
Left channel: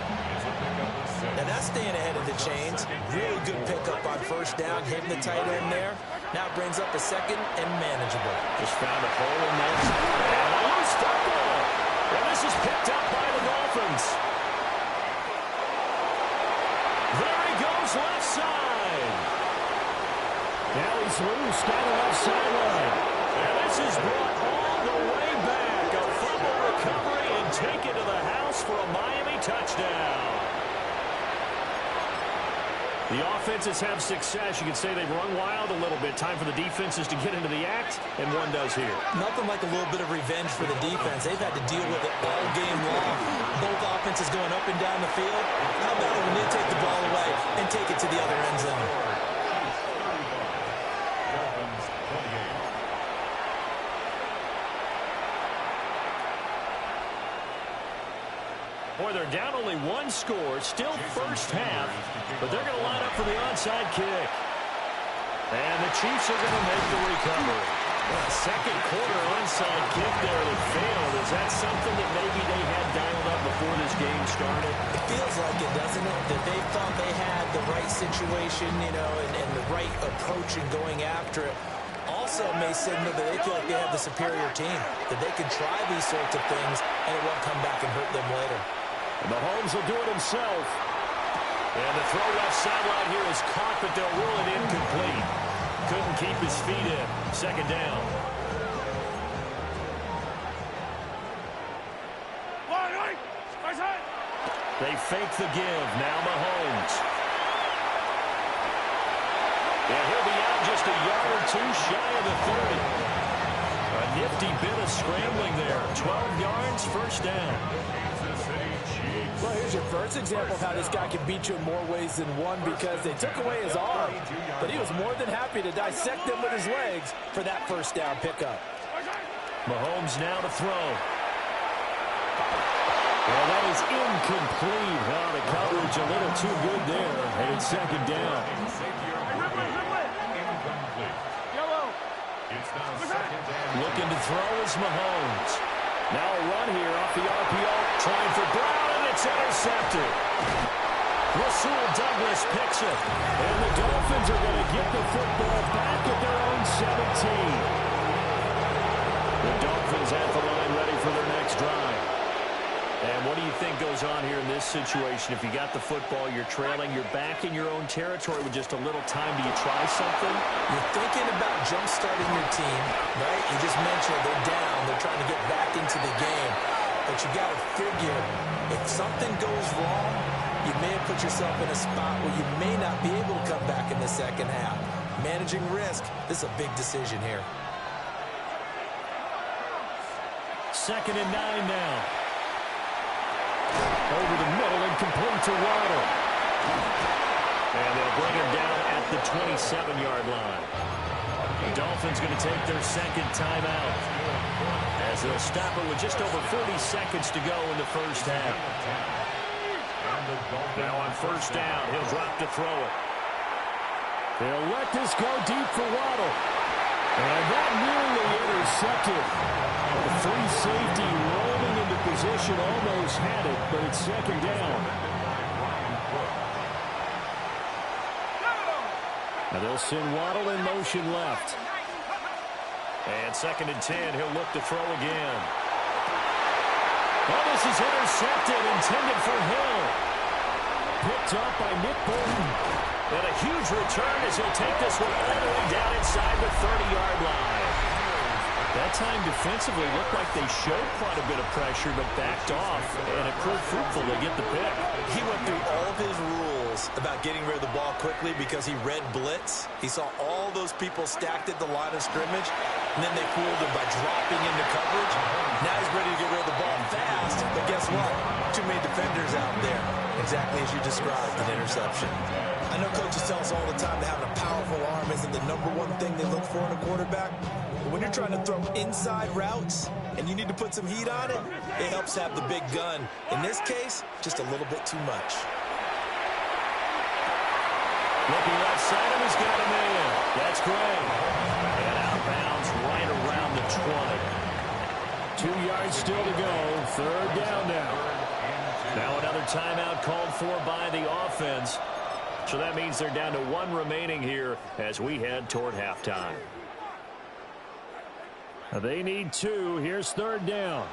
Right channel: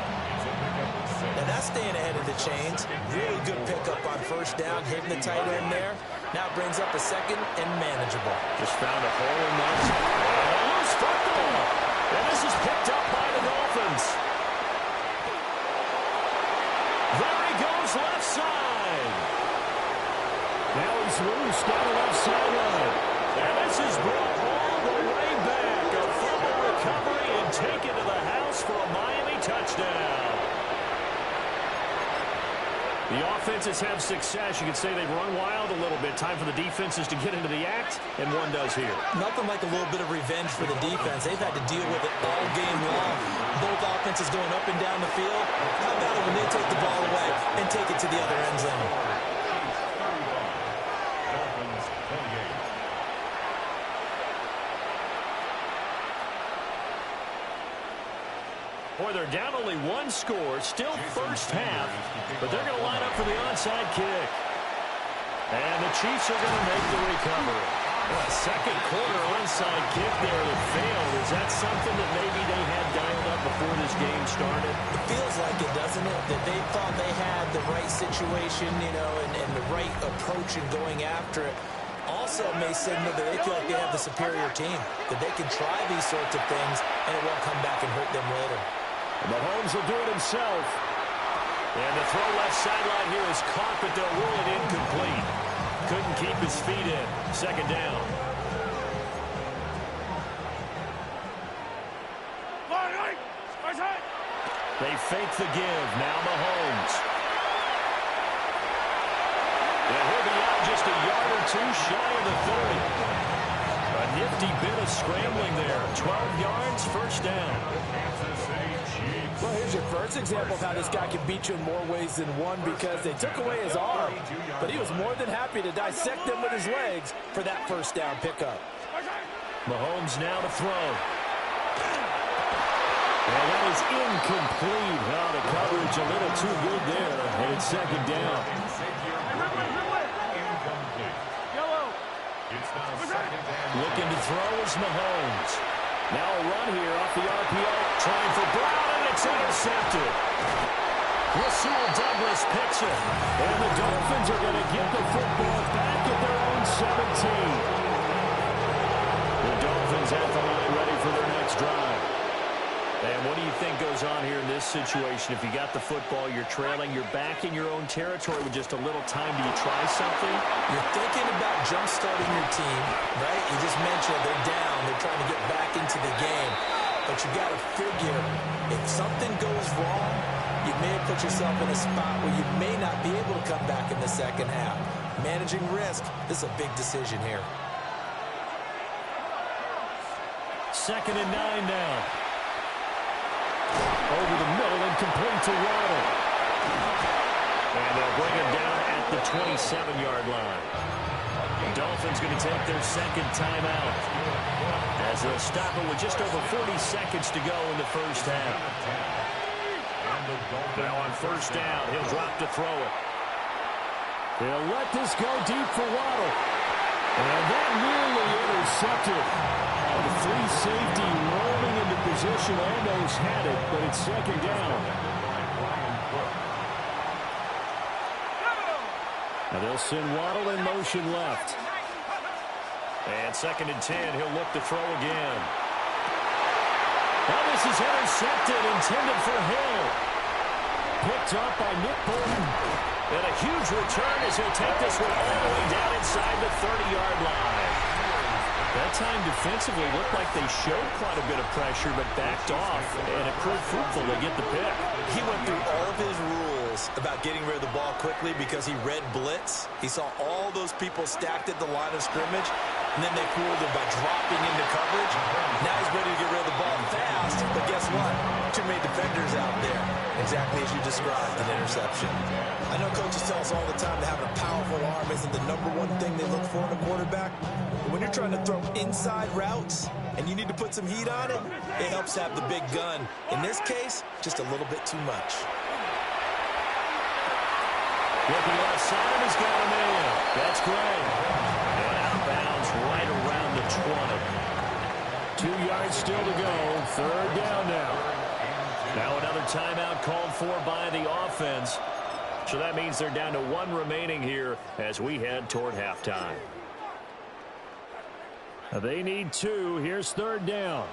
Now that's staying ahead of the chains. Really good pickup on first down, hitting the tight end there. Now it brings up a 2nd and manageable. Just found a hole in that. And a loose football. And this is picked up by the Dolphins. There he goes, left side. Now he's loose down the left sideline. And this is brought all the way back. A fumble recovery and taken to the house for a Miami touchdown. The offenses have success. You can say they've run wild a little bit. Time for the defenses to get into the act, and one does here. Nothing like a little bit of revenge for the defense. They've had to deal with it all game long. Both offenses going up and down the field. How about it when they take the ball away and take it to the other end zone? Dolphins 28. Boy, they're down only one score, still first half, but they're going to line up for the onside kick. And the Chiefs are going to make the recovery. Second quarter onside kick there that failed. Is that something that maybe they had dialed up before this game started? It feels like it, doesn't it? That they thought they had the right situation, you know, and the right approach in going after it. Also may signal that they feel like they have the superior team, that they can try these sorts of things, and it won't come back and hurt them later. And Mahomes will do it himself. And the throw left sideline here is caught, but they'll rule it incomplete. Couldn't keep his feet in. 2nd down. They fake the give. Now Mahomes. And he'll be out just a yard or two shy of the 30. A nifty bit of scrambling there. 12 yards, first down. Kansas City Chiefs. Well, here's your first example of how this guy can beat you in more ways than one, because they took away his arm, but he was more than happy to dissect them with his legs for that first down pickup. Mahomes now to throw. Well, that is incomplete. Oh, the coverage a little too good there, and it's second down. Incomplete. It's now second and Looking to throw is Mahomes. Now a run here off the RPO. Trying for Brown, and it's intercepted. Rasul Douglas picks it. And the Dolphins are going to get the football back at their own 17. The Dolphins at the line ready for their next drive. And what do you think goes on here in this situation? If you got the football, you're trailing, you're back in your own territory with just a little time. Do you try something? You're thinking about jump-starting your team, right? You just mentioned they're down. They're trying to get back into the game. But you got to figure, if something goes wrong, you may have put yourself in a spot where you may not be able to come back in the second half. Managing risk, this is a big decision here. 2nd and 9 now. Over the middle and complete to Waddle. And they'll bring him down at the 27-yard line. The Dolphins going to take their second timeout, as they'll stop it with just over 40 seconds to go in the first half. Now on first down, he'll drop to throw it. They'll let this go deep for Waddle. And that nearly intercepted. The free safety rolling into position, almost had it, but it's second down. Now they'll send Waddle in motion left. And 2nd and 10, he'll look to throw again. Well, this is intercepted, intended for Hill. Picked up by Nick Bolton. And a huge return as he'll take this one all the way down inside the 30-yard line. That time defensively looked like they showed quite a bit of pressure but backed off, and it proved fruitful to get the pick. He went through all of his rules about getting rid of the ball quickly because he read blitz. He saw all those people stacked at the line of scrimmage, and then they fooled him by dropping into coverage. Now he's ready to get rid of the ball fast, but guess what? Too many defenders out there. Exactly as you described, an interception. I know coaches tell us all the time that having a powerful arm isn't the #1 thing they look for in a quarterback. But when you're trying to throw inside routes and you need to put some heat on it, it helps have the big gun. In this case, just a little bit too much. Looking left side, and he's got him in. That's great. And out of bounds right around the 20. 2 yards still to go. Third down now. Now another timeout called for by the offense. So that means they're down to 1 remaining here as we head toward halftime. They need 2. Here's third down.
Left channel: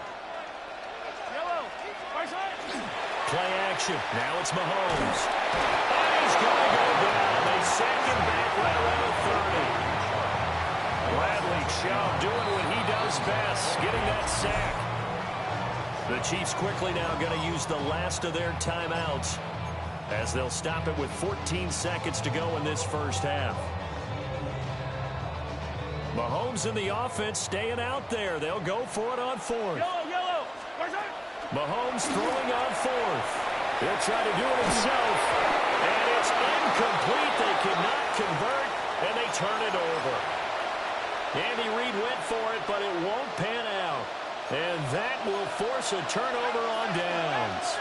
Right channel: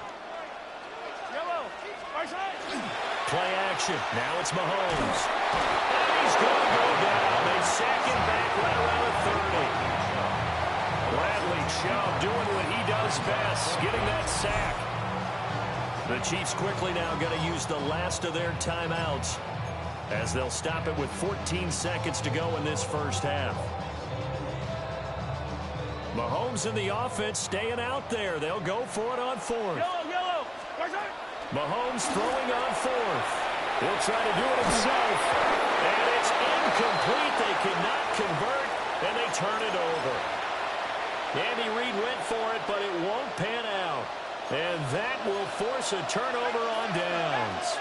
Play action. Now it's Mahomes. And he's going to go down. They sack him back right around the 30. Bradley Chubb doing what he does best, getting that sack. The Chiefs quickly now going to use the last of their timeouts, as they'll stop it with 14 seconds to go in this first half. Mahomes and the offense staying out there. They'll go for it on fourth. Mahomes throwing on fourth. He'll try to do it himself. And it's incomplete. They cannot convert, and they turn it over. Andy Reid went for it, but it won't pan out. And that will force a turnover on downs.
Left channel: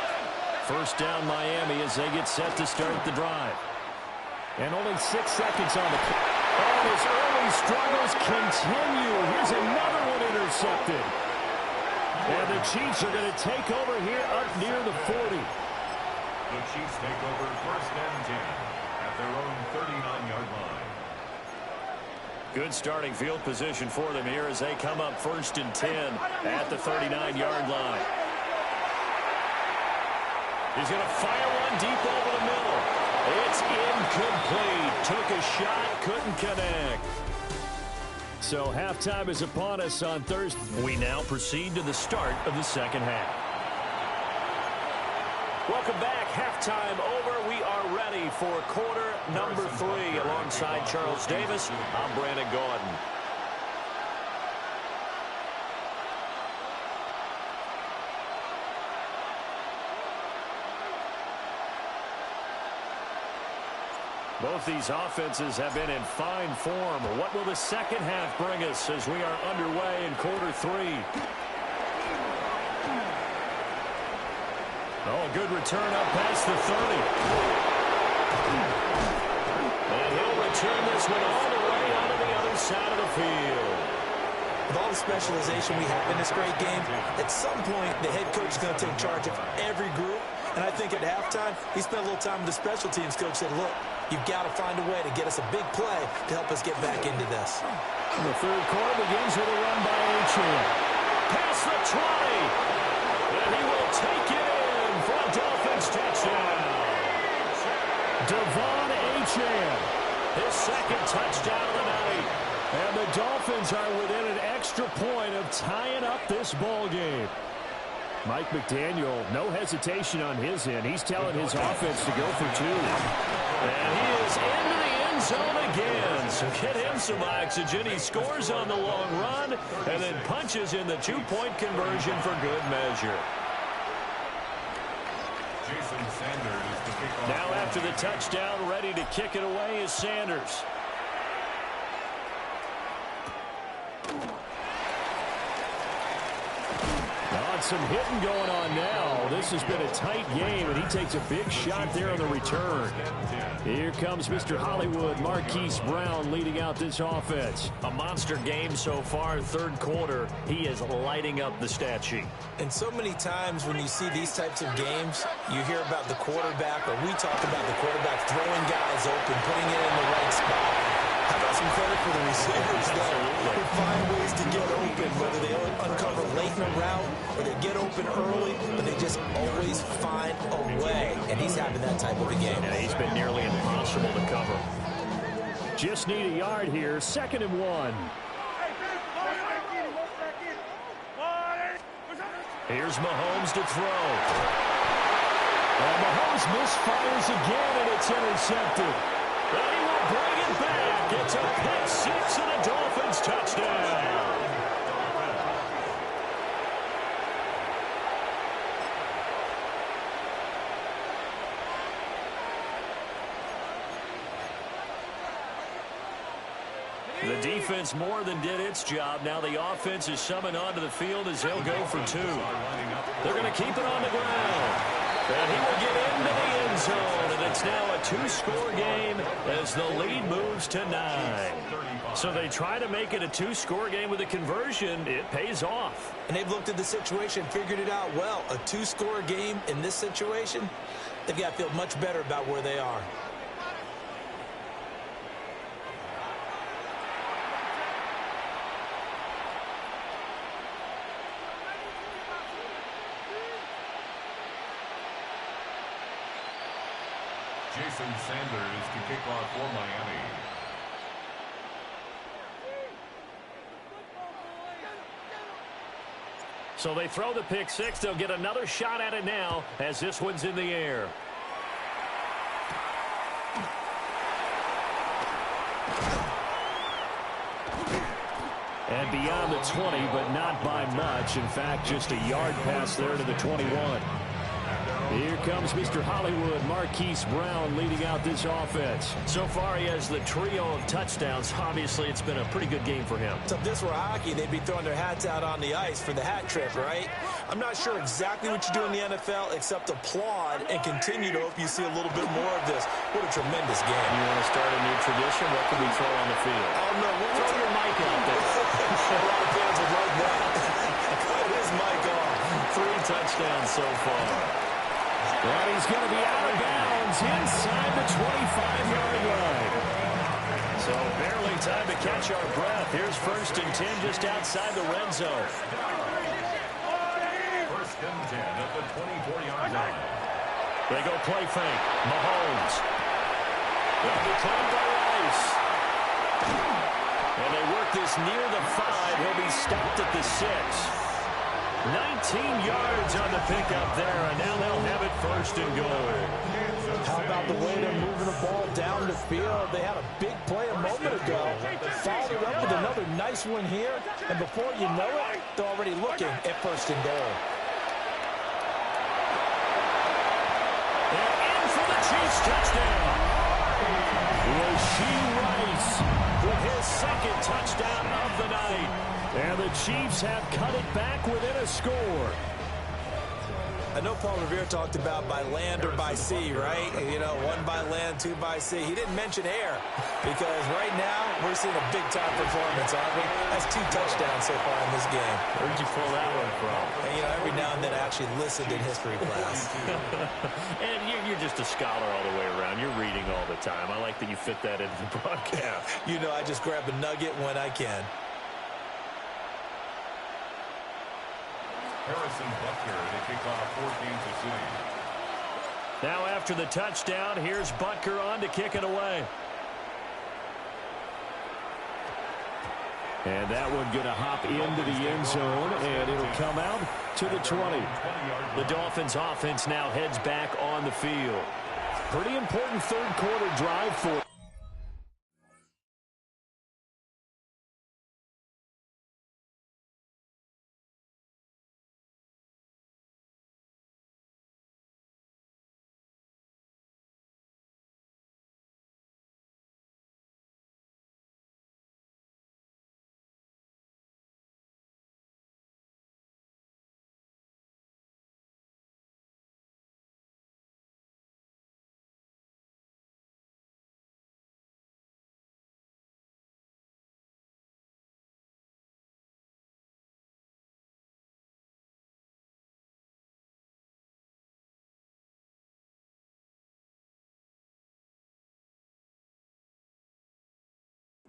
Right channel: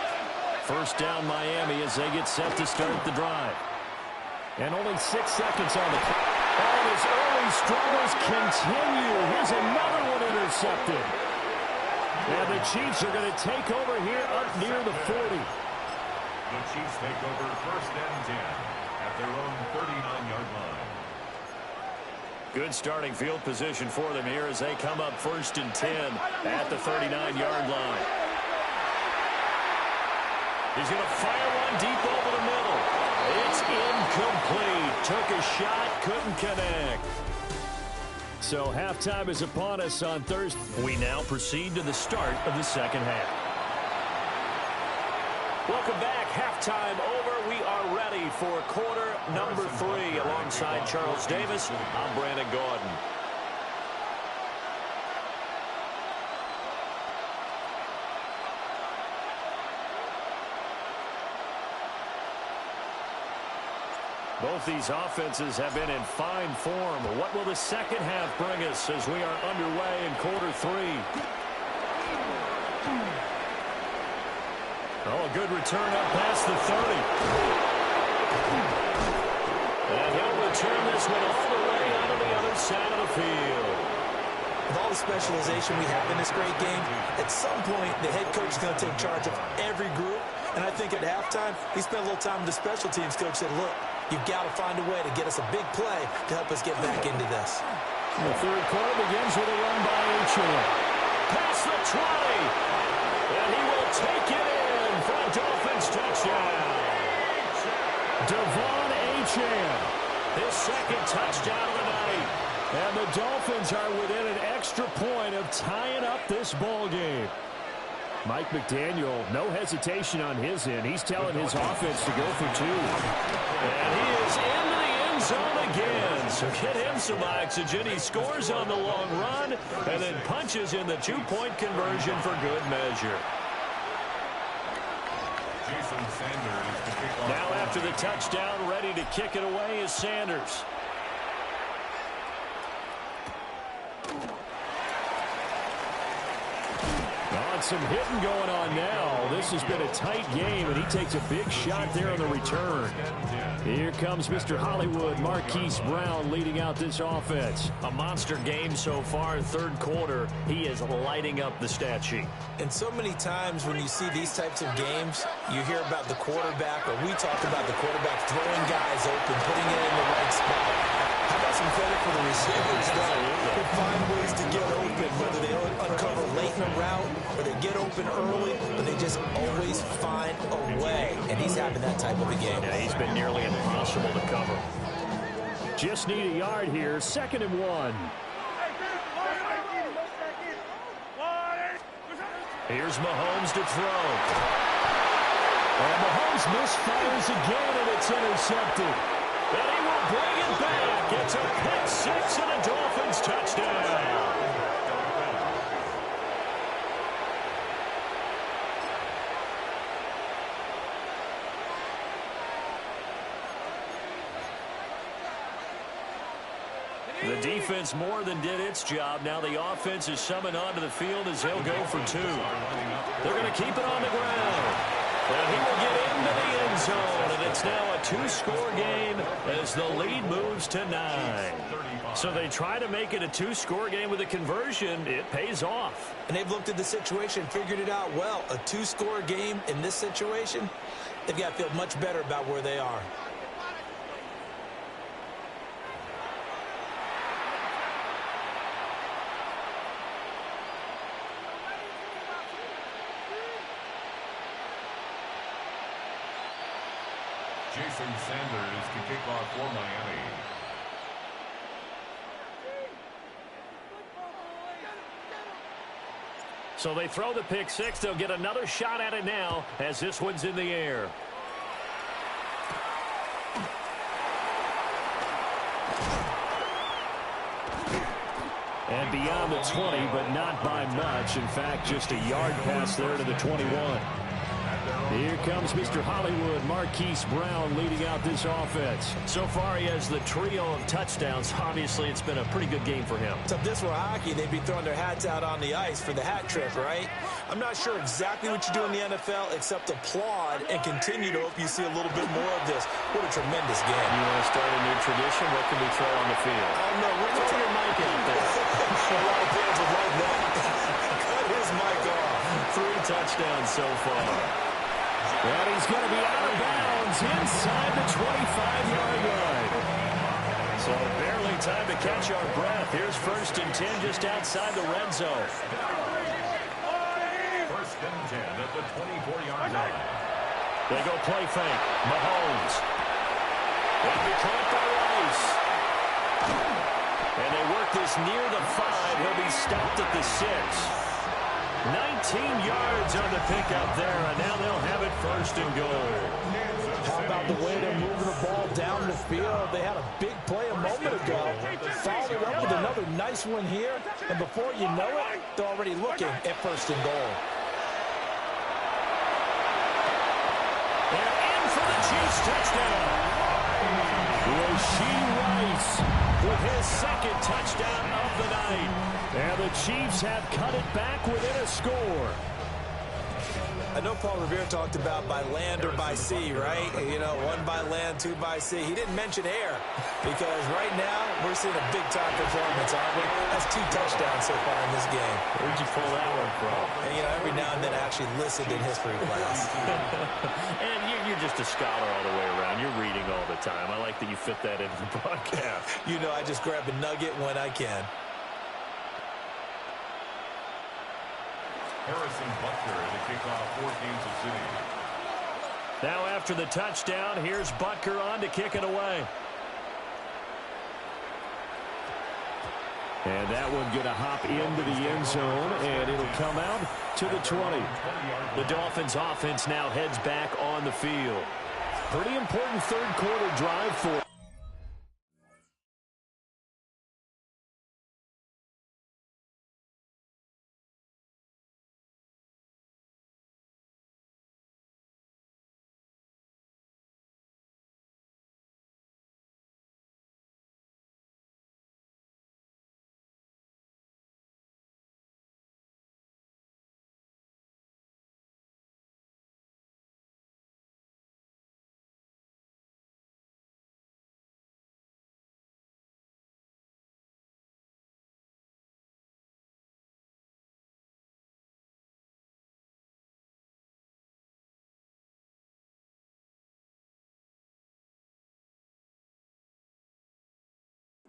First down Miami as they get set to start the drive. And only 6 seconds on the clock. And his early struggles continue. Here's another one intercepted. And the Chiefs are going to take over here up near the 40. The Chiefs take over 1st and 10 at their own 39-yard line. Good starting field position for them here as they come up 1st and 10 at the 39-yard line. He's going to fire one deep over the middle. It's incomplete. Took a shot, couldn't connect. So halftime is upon us on Thursday. We now proceed to the start of the second half. Welcome back. Halftime over. We are ready for quarter number 3. Alongside Charles Davis, I'm Brandon Gaudin. Both these offenses have been in fine form. What will the second half bring us as we are underway in quarter 3? Oh, a good return up past the 30. And he'll return this one all the way onto the other side of the field. With all the specialization we have in this great game, at some point, the head coach is going to take charge of every group. And I think at halftime, he spent a little time with the special teams coach and said, look, you've got to find a way to get us a big play to help us get back into this. The third quarter begins with a run by Achane. Past the 20. And he will take it in for a Dolphins touchdown. Devon Achane. His second touchdown of the night. And the Dolphins are within an extra point of tying up this ball game. Mike McDaniel, no hesitation on his end. He's telling his offense to go for 2. And he is into the end zone again. So get him some oxygen. He scores on the long run and then punches in the 2-point conversion for good measure. Jason Sanders to kick off. Now after the touchdown, ready to kick it away is Sanders. Oh, some hitting going on now. This has been a tight game, and he takes a big shot there on the return. Here comes Mr. Hollywood, Marquise Brown, leading out this offense. A monster game so far, third quarter. He is lighting up the stat sheet. And so many times when you see these types of games, you hear about the quarterback, or we talk about the quarterback throwing guys open, putting it in the right spot. How about some credit for the receivers who find ways to get open, whether they uncover late in a route or they get open early, but they just always find a way. And he's having that type of a game. Yeah, he's been nearly impossible to cover. Just need a yard here, 2nd and 1. Here's Mahomes to throw. And Mahomes misfires again, and it's intercepted. And he will bring it back. It's a pick 6 and a Dolphins touchdown. The defense more than did its job. Now the offense is summoned onto the field as he'll go for 2. They're going to keep it on the ground. And he will get into the end zone, and it's now a 2-score game as the lead moves to 9. So they try to make it a 2-score game with a conversion. It pays off. And they've looked at the situation, figured it out well. A 2-score game in this situation, they've got to feel much better about where they are. Jason Sanders to kick off for Miami. So they throw the pick 6. They'll get another shot at it now as this one's in the air. And beyond the 20, but not by much. In fact, just a yard pass there to the 21. Here comes Mr. Hollywood, Marquise Brown, leading out this offense. So far, he has the trio of touchdowns. Obviously, it's been a pretty good game for him. So if this were hockey, they'd be throwing their hats out on the ice for the hat trick, right? I'm not sure exactly what you do in the NFL except applaud and continue to hope you see a little bit more of this. What a tremendous game. You want to start a new tradition? What can we throw on the field? Oh, no. Throw your mic out there. A lot of fans would like that. Cut his mic off. 3 touchdowns so far. And he's going to be out of bounds inside the 25-yard line. So barely time to catch our breath. Here's 1st and 10 just outside the red zone. 1st and 10 at the 24-yard line. They go play fake. Mahomes. They'll be caught by Rice. And they work this near the 5. He'll be stopped at the 6. 19 yards on the pickup there, and now they'll have it 1st and goal. How about the way they're moving the ball down the field? They had a big play a moment ago. Followed it up with another nice one here, and before you know it, they're already looking at 1st and goal. And in for the Chiefs touchdown. Rashee Rice with his second touchdown of the night. And the Chiefs have cut it back within a score. I know Paul Revere talked about by land or by sea, right? You know, 1 by land, 2 by sea. He didn't mention air because right now we're seeing a big-time performance, aren't we? That's 2 touchdowns so far in this game. Where'd you pull that one from? And, you know, every now and then I actually listened in history class. And you're just a scholar all the way around. You're reading all the time. I like that you fit that into the broadcast. You know, I just grab a nugget when I can. Harrison Butker to kick off for Kansas City. Now after the touchdown, here's Butker on to kick it away. And that one going to hop into the end zone, and it'll come out to the 20. The Dolphins offense now heads back on the field. Pretty important third quarter drive for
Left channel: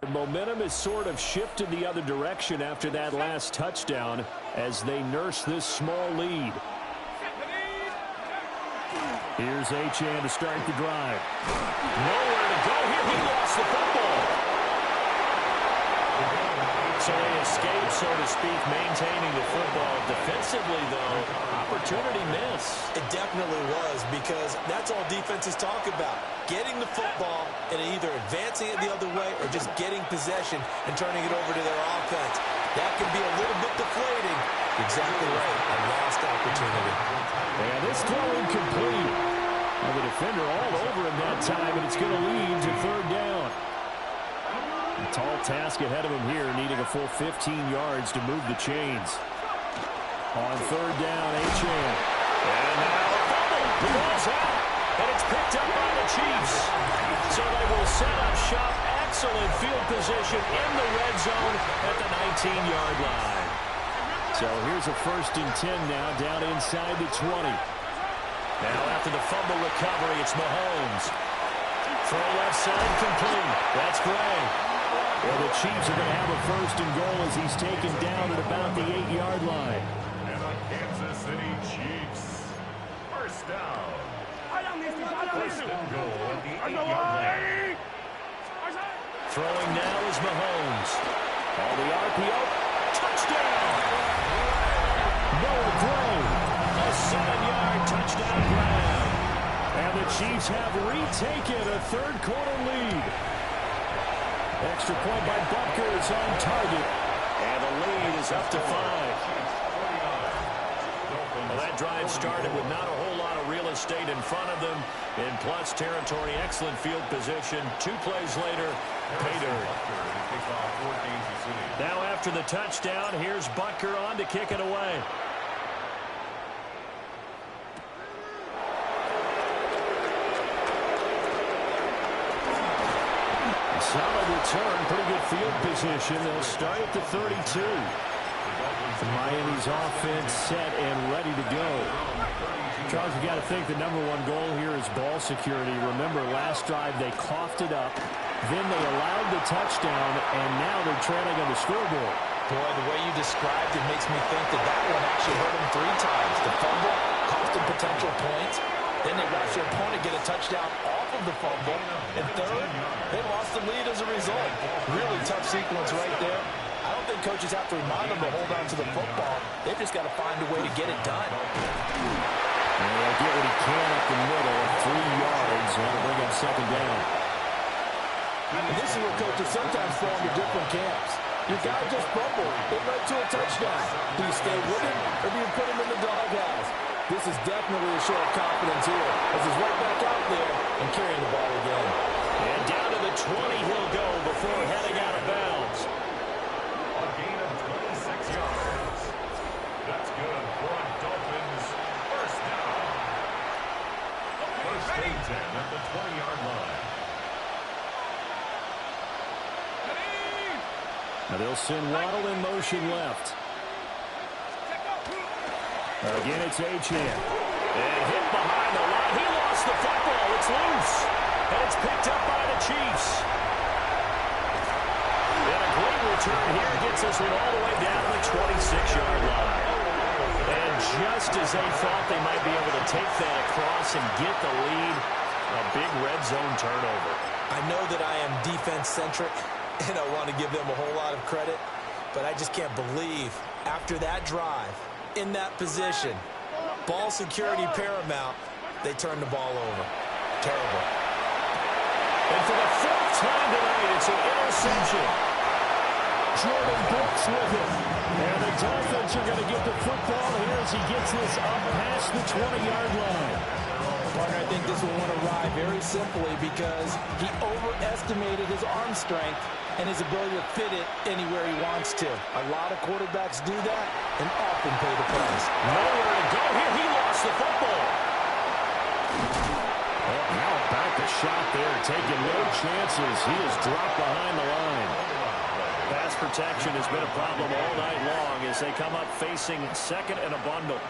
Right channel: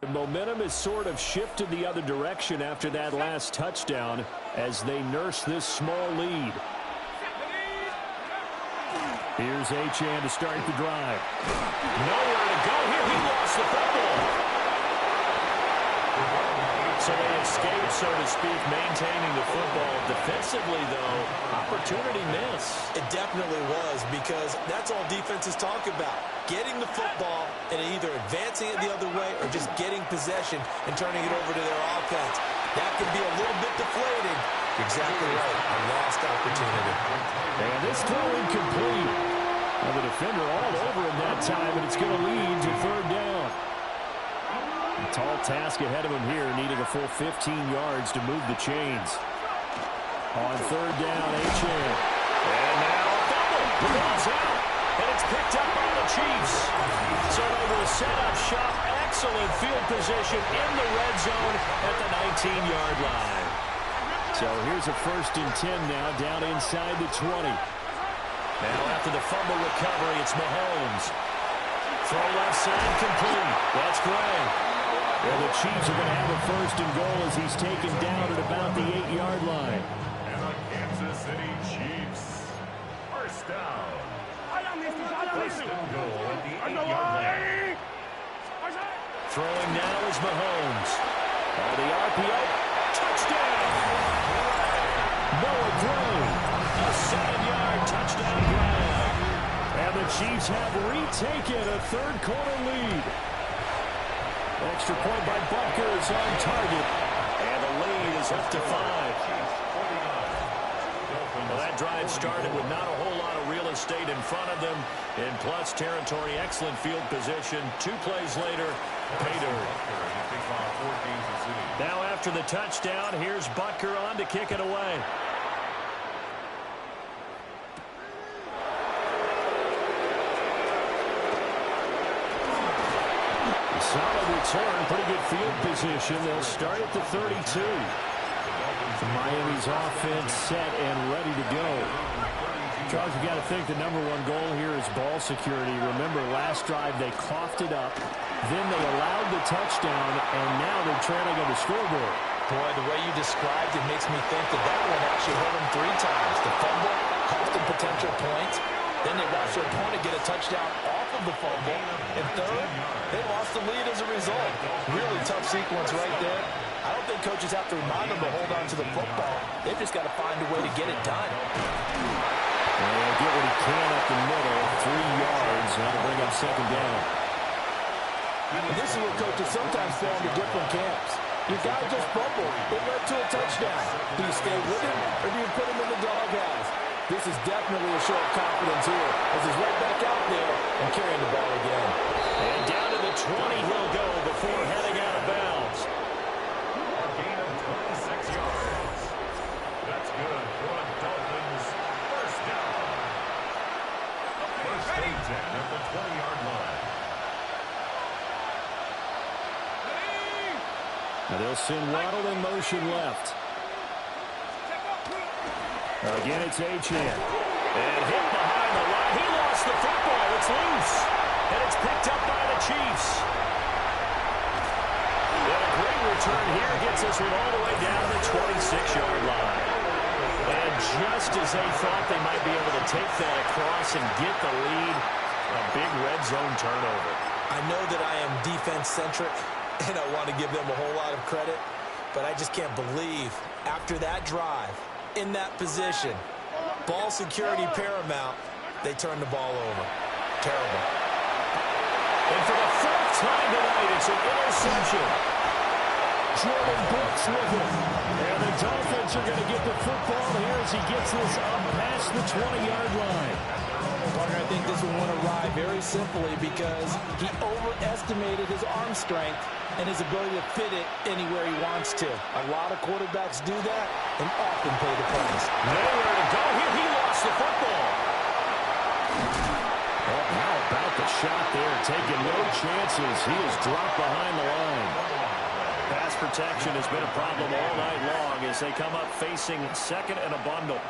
The momentum has sort of shifted the other direction after that last touchdown as they nurse this small lead. Here's Achane to start the drive. Nowhere to go here. He lost the football. So they escape, so to speak, maintaining the football. Defensively, though, opportunity miss. It definitely was, because that's all defenses talk about. Getting the football and either advancing it the other way or just getting possession and turning it over to their offense. That can be a little bit deflating. You're exactly right. A lost opportunity. And this throw incomplete. Well, the defender all over him that time, and it's going to lead to third down. A tall task ahead of him here, needing a full 15 yards to move the chains. On third down, Achane. And now a fumble. The ball's out. And it's picked up by the Chiefs. So they will set up shop. Excellent field position in the red zone at the 19-yard line. So here's a 1st and 10 now, down inside the 20. Now after the fumble recovery, it's Mahomes. Throw left side complete. That's Gray. Well, the Chiefs are going to have a 1st and goal as he's taken down at about the 8-yard line. And the Kansas City Chiefs. First down. First and goal at the 8-yard line. Throwing now is Mahomes. On the RPO. Touchdown! Noah Gray. A 7-yard touchdown grab. And the Chiefs have retaken a third quarter lead. Extra point by Butker is on target. And the lead is up to 5. Well, that drive started with not a whole lot of real estate in front of them. In plus territory, excellent field position. 2 plays later, pay dirt. Now after the touchdown, here's Butker on to kick it away. Solid return, pretty good field position. They'll start at the 32. Miami's offense set and ready to go. Charles, you got to think the #1 goal here is ball security. Remember, last drive they coughed it up, then they allowed the touchdown, and now they're trailing on the scoreboard. Boy, the way you described it makes me think that that one actually hurt them 3 times. The fumble cost them potential points. Then they watched their opponent get a touchdown off of the fumble. And third, they lost the lead as a result. Really tough sequence right there. I don't think coaches have to remind them to hold on to the football. They've just got to find a way to get it done. And he'll get what he can up the middle, 3 yards. That'll bring up second down. And this is where coaches sometimes fall into different camps. Your guy just fumbled. It led to a touchdown. Do you stay with him, or do you put him in the doghouse? This is definitely a show of confidence here, as he's right back out there and carrying the ball again. And down to the 20 he'll go before heading out of bounds. A gain of 26 yards. That's good for a Dolphins first down. First and 10 at the 20-yard line. Now they'll send Waddle in motion left. Again, it's Achane. And hit behind the line. He lost the football. It's loose. And it's picked up by the Chiefs. And a great return here gets us one all the way down to the 26-yard line. And just as they thought they might be able to take that across and get the lead, a big red zone turnover. I know that I am defense-centric, and I want to give them a whole lot of credit, but I just can't believe after that drive, in that position, ball security paramount, they turned the ball over. Terrible. And for the fourth time tonight, it's an interception. Jordan Brooks with it. And the Dolphins are going to get the football here as he gets this up past the 20-yard line. Parker, I think this will want to ride very simply because he overestimated his arm strength and his ability to fit it anywhere he wants to. A lot of quarterbacks do that and often pay the price. Nowhere to go here. He lost the football. Oh, how about the shot there? Taking no chances. He is dropped behind the line. Pass protection has been a problem all night long as they come up facing second and a bundle.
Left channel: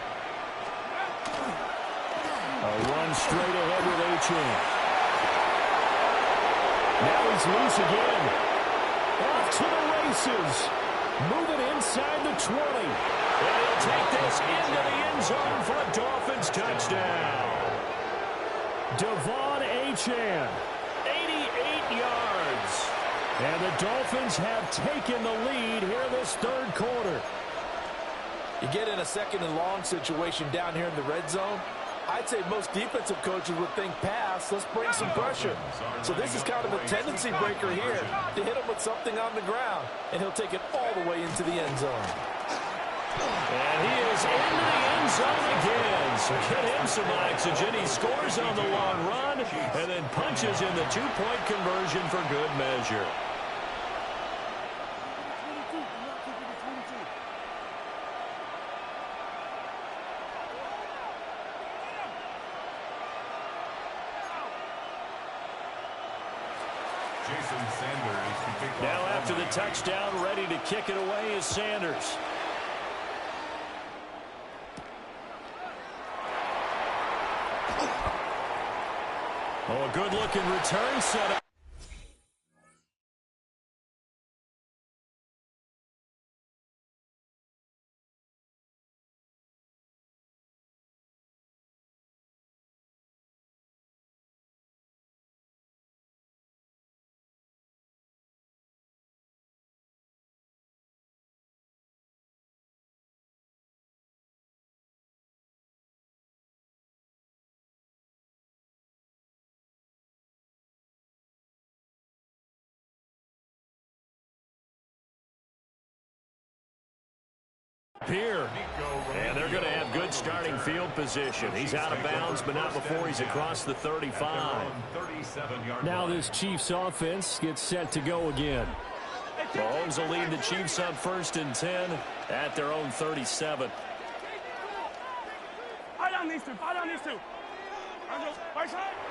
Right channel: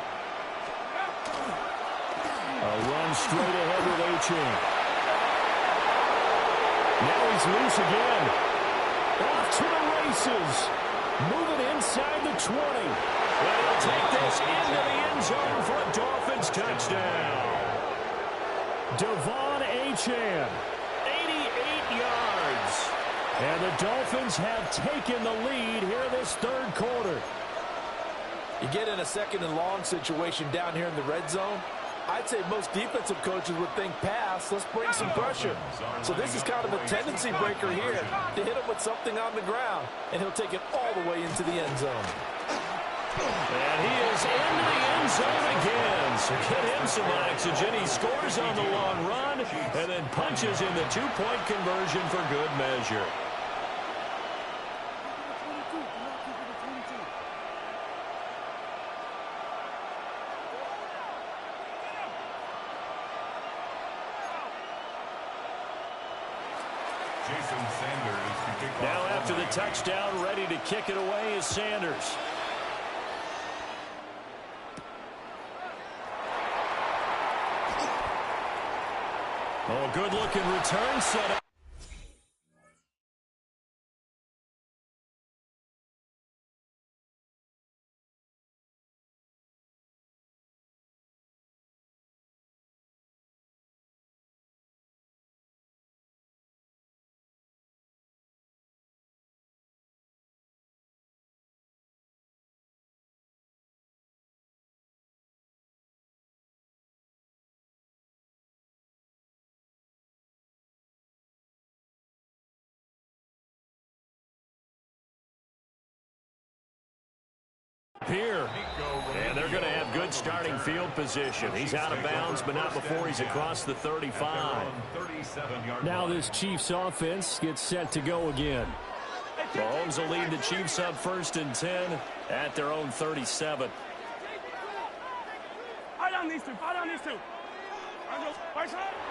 A run straight ahead with Achane. Now he's loose again. Off to the races. Moving inside the 20. And he'll take this into the end zone for a Dolphins touchdown. Devon Achane. 88 yards. And the Dolphins have taken the lead here in this third quarter. You get in a second and long situation down here in the red zone, I'd say most defensive coaches would think pass, let's bring some pressure. So this is kind of a tendency breaker here to hit him with something on the ground, and he'll take it all the way into the end zone. And he is into the end zone again. So get him some oxygen. He scores on the long run and then punches in the two-point conversion for good measure. Jason Sanders to kick off. Now after the touchdown, ready to kick it away is Sanders. Oh, a good-looking return set up. Here, and they're going to have good starting field position. He's out of bounds, but not before he's across the 35. Now this Chiefs offense gets set to go again. Mahomes will lead the Chiefs up 1st and 10 at their own 37.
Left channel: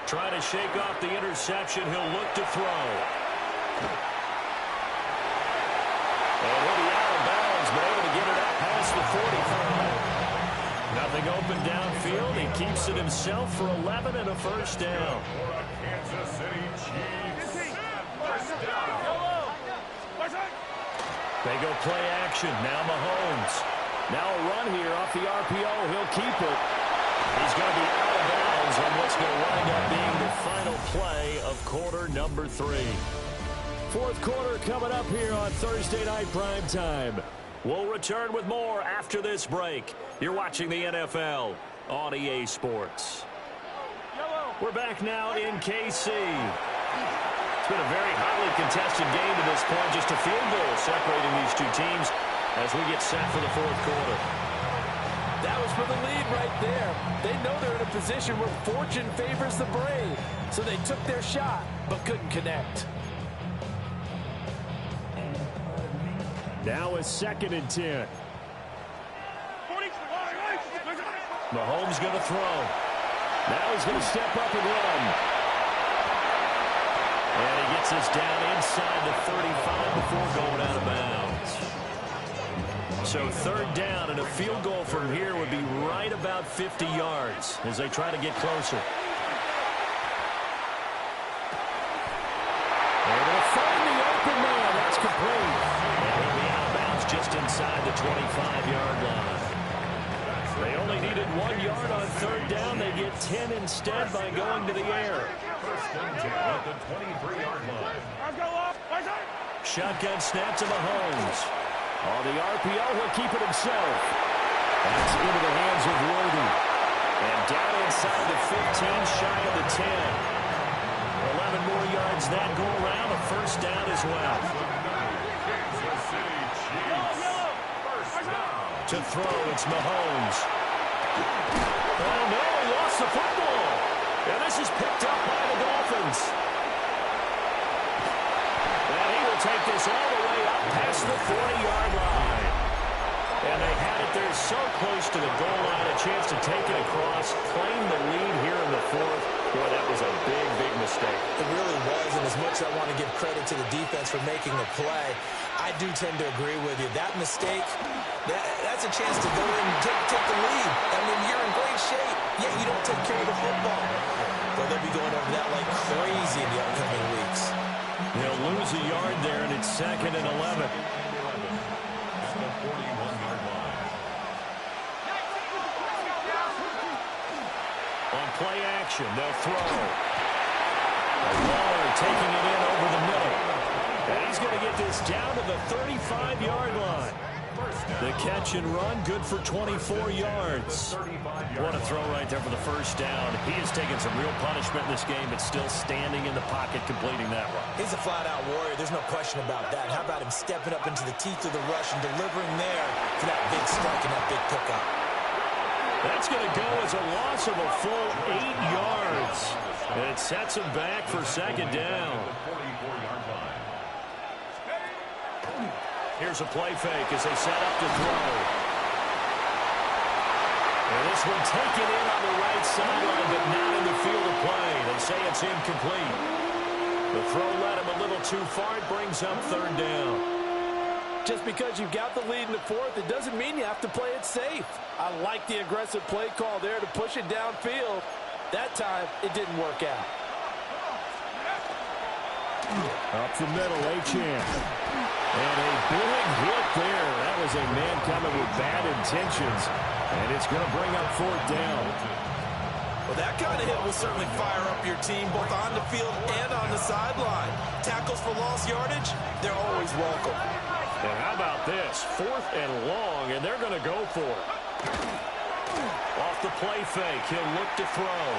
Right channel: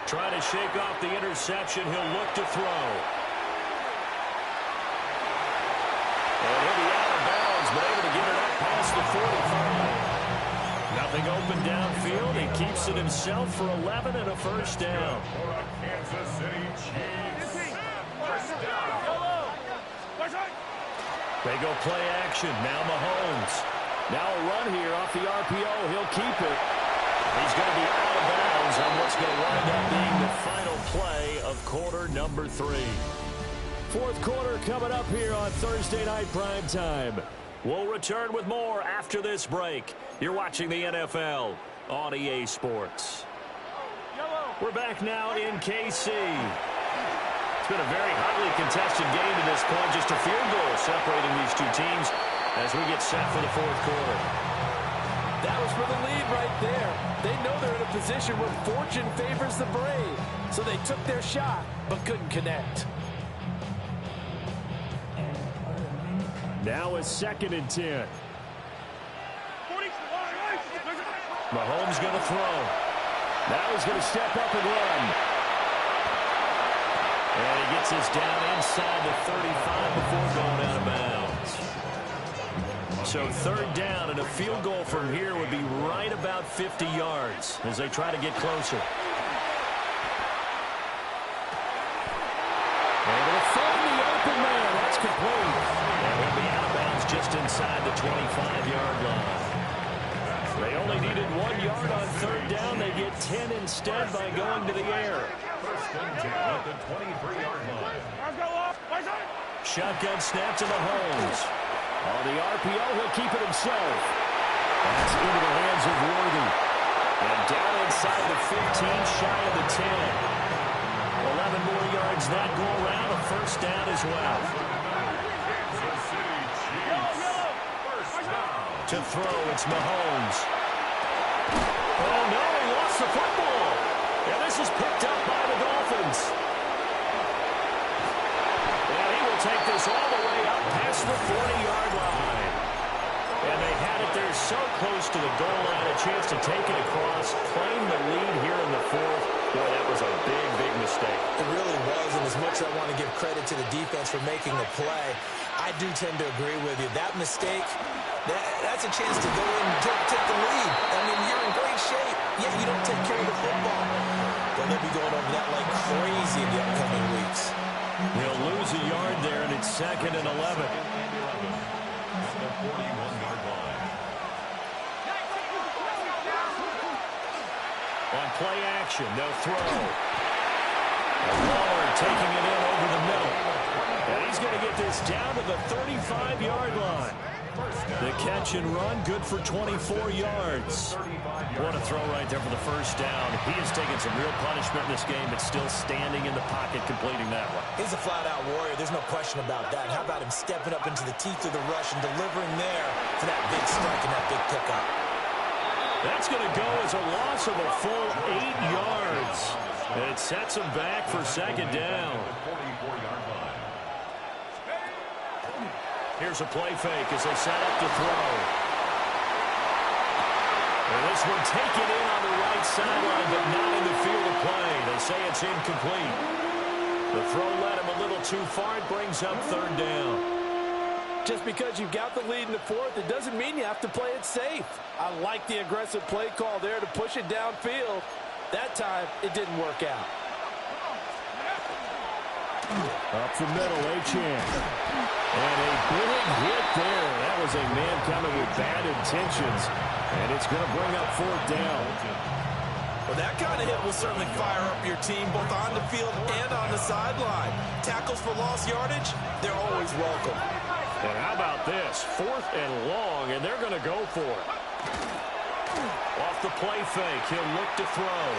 Trying to shake off the interception. He'll look to throw. And he'll be out of bounds, but able to get it up past the 45. Nothing open downfield. He keeps it himself for 11 and a first down. For a Kansas City Chiefs first down. They go play action. Now Mahomes. Now a run here off the RPO. He'll keep it. He's going to be out of bounds on what's going to wind up being the final play of quarter number 3. Fourth quarter coming up here on Thursday Night Primetime. We'll return with more after this break. You're watching the NFL on EA Sports. We're back now in KC. It's been a very hotly contested game to this point. Just a field goal separating these two teams as we get set for the fourth quarter. That was for the lead right there. They know they're in a position where fortune favors the brave. So they took their shot. but couldn't connect. Now a 2nd and 10. Mahomes going to throw. Now he's going to step up and run. And he gets this down inside the 35 before going out of bounds. So 3rd down, and a field goal from here would be right about 50 yards as they try to get closer. Able to find the open man. That's complete. And he'll be out of bounds just inside the 25-yard line. They only needed 1 yard on 3rd down. They get 10 instead by going to the air. 1st and 10 at the 23-yard line. Shotgun snap to Mahomes. On the RPO, he'll keep it himself. That's into the hands of Worthy. And down inside the 15, shy of the 10. 11 more yards that go around. A 1st down as well. Kansas City Chiefs. 1st down. To throw, it's Mahomes. Oh, no, he lost the football. And this is picked up by the Dolphins. And he will take this all the way up past the 40-yard line. And they had it there so close to the goal line, a chance to take it across, claim the lead here in the 4th. Boy, that was a big, big mistake. It really was, and as much as I want to give credit to the defense for making the play, I do tend to agree with you. That mistake, that's a chance to go in and take the lead. I mean, you're in great shape, yet you don't take care of the football. But they'll be going over that like crazy in the upcoming weeks. They'll lose a yard there, and it's 2nd and 11. At the 41-yard line. On play action, they'll throw. Waller taking it in over the middle. And he's going to get this down to the 35-yard line. The catch and run, good for 24 yards. What a throw right there for the 1st down. He has taken some real punishment in this game, but still standing in the pocket, completing that one. He's a flat-out warrior. There's no question about that. How about him stepping up into the teeth of the rush and delivering there for that big strike and that big pickup? That's going to go as a loss of a full 8 yards. And it sets him back for 2nd down. Here's a play fake as they set up to throw. And this one taken in on the right sideline, but not in the field of play. They say it's incomplete. The throw led him a little too far. It brings up 3rd down. Just because you've got the lead in the 4th, it doesn't mean you have to play it safe. I like the aggressive play call there to push it downfield. That time, it didn't work out. Up the middle, Achane. And a big hit there. That was a man coming with bad intentions. And it's going to bring up 4th down. Well, that kind of hit will certainly fire up your team both on the field and on the sideline. Tackles for lost yardage, they're always welcome. And how about this? 4th and long, and they're going to go for it. Off the play fake, he'll look to throw.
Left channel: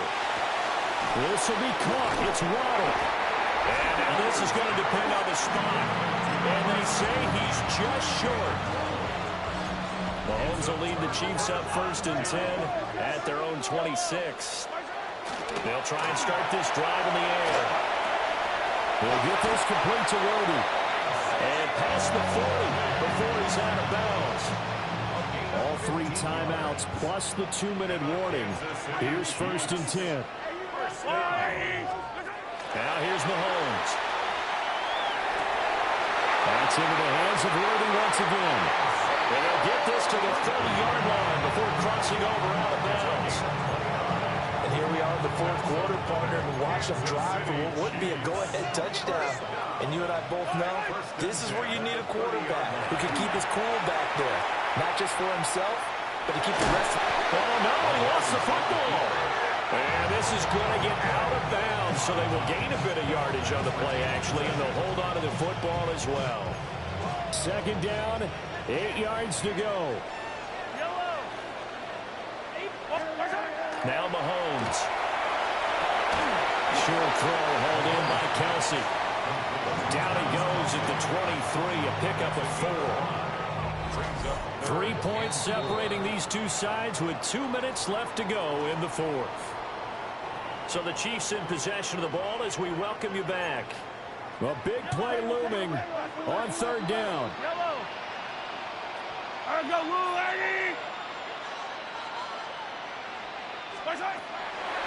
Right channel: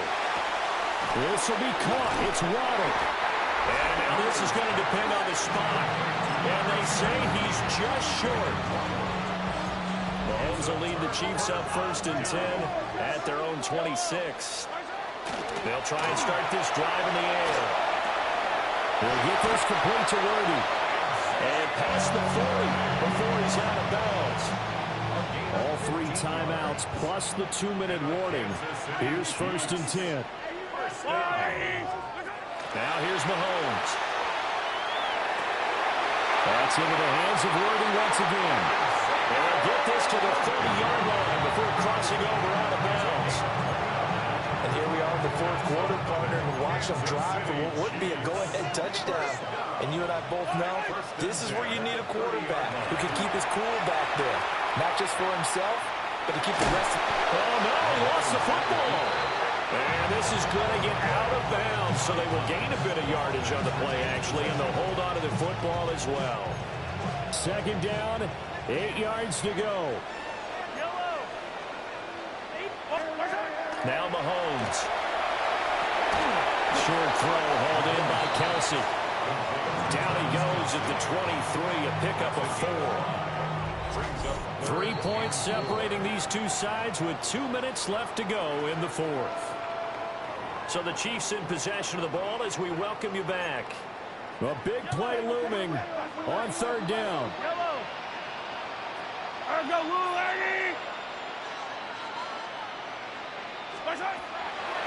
This will be caught. It's Waddle. And now this is going to depend on the spot. And they say he's just short. Mahomes will lead the Chiefs up 1st and 10 at their own 26. They'll try and start this drive in the air. They'll get this complete to Worthy. And past the 40 before he's out of bounds. All 3 timeouts plus the 2-minute warning. Here's 1st and 10. Now here's Mahomes. That's into the hands of Worthy once again. And they'll get this to the 30-yard line before crossing over out of bounds. And here we are in the 4th quarter, partner, and watch them drive for what would be a go-ahead touchdown. And you and I both know this is where you need a quarterback who can keep his cool back there. Not just for himself, but to keep the rest of Oh, no, he lost the football. And this is going to get out of bounds, so they will gain a bit of yardage on the play, actually, and they'll hold on to the football as well. 2nd down, 8 yards to go. Now Mahomes. Short throw hauled in by Kelsey. Down he goes at the 23, a pickup of 4. 3 points separating these two sides with 2 minutes left to go in the 4th. So the Chiefs in possession of the ball as we welcome you back. A big play looming on third down. Yellow. All right, go, Lou, Eddie.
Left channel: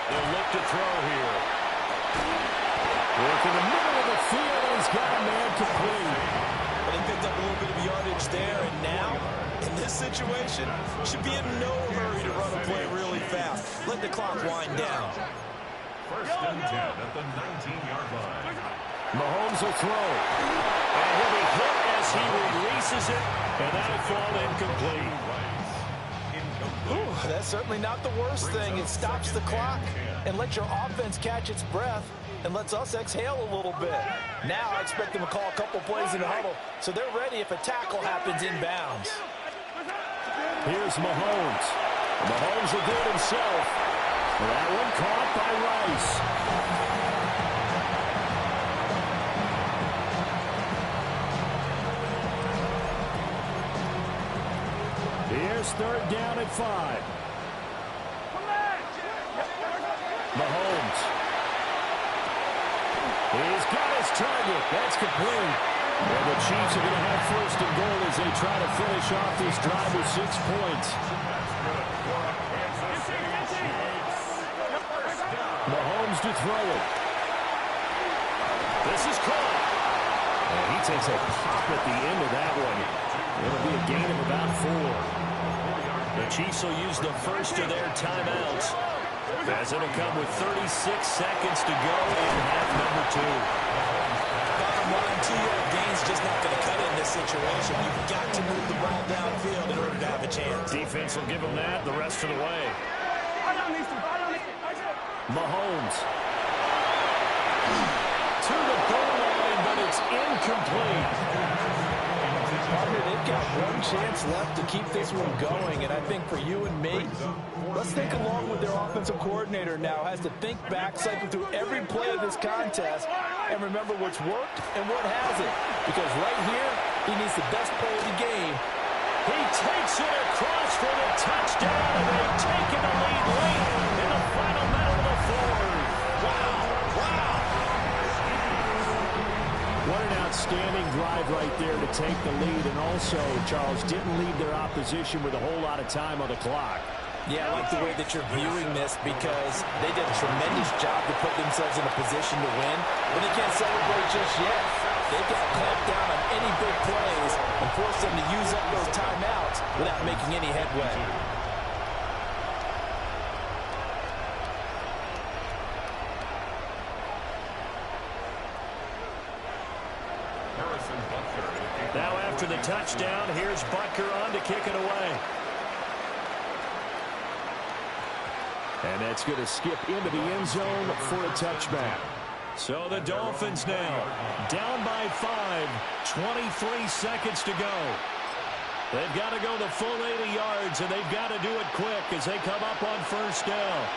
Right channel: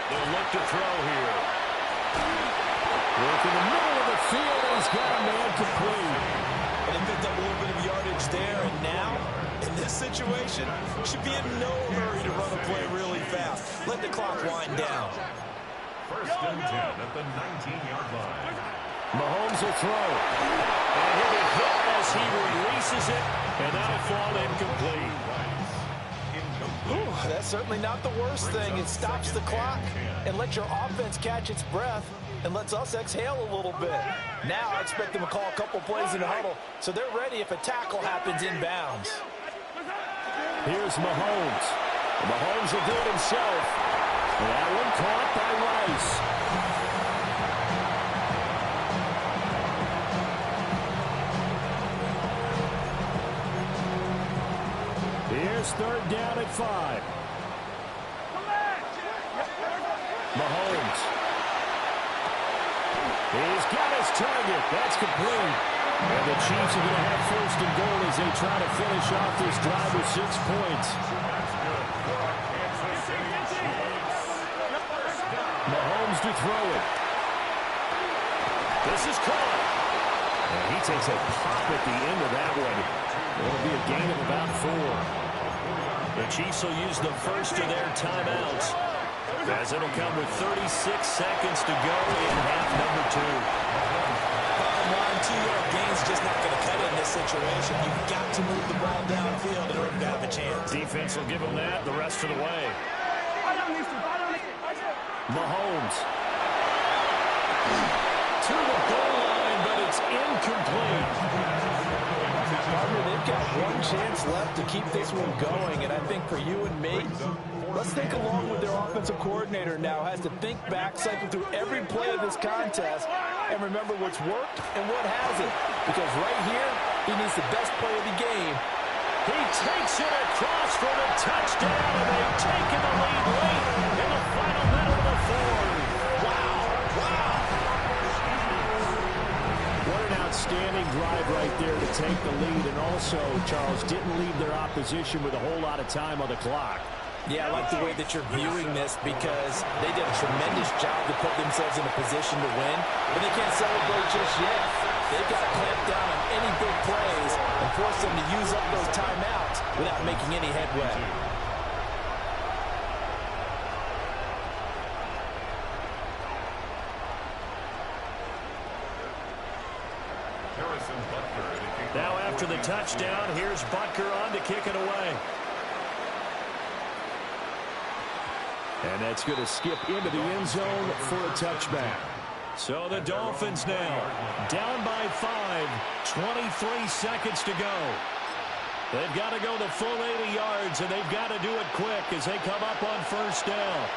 They'll look to throw here. Work in the middle of the field, and he's got a man complete. Well, they picked up a little bit of yardage there, and now, in this situation, should be in no hurry to run a play really fast. Let the clock wind down. First and 10 at the 19-yard line. Mahomes will throw. And he'll be hit as he releases it, and that'll fall incomplete. Ooh, that's certainly not the worst thing. It stops the clock and lets your offense catch its breath and lets us exhale a little bit. Now I expect them to call a couple plays in the huddle so they're ready if a tackle happens inbounds. Here's Mahomes. And Mahomes will do it himself. And that one caught by Rice. Here's third down at 5. Mahomes. He's got his target. That's complete. And the Chiefs are going to have first and goal as they try to finish off this drive with 6 points. That's good for a Kansas City Chiefs. First down. Mahomes to throw it. This is caught. And he takes a pop at the end of that one. It'll be a gain of about 4. The Chiefs will use the first of their timeouts, as it'll come with 36 seconds to go in half number 2. Bottom line, 2-yard gain's just not going to cut it in this situation. You've got to move the ball downfield in order to have a chance. Defense will give them that the rest of the way. Mahomes. To the goal line, but it's incomplete. Partner, they've got one chance left to keep this one going, and I think for you and me, let's think along with their offensive coordinator now, has to think back, cycle through every play of this contest, and remember what's worked and what hasn't. Because right here, he needs the best play of the game. He takes it across for the touchdown, and they've taken the lead late in the final minute of the fourth. Wow, wow. What an outstanding drive right there to take the lead. And also, Charles, didn't leave their opposition with a whole lot of time on the clock. Yeah, I like the way that you're viewing this because they did a tremendous job to put themselves in a position to win, but they can't celebrate just yet. They've got to clamp down on any big plays and force them to use up those timeouts without making any headway. Now after the touchdown, here's Butker on to kick it away. And that's going to skip into the end zone for a touchback. So the Dolphins now down by 5, 23 seconds to go. They've got to go the full 80 yards, and they've got to do it quick as they come up on first down.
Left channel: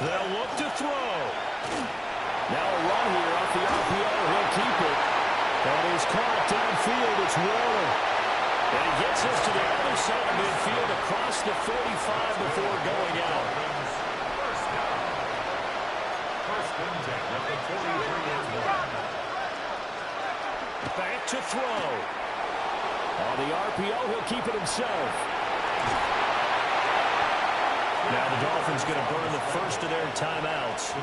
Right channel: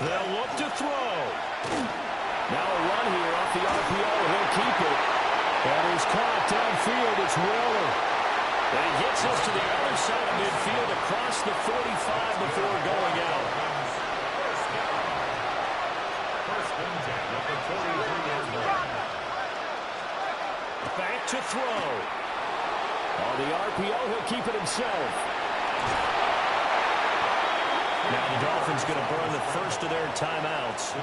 They'll look to throw. Now a run here off the RPO. He'll keep it. That is caught downfield. It's Waller. And he gets us to the other side of midfield across the 45 before going out. First down. First and 10 at the 43-yard line. Back to throw. On the RPO, he'll keep it himself. Now the Dolphins going to burn the first of their timeouts.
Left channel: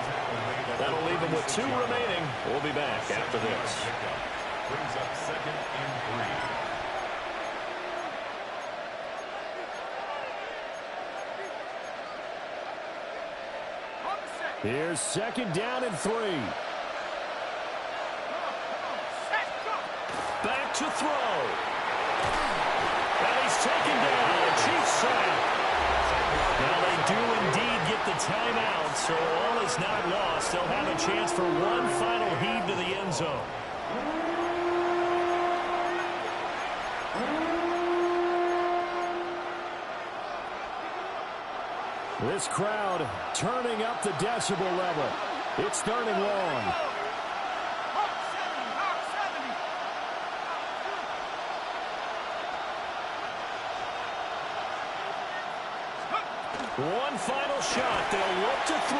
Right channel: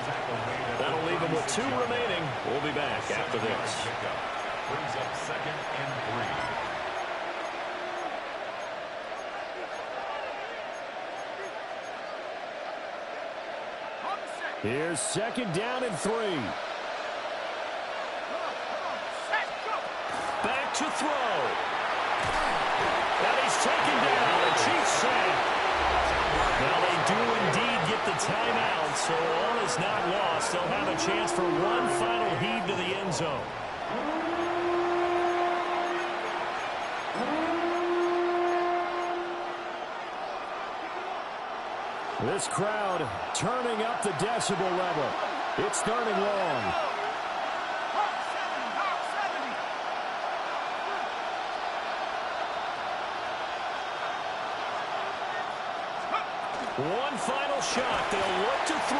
That'll leave them with 2 remaining. We'll be back after this. Brings up second and 3. Here's second down and 3. Back to throw. And he's taken down. The Chiefs sack. Now they do indeed get the timeout, so all is not lost. They'll have a chance for one final heave to the end zone. This crowd turning up the decibel level. It's third and long. One final shot. They'll look to throw.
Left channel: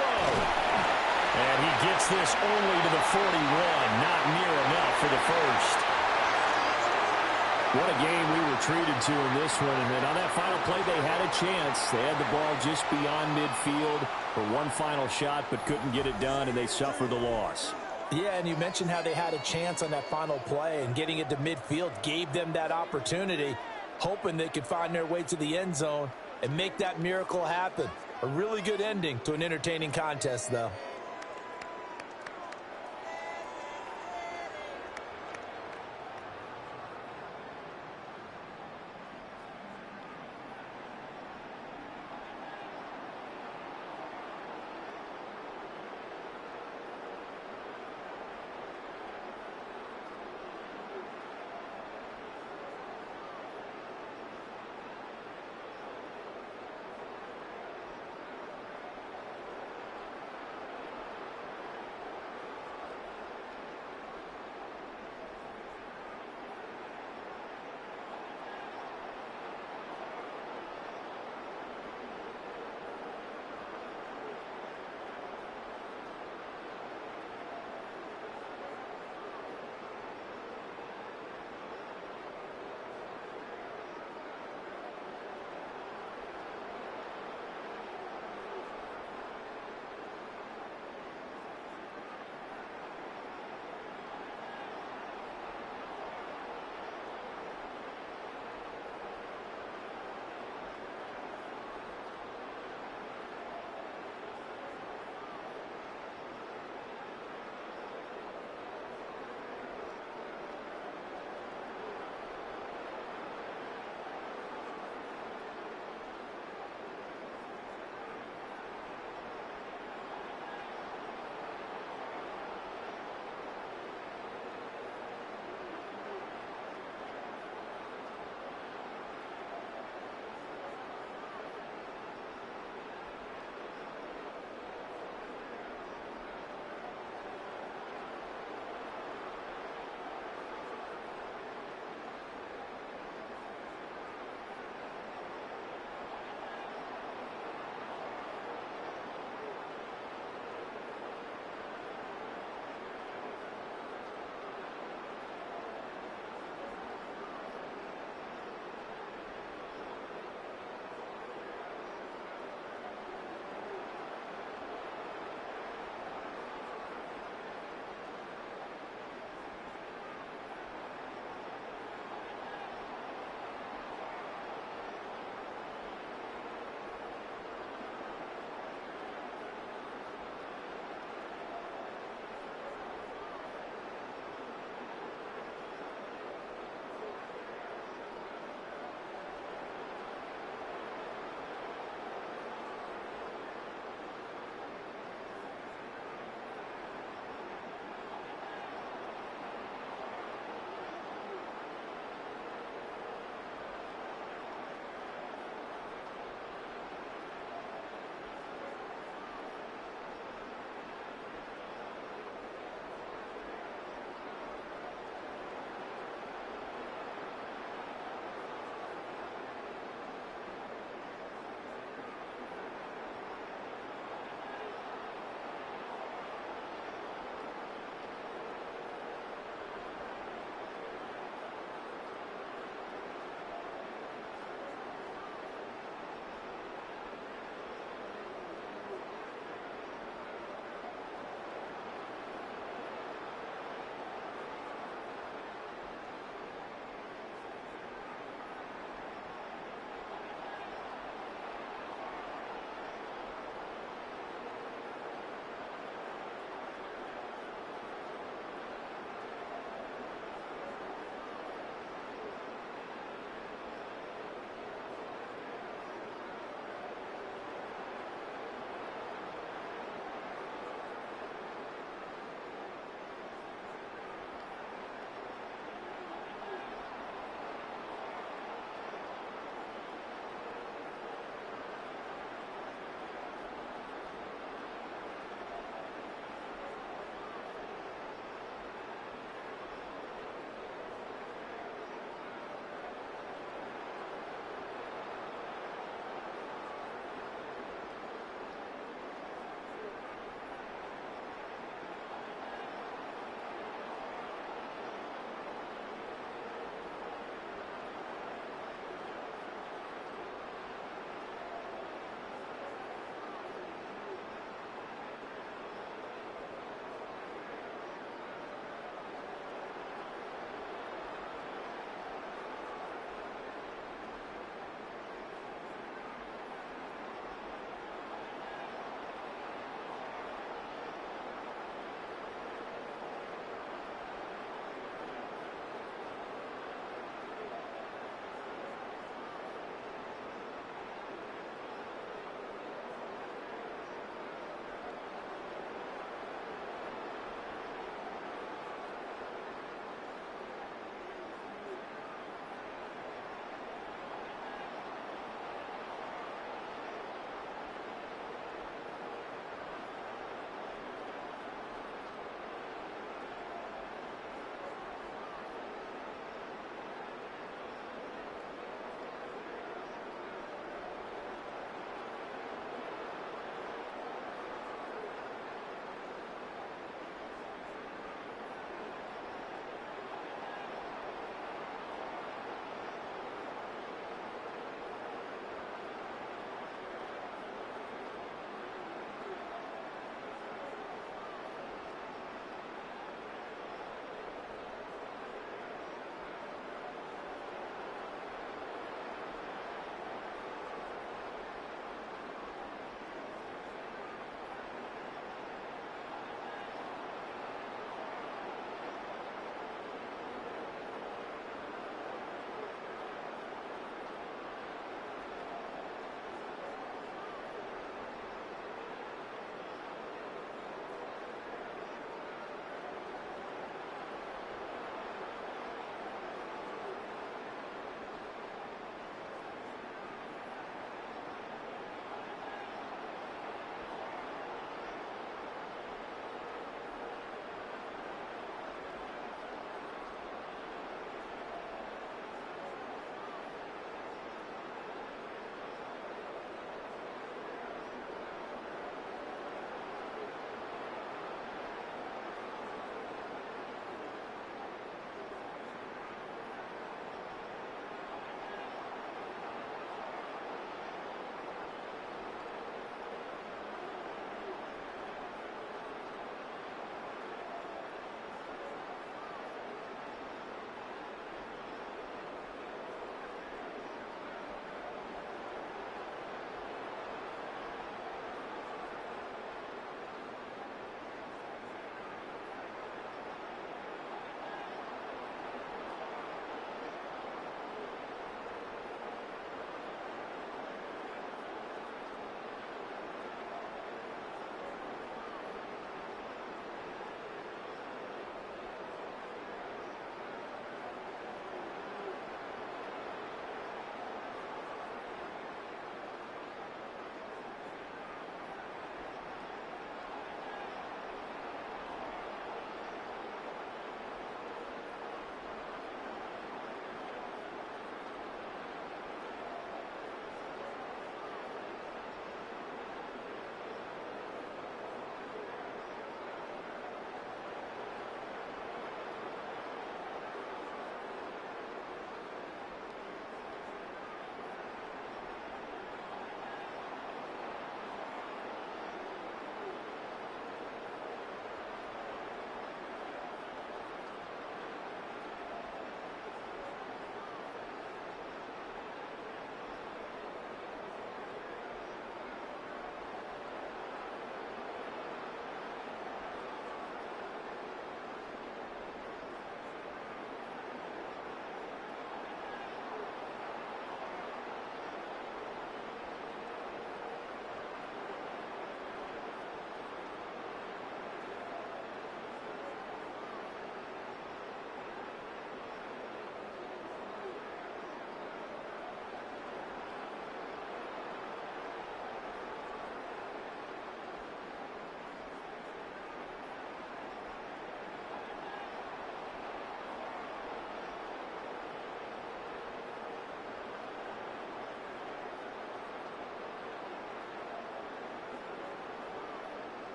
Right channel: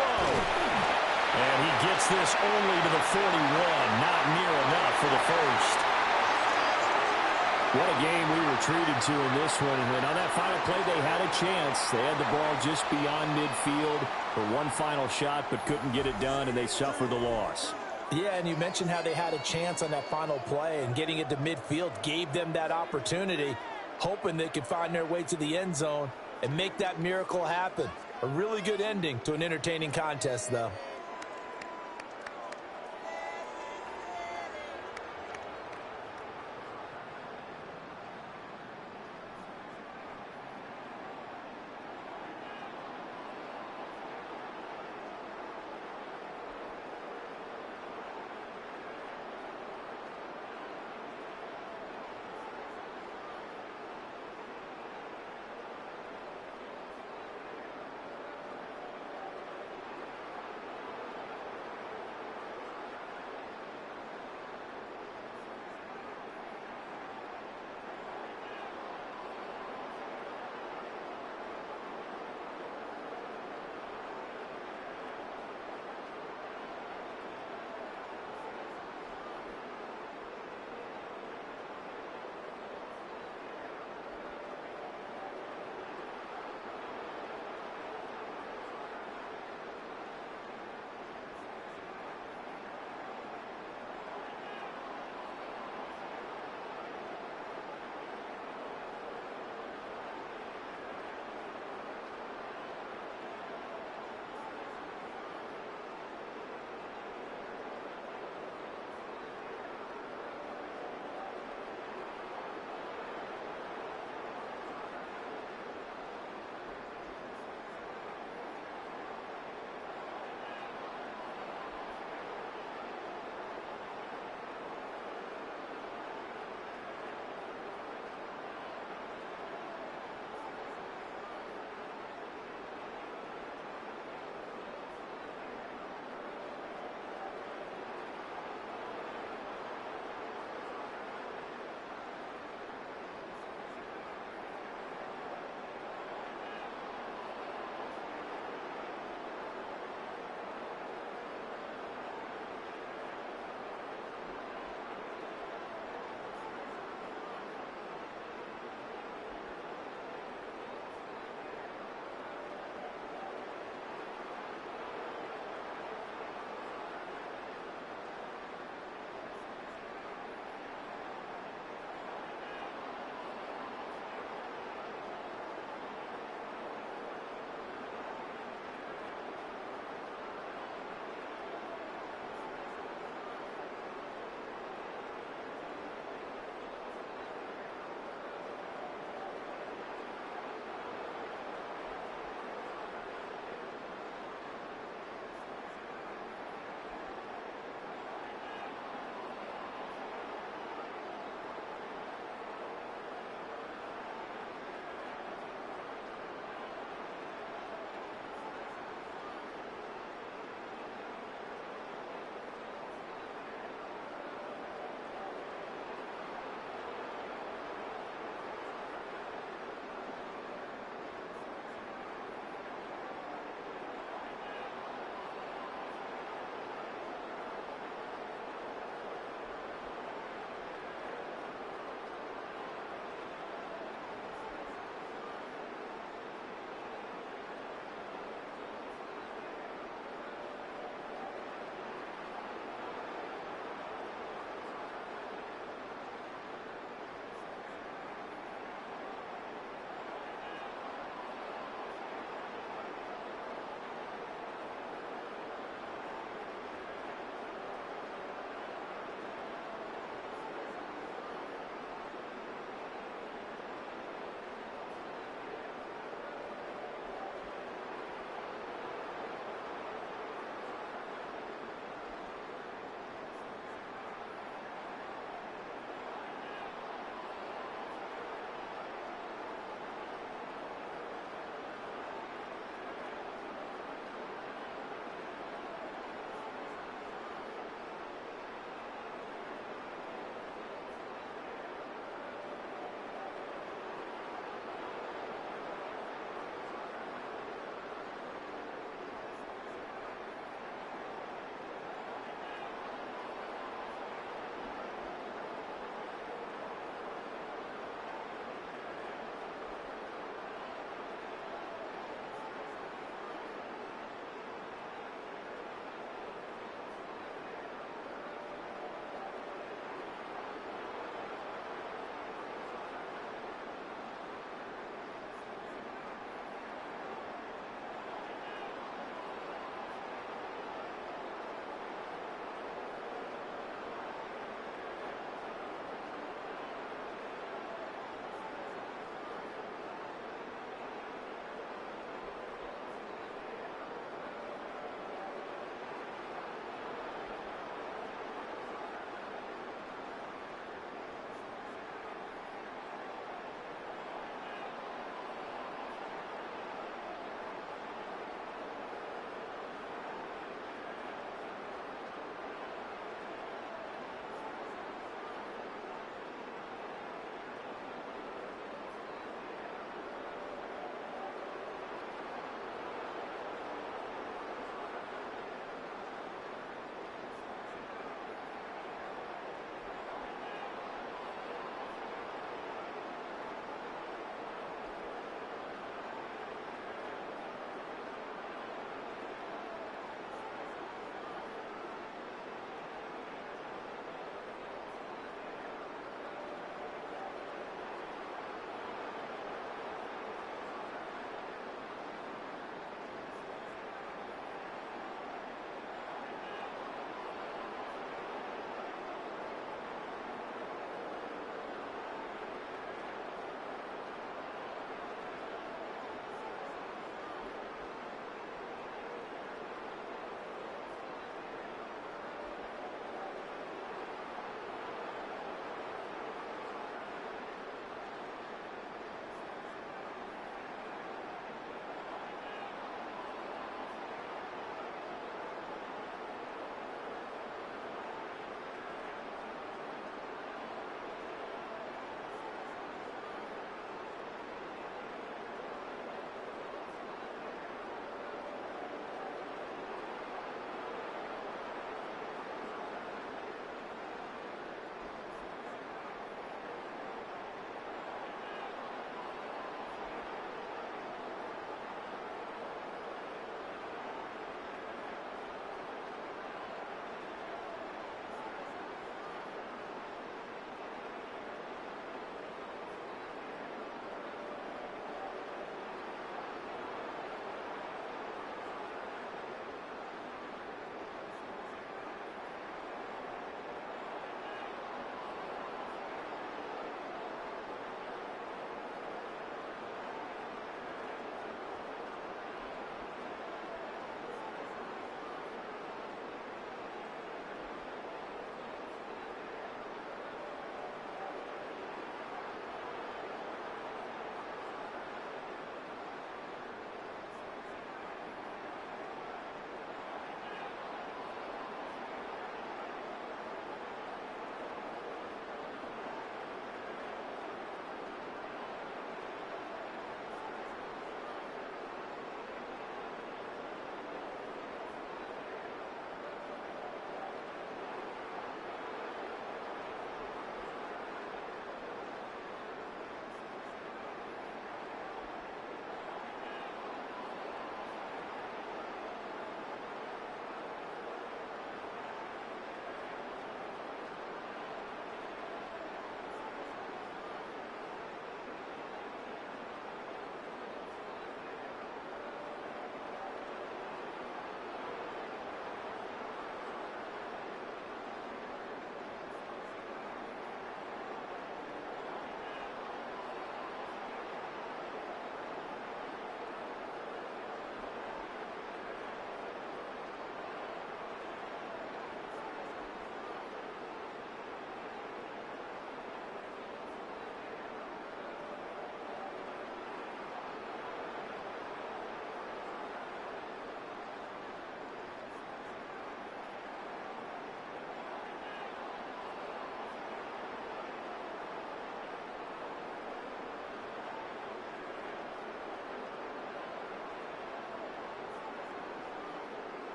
And he gets this only to the 41. Not near enough for the first. What a game we were treated to in this one. And on that final play, they had a chance. They had the ball just beyond midfield for one final shot, but couldn't get it done, and they suffered the loss. Yeah, and you mentioned how they had a chance on that final play, and getting it to midfield gave them that opportunity, hoping they could find their way to the end zone and make that miracle happen. A really good ending to an entertaining contest, though.